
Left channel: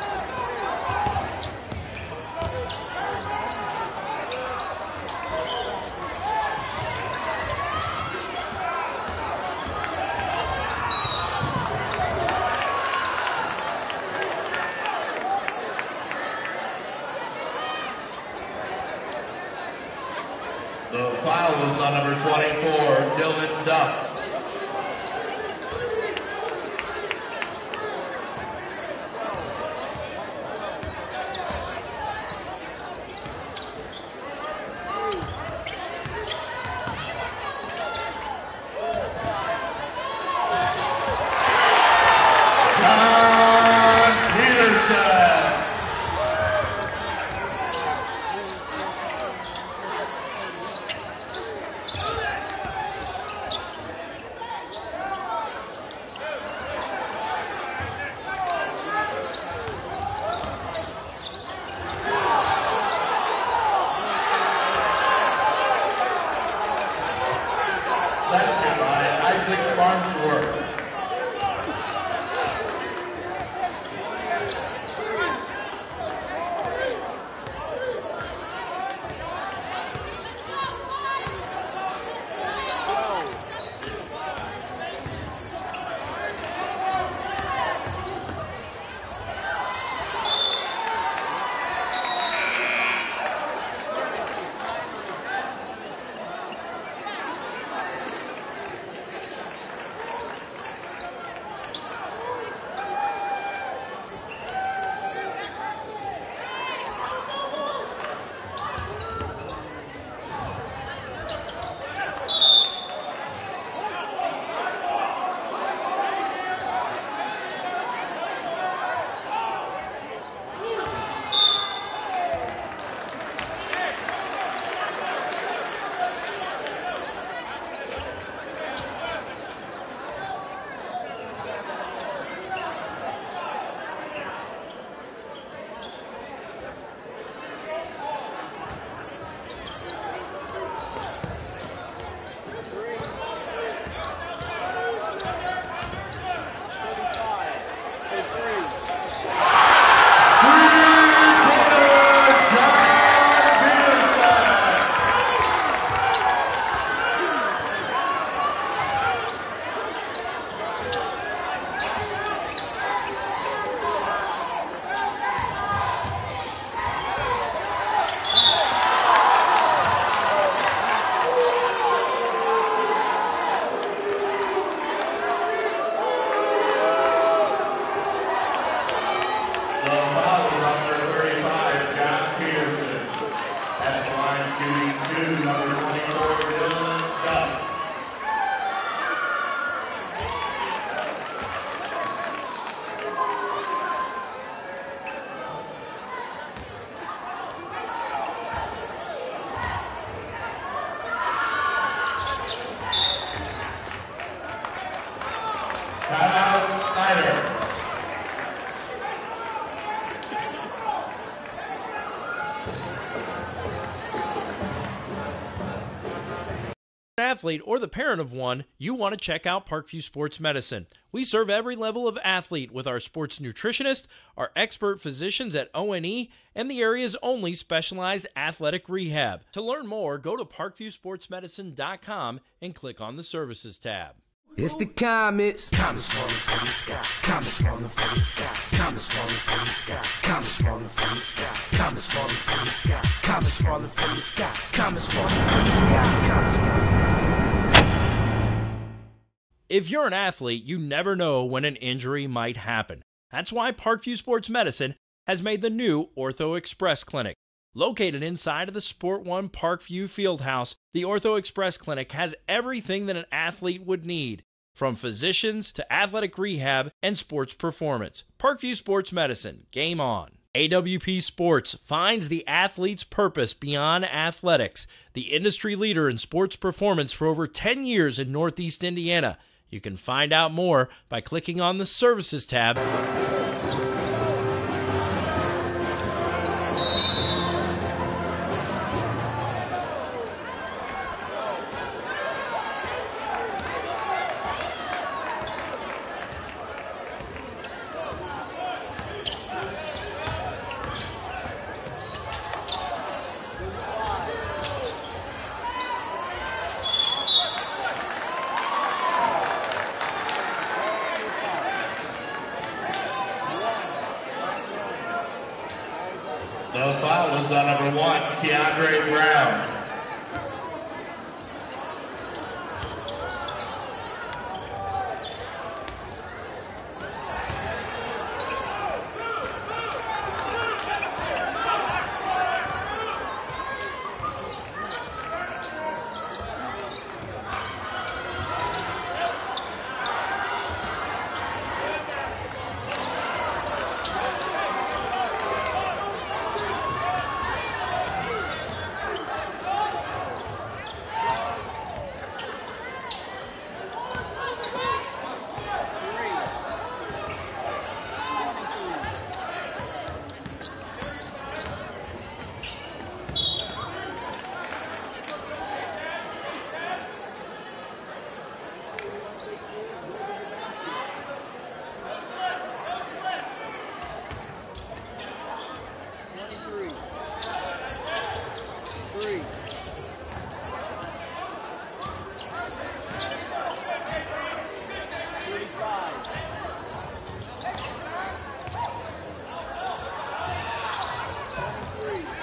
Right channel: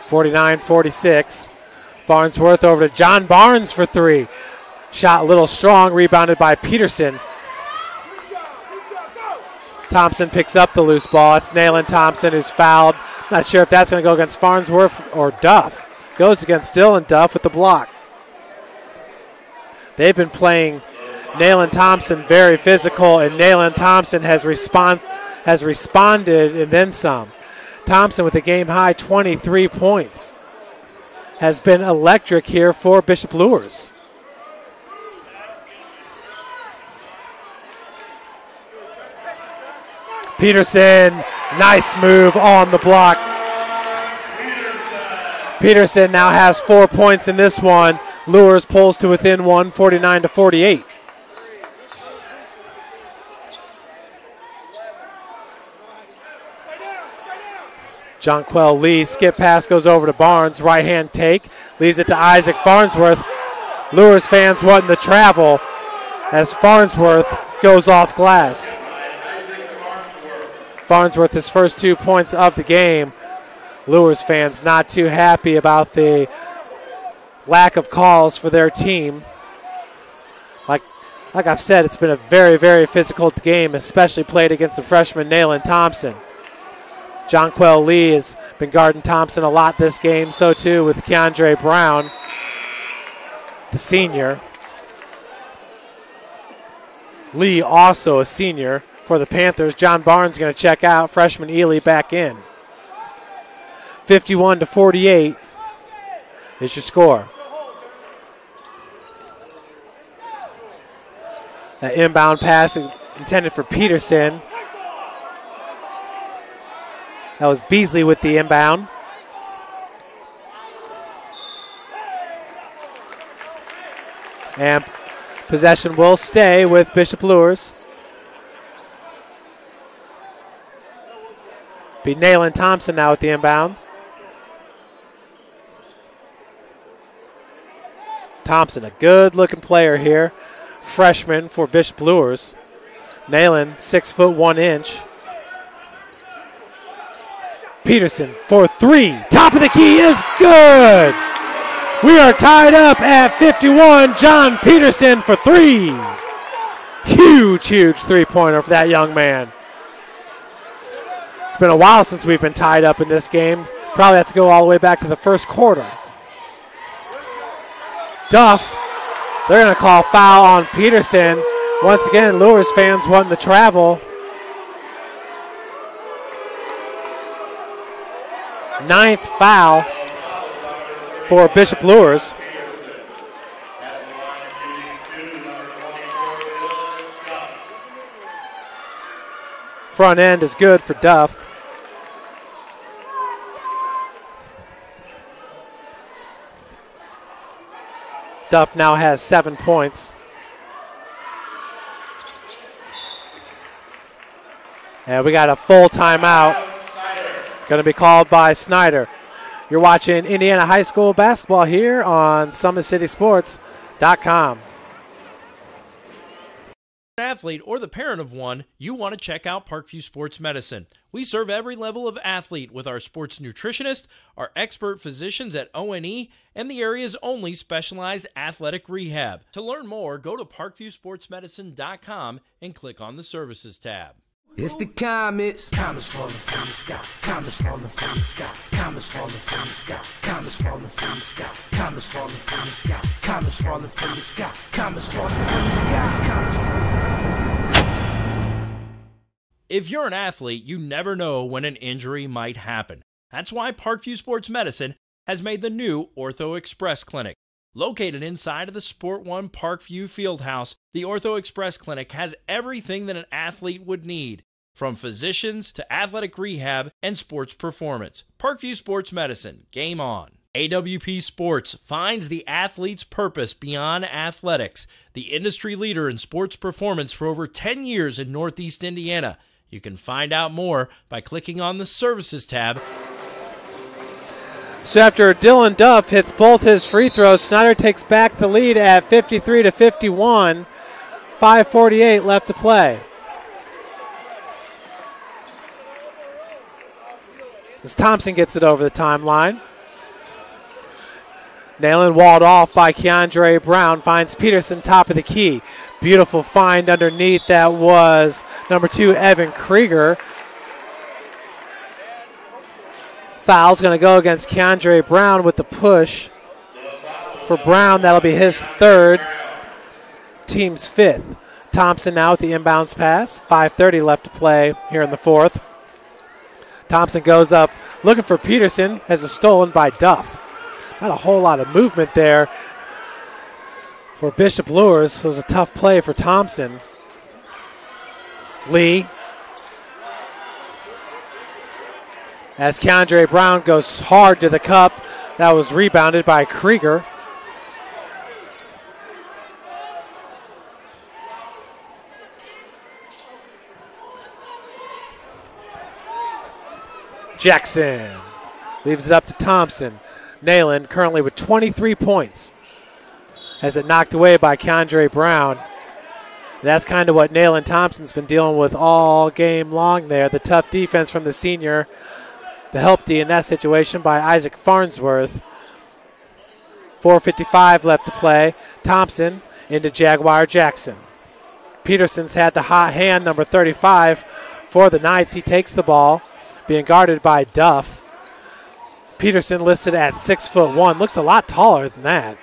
49-46. Farnsworth over to John Barnes for three. Shot a little strong, rebounded by Peterson. Thompson picks up the loose ball. It's Nayland Thompson who's fouled. Not sure if that's going to go against Farnsworth or Duff. Goes against Dylan Duff with the block. They've been playing Nayland Thompson very physical, and Nayland Thompson has responded and then some. Thompson with a game-high 23 points. Has been electric here for Bishop Luers. Peterson, nice move on the block. Peterson now has 4 points in this one. Luers pulls to within one, 49-48. Jonquel Lee, skip pass goes over to Barnes, right hand take, leaves it to Isaac Farnsworth. Luers fans wanting the travel as Farnsworth goes off glass. Farnsworth, his first 2 points of the game. Luers fans not too happy about the lack of calls for their team. Like I've said, it's been a very, very physical game, especially played against the freshman Nayland Thompson. Jonquel Lee has been guarding Thompson a lot this game, so too with Keandre Brown, the senior. Lee also a senior for the Panthers. John Barnes going to check out, freshman Ely back in. 51-48 is your score. An inbound pass intended for Peterson. That was Beasley with the inbound. And possession will stay with Bishop Luers. Be Nayland Thompson now with the inbounds. Thompson, a good looking player here. Freshman for Bishop Luers. Nayland, 6 foot 1 inch. Peterson for three. Top of the key is good. We are tied up at 51. John Peterson for three. Huge, huge three-pointer for that young man. It's been a while since we've been tied up in this game. Probably have to go all the way back to the first quarter. Duff, they're going to call foul on Peterson. Once again, Luers fans wanting the travel. 9th foul for Bishop Luers. Front end is good for Duff. Duff now has 7 points. And we got a full timeout. Going to be called by Snider. You're watching Indiana High School basketball here on SummitCitySports.com. Athlete or the parent of one, you want to check out Parkview Sports Medicine. We serve every level of athlete with our sports nutritionist, our expert physicians at O&E, and the area's only specialized athletic rehab. To learn more, go to parkviewsportsmedicine.com and click on the Services tab. It's the comets. Comets falling from the sky. Comets falling from the sky. Comets falling from the sky. Comets falling from the sky. Comets falling from the sky. Comets falling from the sky. Comets falling from the sky. Comets falling from the sky. If you're an athlete, you never know when an injury might happen. That's why Parkview Sports Medicine has made the new Ortho Express Clinic. Located inside of the Sport One Parkview Fieldhouse, the Ortho Express Clinic has everything that an athlete would need, from physicians to athletic rehab and sports performance. Parkview Sports Medicine, game on. AWP Sports finds the athlete's purpose beyond athletics, the industry leader in sports performance for over 10 years in Northeast Indiana. You can find out more by clicking on the Services tab. So after Dylan Duff hits both his free throws, Snider takes back the lead at 53-51. 5:48 left to play. As Thompson gets it over the timeline. Nailing walled off by Keandre Brown, finds Peterson top of the key. Beautiful find underneath, that was number 2, Evan Krieger. Foul's going to go against Keandre Brown with the push. For Brown, that'll be his third, team's 5th. Thompson now with the inbounds pass. 5:30 left to play here in the 4th. Thompson goes up looking for Peterson, has it stolen by Duff. Not a whole lot of movement there for Bishop Luers. It was a tough play for Thompson. Lee. As Keandre Brown goes hard to the cup, that was rebounded by Krieger. Jackson leaves it up to Thompson. Nayland currently with 23 points. Has it knocked away by Keandre Brown. That's kind of what Nayland Thompson's been dealing with all game long there. The tough defense from the senior. The help D in that situation by Isaac Farnsworth. 4:55 left to play. Thompson into Jaguar Jackson. Peterson's had the hot hand, number 35 for the Knights. He takes the ball, being guarded by Duff. Peterson listed at 6'1", looks a lot taller than that.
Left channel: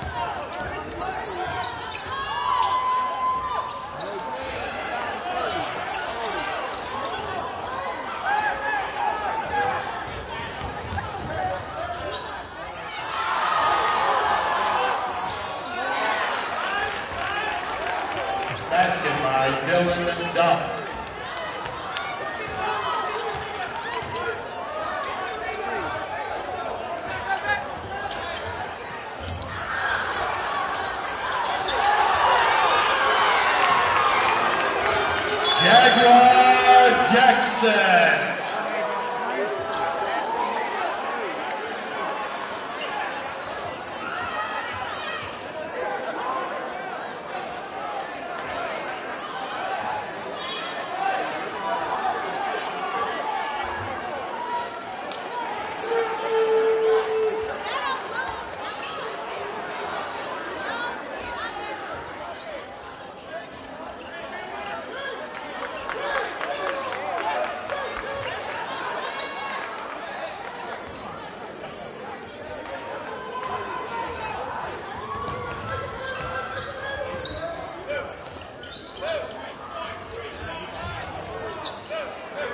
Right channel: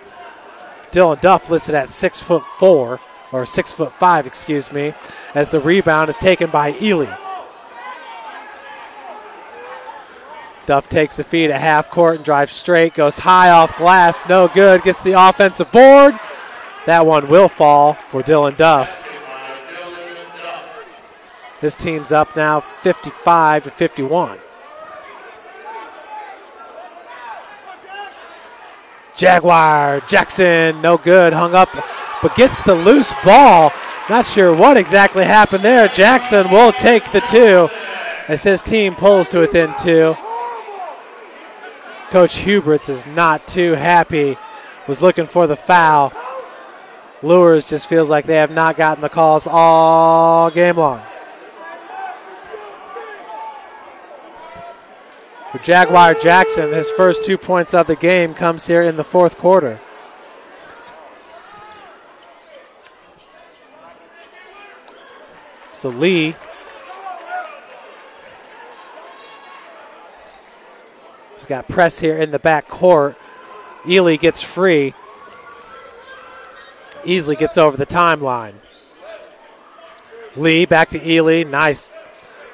Dylan Duff listed at 6'4", or 6'5", excuse me, as the rebound is taken by Ely. Duff takes the feed at half court and drives straight, goes high off glass, no good, gets the offensive board. That one will fall for Dylan Duff. This team's up now 55-51. Jaguar Jackson, no good, hung up, but gets the loose ball. Not sure what exactly happened there. Jackson will take the 2 as his team pulls to within 2. Coach Huberts is not too happy, was looking for the foul. Luers just feels like they have not gotten the calls all game long. For Jaguar Jackson, his first 2 points of the game comes here in the 4th quarter. So Lee has got press here in the back court. Ely gets free. Easily gets over the timeline. Lee back to Ely. Nice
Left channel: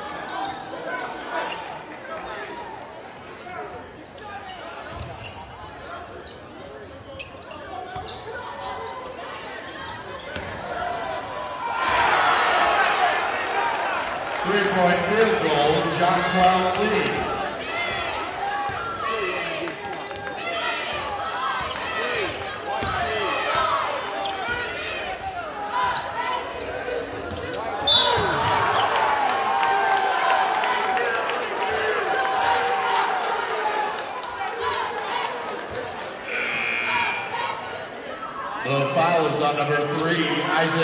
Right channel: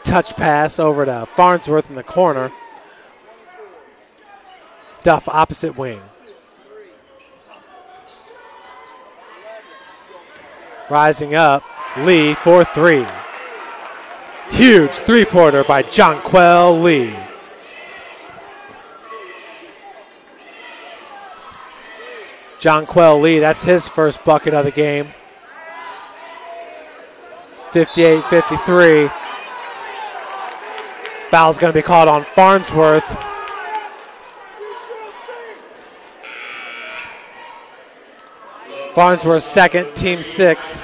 touch pass over to Farnsworth in the corner. Duff opposite wing. Rising up, Lee for 3. Huge three-pointer by Jonquel Lee. Jonquel Lee, that's his first bucket of the game. 58-53. Foul's going to be called on Farnsworth. Farnsworth second, team 6.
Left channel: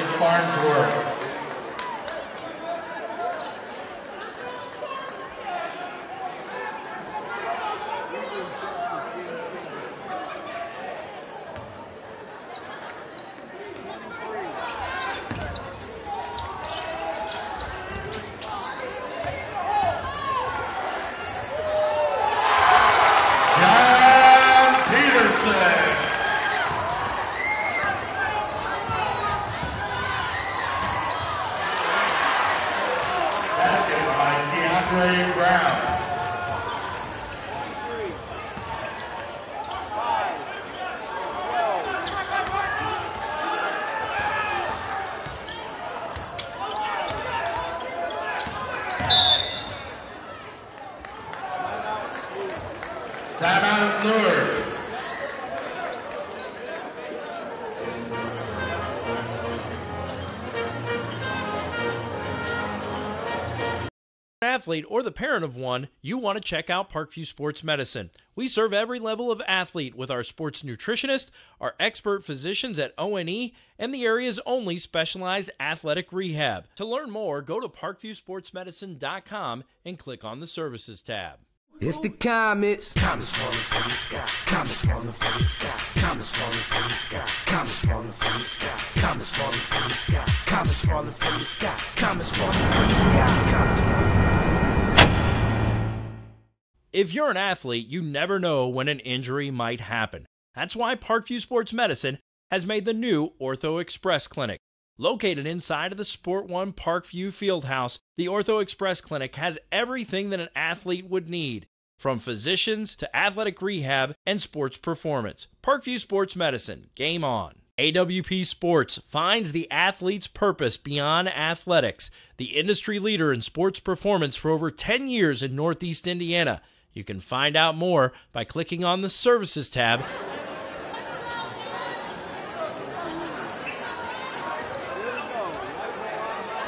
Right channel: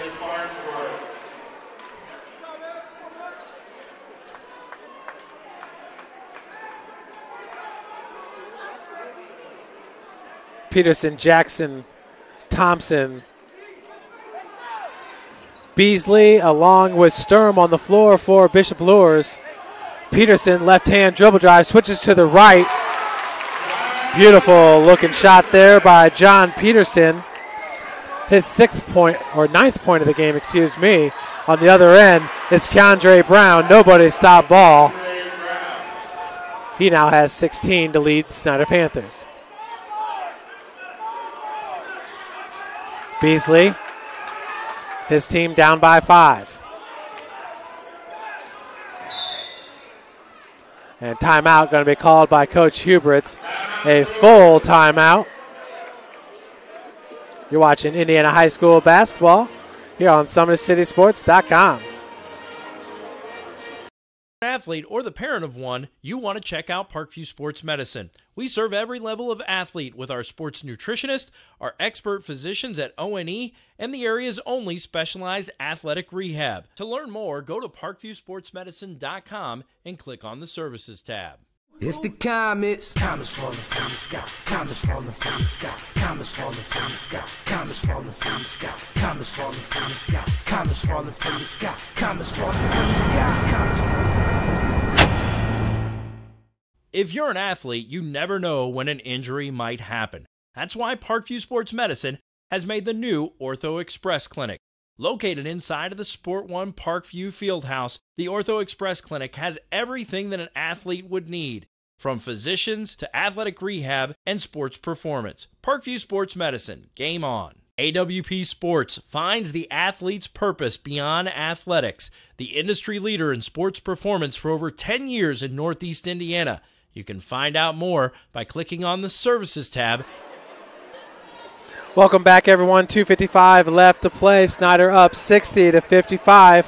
Peterson, Jackson, Thompson Beasley along with Sturm on the floor for Bishop Luers. Peterson, left-hand dribble drive, switches to the right. Beautiful looking shot there by John Peterson. His ninth point of the game, excuse me. On the other end, it's Keandre Brown. Nobody stopped ball. He now has 16 to lead the Snider Panthers. Beasley, his team down by 5. And timeout going to be called by Coach Huberts. A full timeout. You're watching Indiana High School basketball here on SummitCitySports.com. Athlete or the parent of one, you want to check out Parkview Sports Medicine. We serve every level of athlete with our sports nutritionist, our expert physicians at O&E, and the area's only specialized athletic rehab. To learn more, go to parkviewsportsmedicine.com and click on the Services tab. It's the comets. Comets falling from the sky. Comets falling from the sky. Comets falling from the sky. Comets falling from the sky. Comets falling from the sky. Comets falling from the sky. Comets falling from the sky. Comets falling from the sky. If you're an athlete, you never know when an injury might happen. That's why Parkview Sports Medicine has made the new Ortho Express Clinic. Located inside of the Sport One Parkview Fieldhouse, the Ortho Express Clinic has everything that an athlete would need, from physicians to athletic rehab and sports performance. Parkview Sports Medicine, game on. AWP Sports finds the athlete's purpose beyond athletics, the industry leader in sports performance for over 10 years in Northeast Indiana. You can find out more by clicking on the Services tab. Welcome back, everyone. 2:55 left to play. Snider up 60-55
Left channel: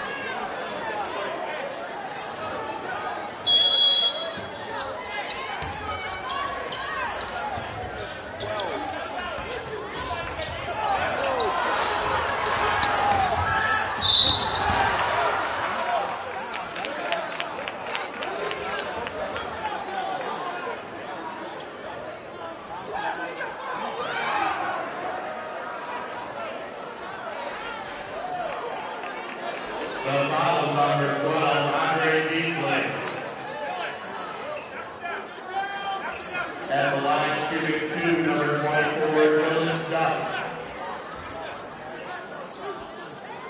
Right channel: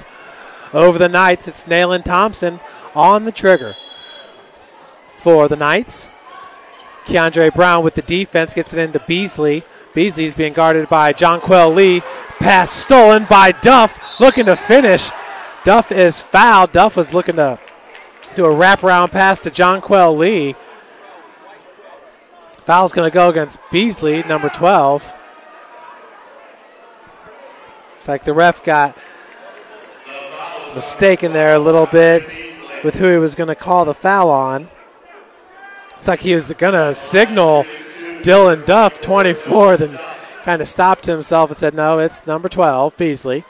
over the Knights. It's Nayland Thompson on the trigger for the Knights. Keandre Brown with the defense gets it into Beasley. Beasley's being guarded by Jonquel Lee. Pass stolen by Duff, looking to finish. Duff is fouled. Duff was looking to do a wraparound pass to Jonquel Lee. Foul's going to go against Beasley, number 12. Looks like the ref got mistaken there a little bit with who he was going to call the foul on. Looks like he was going to signal Dylan Duff, 24, then kind of stopped himself and said, no, it's number 12, Beasley.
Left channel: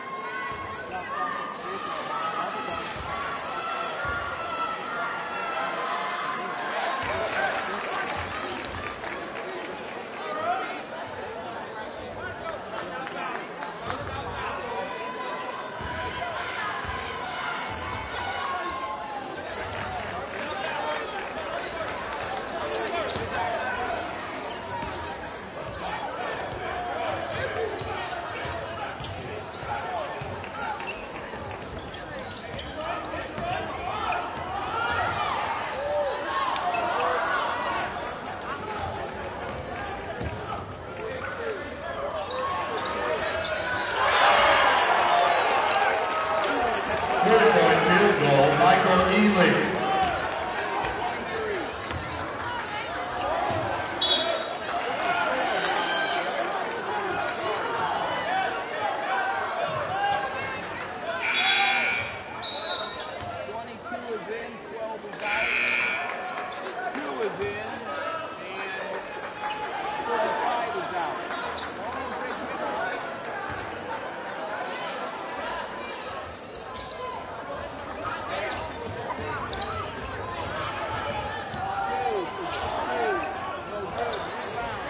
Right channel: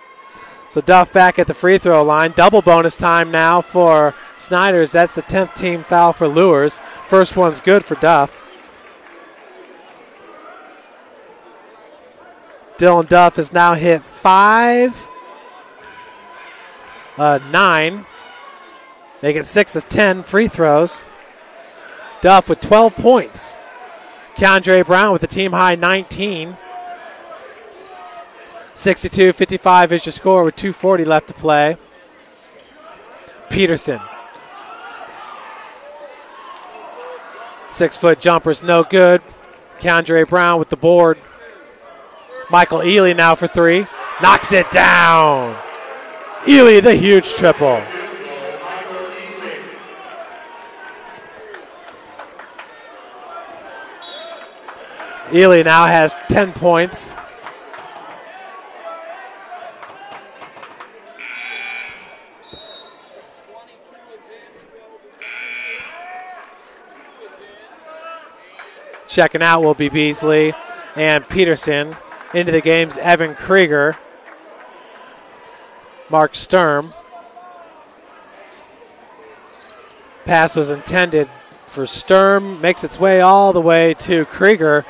So Duff back at the free throw line. Double bonus time now for Sniders. That's the 10th team foul for Luers. First one's good for Duff. Dylan Duff has now hit 9. They get 6 of 10 free throws. Duff with 12 points. Keandre Brown with the team high 19. 62-55 is your score with 2:40 left to play. Peterson. 6-foot jumper's no good. Keandre Brown with the board. Michael Ely now for 3. Knocks it down. Ely, the huge triple. Ely now has 10 points. Checking out will be Beasley and Peterson. Into the game's Evan Krieger. Mark Sturm. Pass was intended for Sturm. Makes its way all the way to Krieger.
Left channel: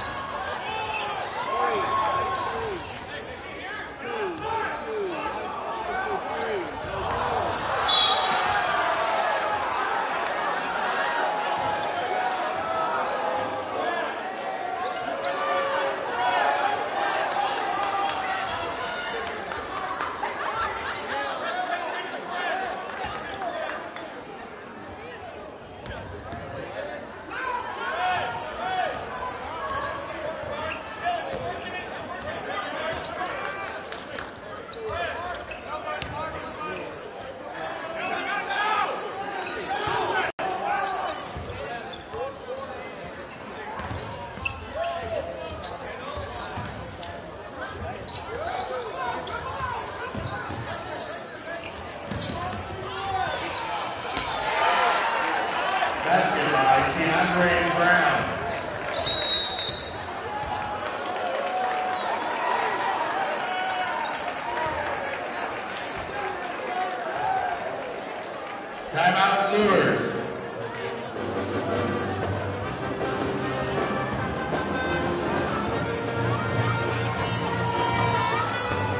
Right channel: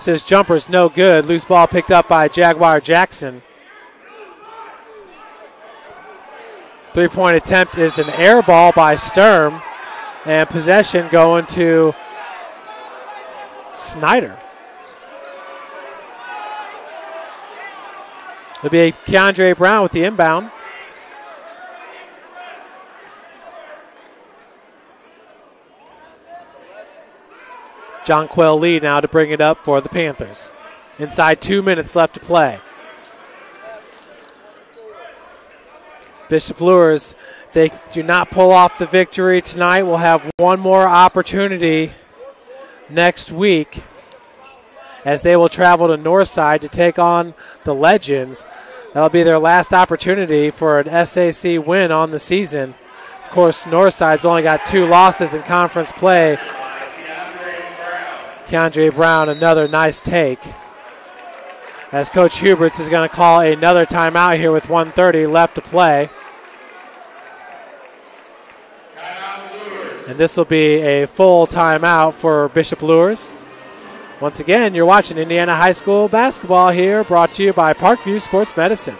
Says jumper's no good. Loose ball picked up by Jaguar Jackson. 3-point attempt is an air ball by Sturm. And possession going to Snider. It'll be Keandre Brown with the inbound. Jonquel Lee now to bring it up for the Panthers. Inside 2 minutes left to play. Bishop Luers, they do not pull off the victory tonight. We'll have one more opportunity next week as they will travel to Northside to take on the Legends. That'll be their last opportunity for an SAC win on the season. Of course, Northside's only got 2 losses in conference play. Keandre Brown, another nice take. As Coach Huberts is going to call another timeout here with 1:30 left to play. Timeout Luers. And this will be a full timeout for Bishop Luers. Once again, you're watching Indiana High School basketball here, brought to you by Parkview Sports Medicine.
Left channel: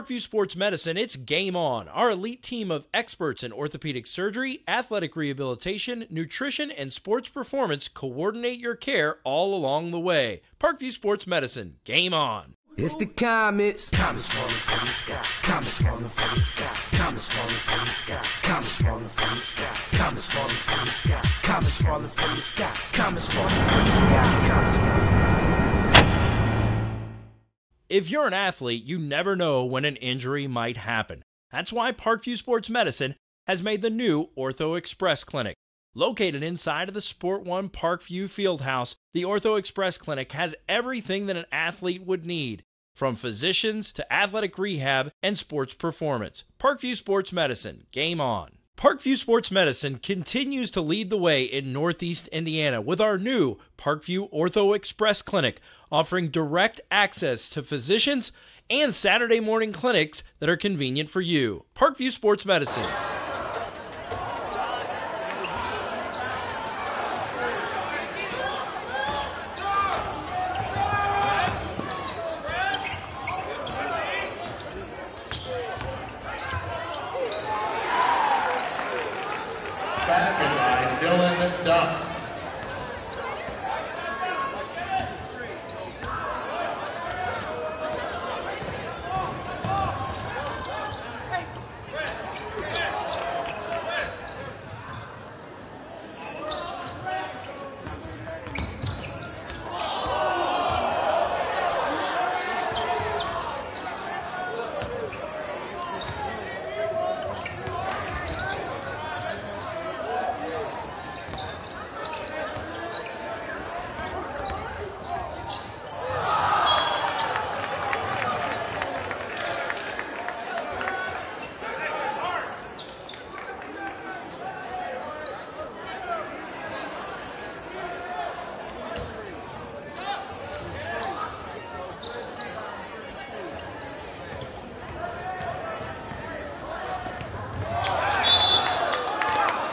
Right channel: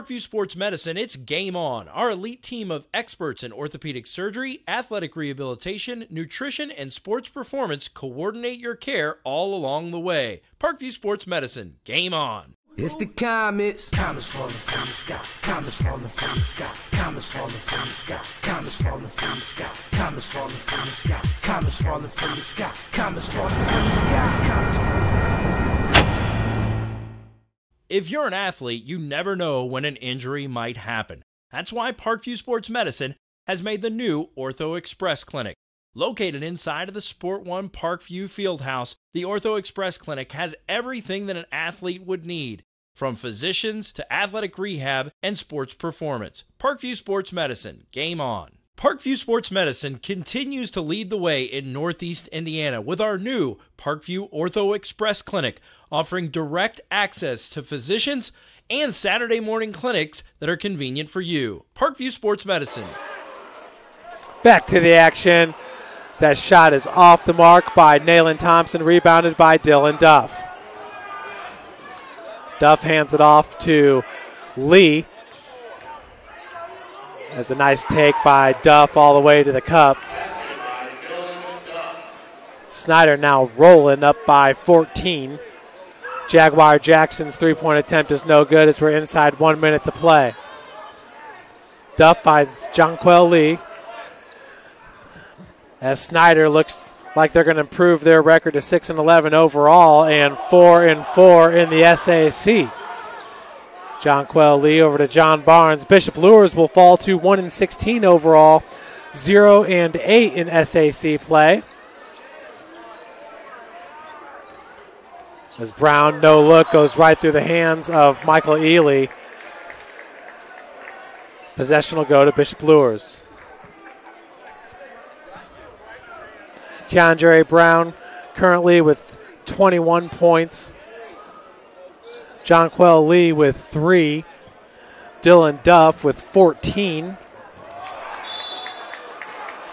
Parkview Sports Medicine, it's game on. Our elite team of experts in orthopedic surgery, athletic rehabilitation, nutrition, and sports performance coordinate your care all along the way. Parkview Sports Medicine, game on. It's the comets. Comets falling from the sky. Comets falling from the sky. Comets falling from the sky. Comets falling from the sky. Comets falling from the sky. Comets falling from the sky. Comets falling from the sky. Comets falling from the sky. If you're an athlete, you never know when an injury might happen. That's why Parkview Sports Medicine has made the new Ortho Express Clinic. Located inside of the Sport One Parkview Fieldhouse, the Ortho Express Clinic has everything that an athlete would need, from physicians to athletic rehab and sports performance. Parkview Sports Medicine, game on. Parkview Sports Medicine continues to lead the way in Northeast Indiana with our new Parkview Ortho Express Clinic, offering direct access to physicians and Saturday morning clinics that are convenient for you. Parkview Sports Medicine. Back to the action. That shot is off the mark by Nayland Thompson, rebounded by Dylan Duff. Duff hands it off to Lee. There's a nice take by Duff all the way to the cup. Snider now rolling up by 14. Jaguar Jackson's three-point attempt is no good as we're inside 1 minute to play. Duff finds Jonquel Lee. As Snider looks like they're going to improve their record to 6-11 overall and 4-4 in the SAC. Jonquel Lee over to John Barnes. Bishop Luers will fall to 1-16 overall, 0-8 in SAC play. As Brown, no look, goes right through the hands of Michael Ely. Possession will go to Bishop Luers. Keandre Brown currently with 21 points. Jonquel Lee with 3. Dylan Duff with 14.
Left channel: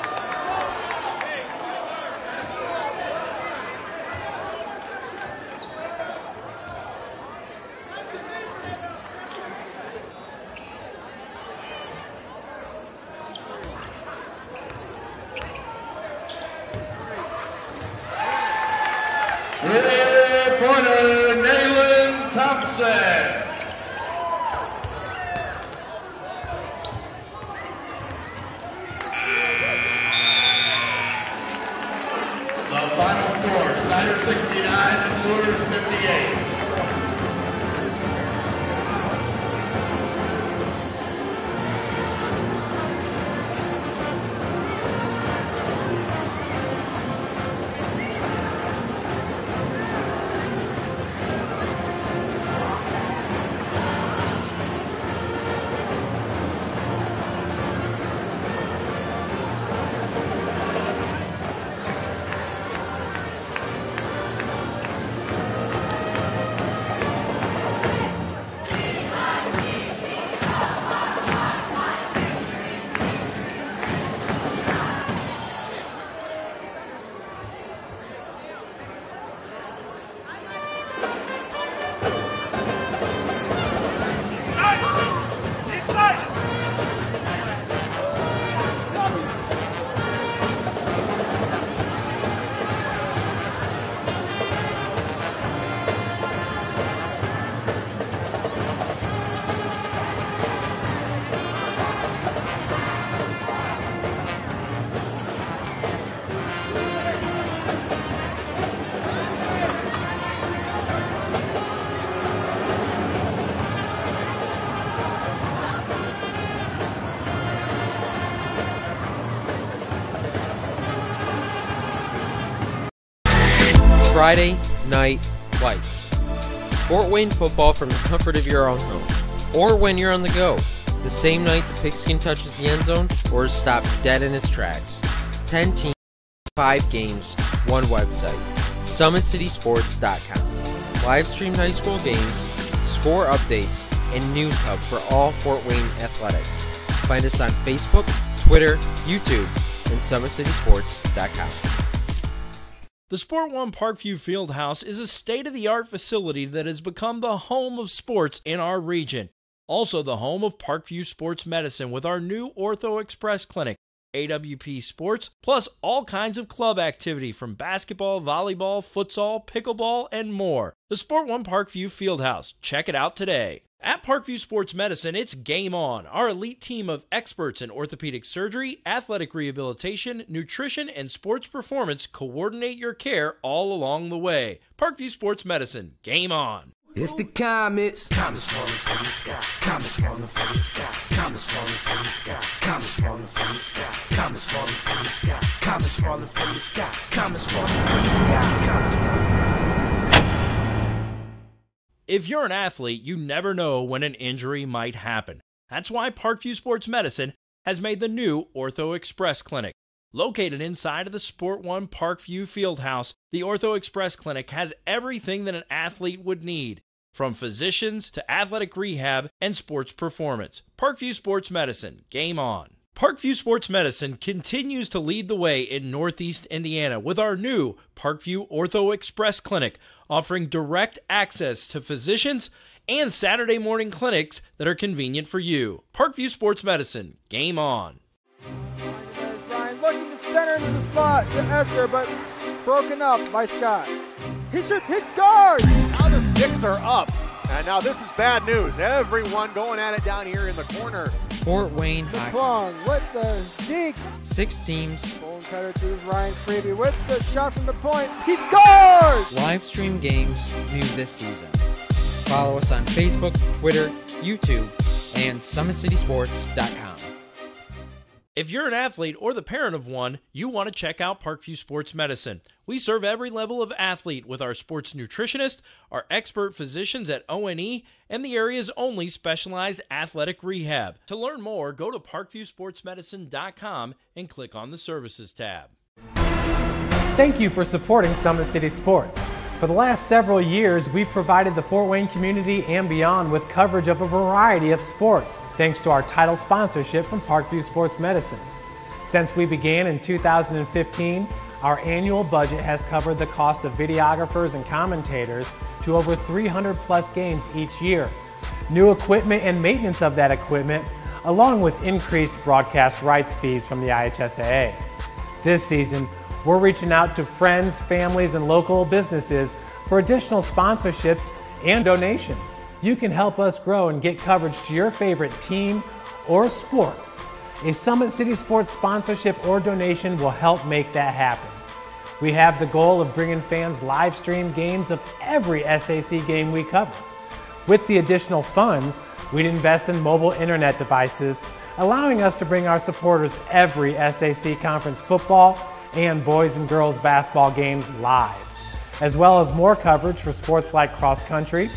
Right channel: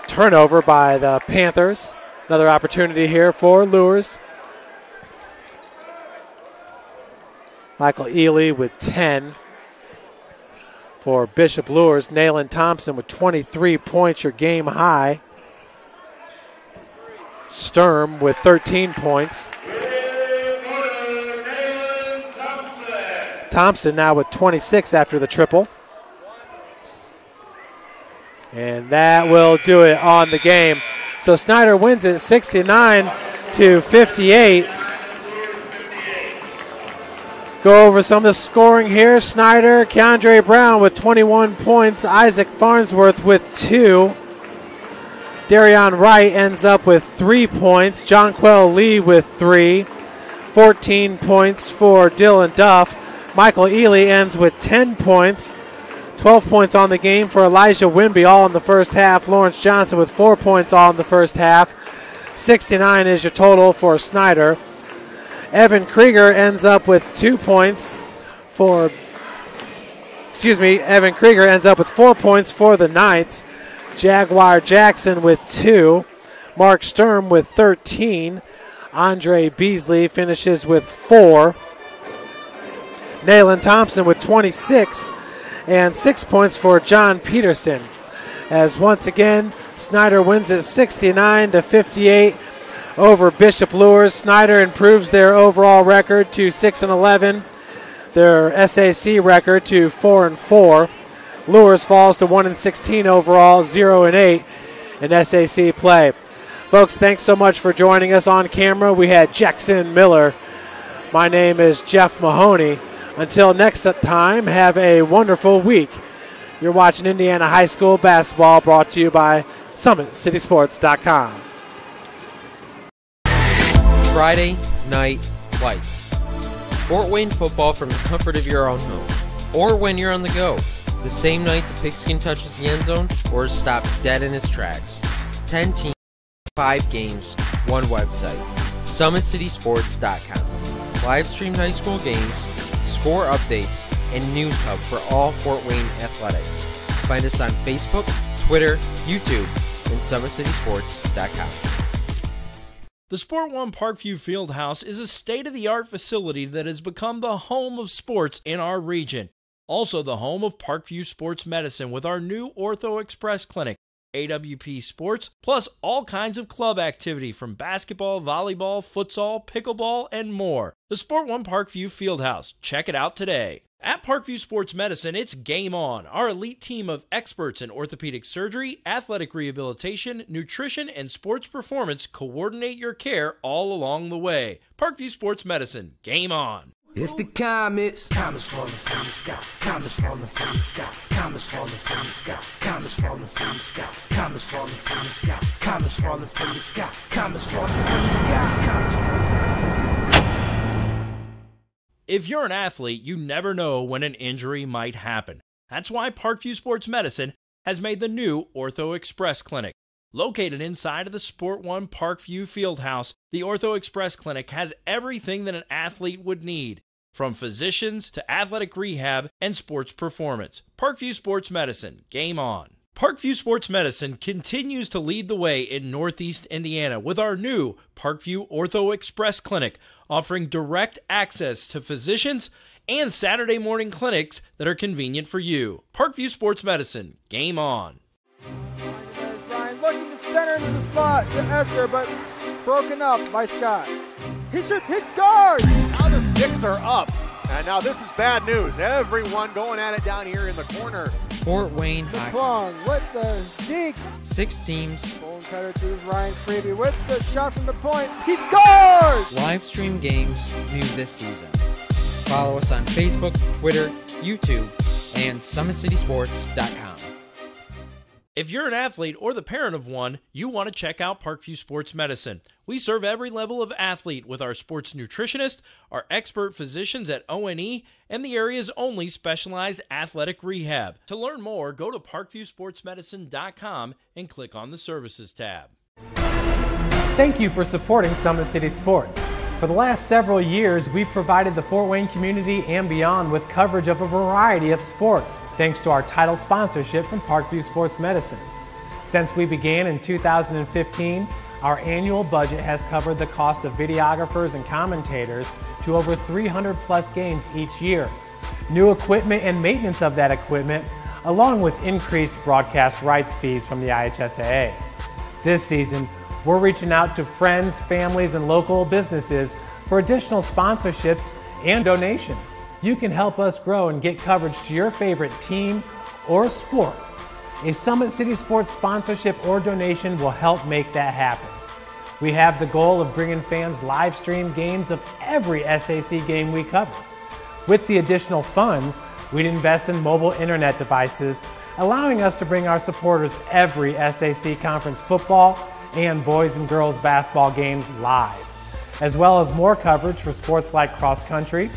Turnover by the Panthers. Another opportunity here for Luers. Michael Ely with 10. For Bishop Luers, Nayland Thompson with 23 points, your game high. Sturm with 13 points. Three-pointer, Nayland Thompson. Thompson now with 26 after the triple. And that will do it on the game. So Snider wins it 69-58. Go over some of the scoring here. Snider, Keandre Brown with 21 points. Isaac Farnsworth with 2. Darion Wright ends up with 3 points. Jonquel Lee with 3. 14 points for Dylan Duff. Michael Ely ends with 10 points. 12 points on the game for Elijah Wimby, all in the first half. Lawrence Johnson with 4 points all in the first half. 69 is your total for Snider. Evan Krieger ends up with 2 points for, Evan Krieger ends up with 4 points for the Knights. Jaguar Jackson with 2. Mark Sturm with 13. Andre Beasley finishes with 4. Nayland Thompson with 26. And 6 points for John Peterson. As once again, Snider wins it 69-58 over Bishop Luers. Snider improves their overall record to 6-11. Their SAC record to 4-4. Luers falls to 1-16 overall, 0-8 in SAC play. Folks, thanks so much for joining us on camera. We had Jackson Miller. My name is Jeff Mahoney. Until next time, have a wonderful week. You're watching Indiana High School basketball, brought to you by SummitCitySports.com. Friday Night Lights. Fort Wayne football from the comfort of your own home, or when you're on the go, the same night the pigskin touches the end zone or is stopped dead in its tracks. 10 teams, 5 games, 1 website. SummitCitySports.com. Live streamed high school games, score updates, and news hub for all Fort Wayne athletics. Find us on Facebook, Twitter, YouTube, and SummitCitySports.com. The Sport One Parkview Fieldhouse is a state-of-the-art facility that has become the home of sports in our region. Also the home of Parkview Sports Medicine with our new Ortho Express Clinic, AWP Sports, plus all kinds of club activity from basketball, volleyball, futsal, pickleball, and more. The Sport One Parkview Fieldhouse. Check it out today. At Parkview Sports Medicine, it's game on. Our elite team of experts in orthopedic surgery, athletic rehabilitation, nutrition, and sports performance coordinate your care all along the way. Parkview Sports Medicine. Game on. It's the comets. Comets falling from the sky. Comets falling from the sky. Comets falling from the sky. Comets falling from the sky. Comets falling from the sky. Comets falling from the sky. Comets falling from the sky. Comets falling from the sky. If you're an athlete, you never know when an injury might happen. That's why Parkview Sports Medicine has made the new Ortho Express Clinic. Located inside of the Sport One Parkview Fieldhouse, the Ortho Express Clinic has everything that an athlete would need, from physicians to athletic rehab and sports performance. Parkview Sports Medicine. Game on. Parkview Sports Medicine continues to lead the way in Northeast Indiana with our new Parkview Ortho Express Clinic, offering direct access to physicians and Saturday morning clinics that are convenient for you. Parkview Sports Medicine. Game on. There's Ryan looking to center into the slot to Esther, but broken up by Scott. He shoots, hits, scores! Now the sticks are up. And now this is bad news. Everyone going at it down here in the corner. Fort Wayne hockey. Plong with the deke. 6 teams. Bone cutter to Ryan Freeby with the shot from the point. He scores! Live stream games new this season. Follow us on Facebook, Twitter, YouTube, and SummitCitySports.com. If you're an athlete or the parent of one, you want to check out Parkview Sports Medicine. We serve every level of athlete with our sports nutritionist, our expert physicians at O&E, and the area's only specialized athletic rehab. To learn more, go to parkviewsportsmedicine.com and click on the Services tab. Thank you for supporting Summit City Sports. For the last several years, we've provided the Fort Wayne community and beyond with coverage of a variety of sports, thanks to our title sponsorship from Parkview Sports Medicine. Since we began in 2015, our annual budget has covered the cost of videographers and commentators to over 300 plus games each year, new equipment and maintenance of that equipment, along with increased broadcast rights fees from the IHSAA. This season, we're reaching out to friends, families, and local businesses for additional sponsorships and donations. You can help us grow and get coverage to your favorite team or sport. A Summit City Sports sponsorship or donation will help make that happen. We have the goal of bringing fans live stream games of every SAC game we cover. With the additional funds, we'd invest in mobile internet devices, allowing us to bring our supporters every SAC conference football and boys and girls basketball games live, as well as more coverage for sports like cross country,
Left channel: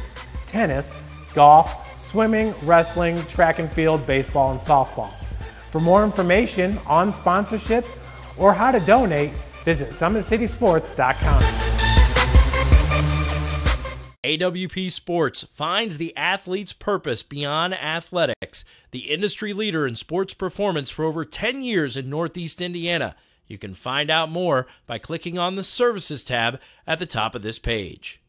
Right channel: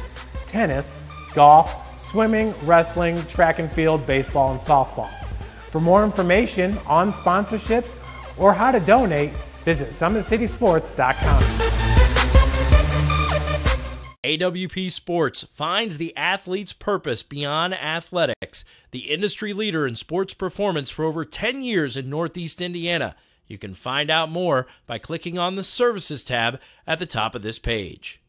tennis, golf, swimming, wrestling, track and field, baseball, and softball. For more information on sponsorships or how to donate, visit SummitCitySports.com. AWP Sports finds the athlete's purpose beyond athletics, the industry leader in sports performance for over 10 years in Northeast Indiana. You can find out more by clicking on the Services tab at the top of this page.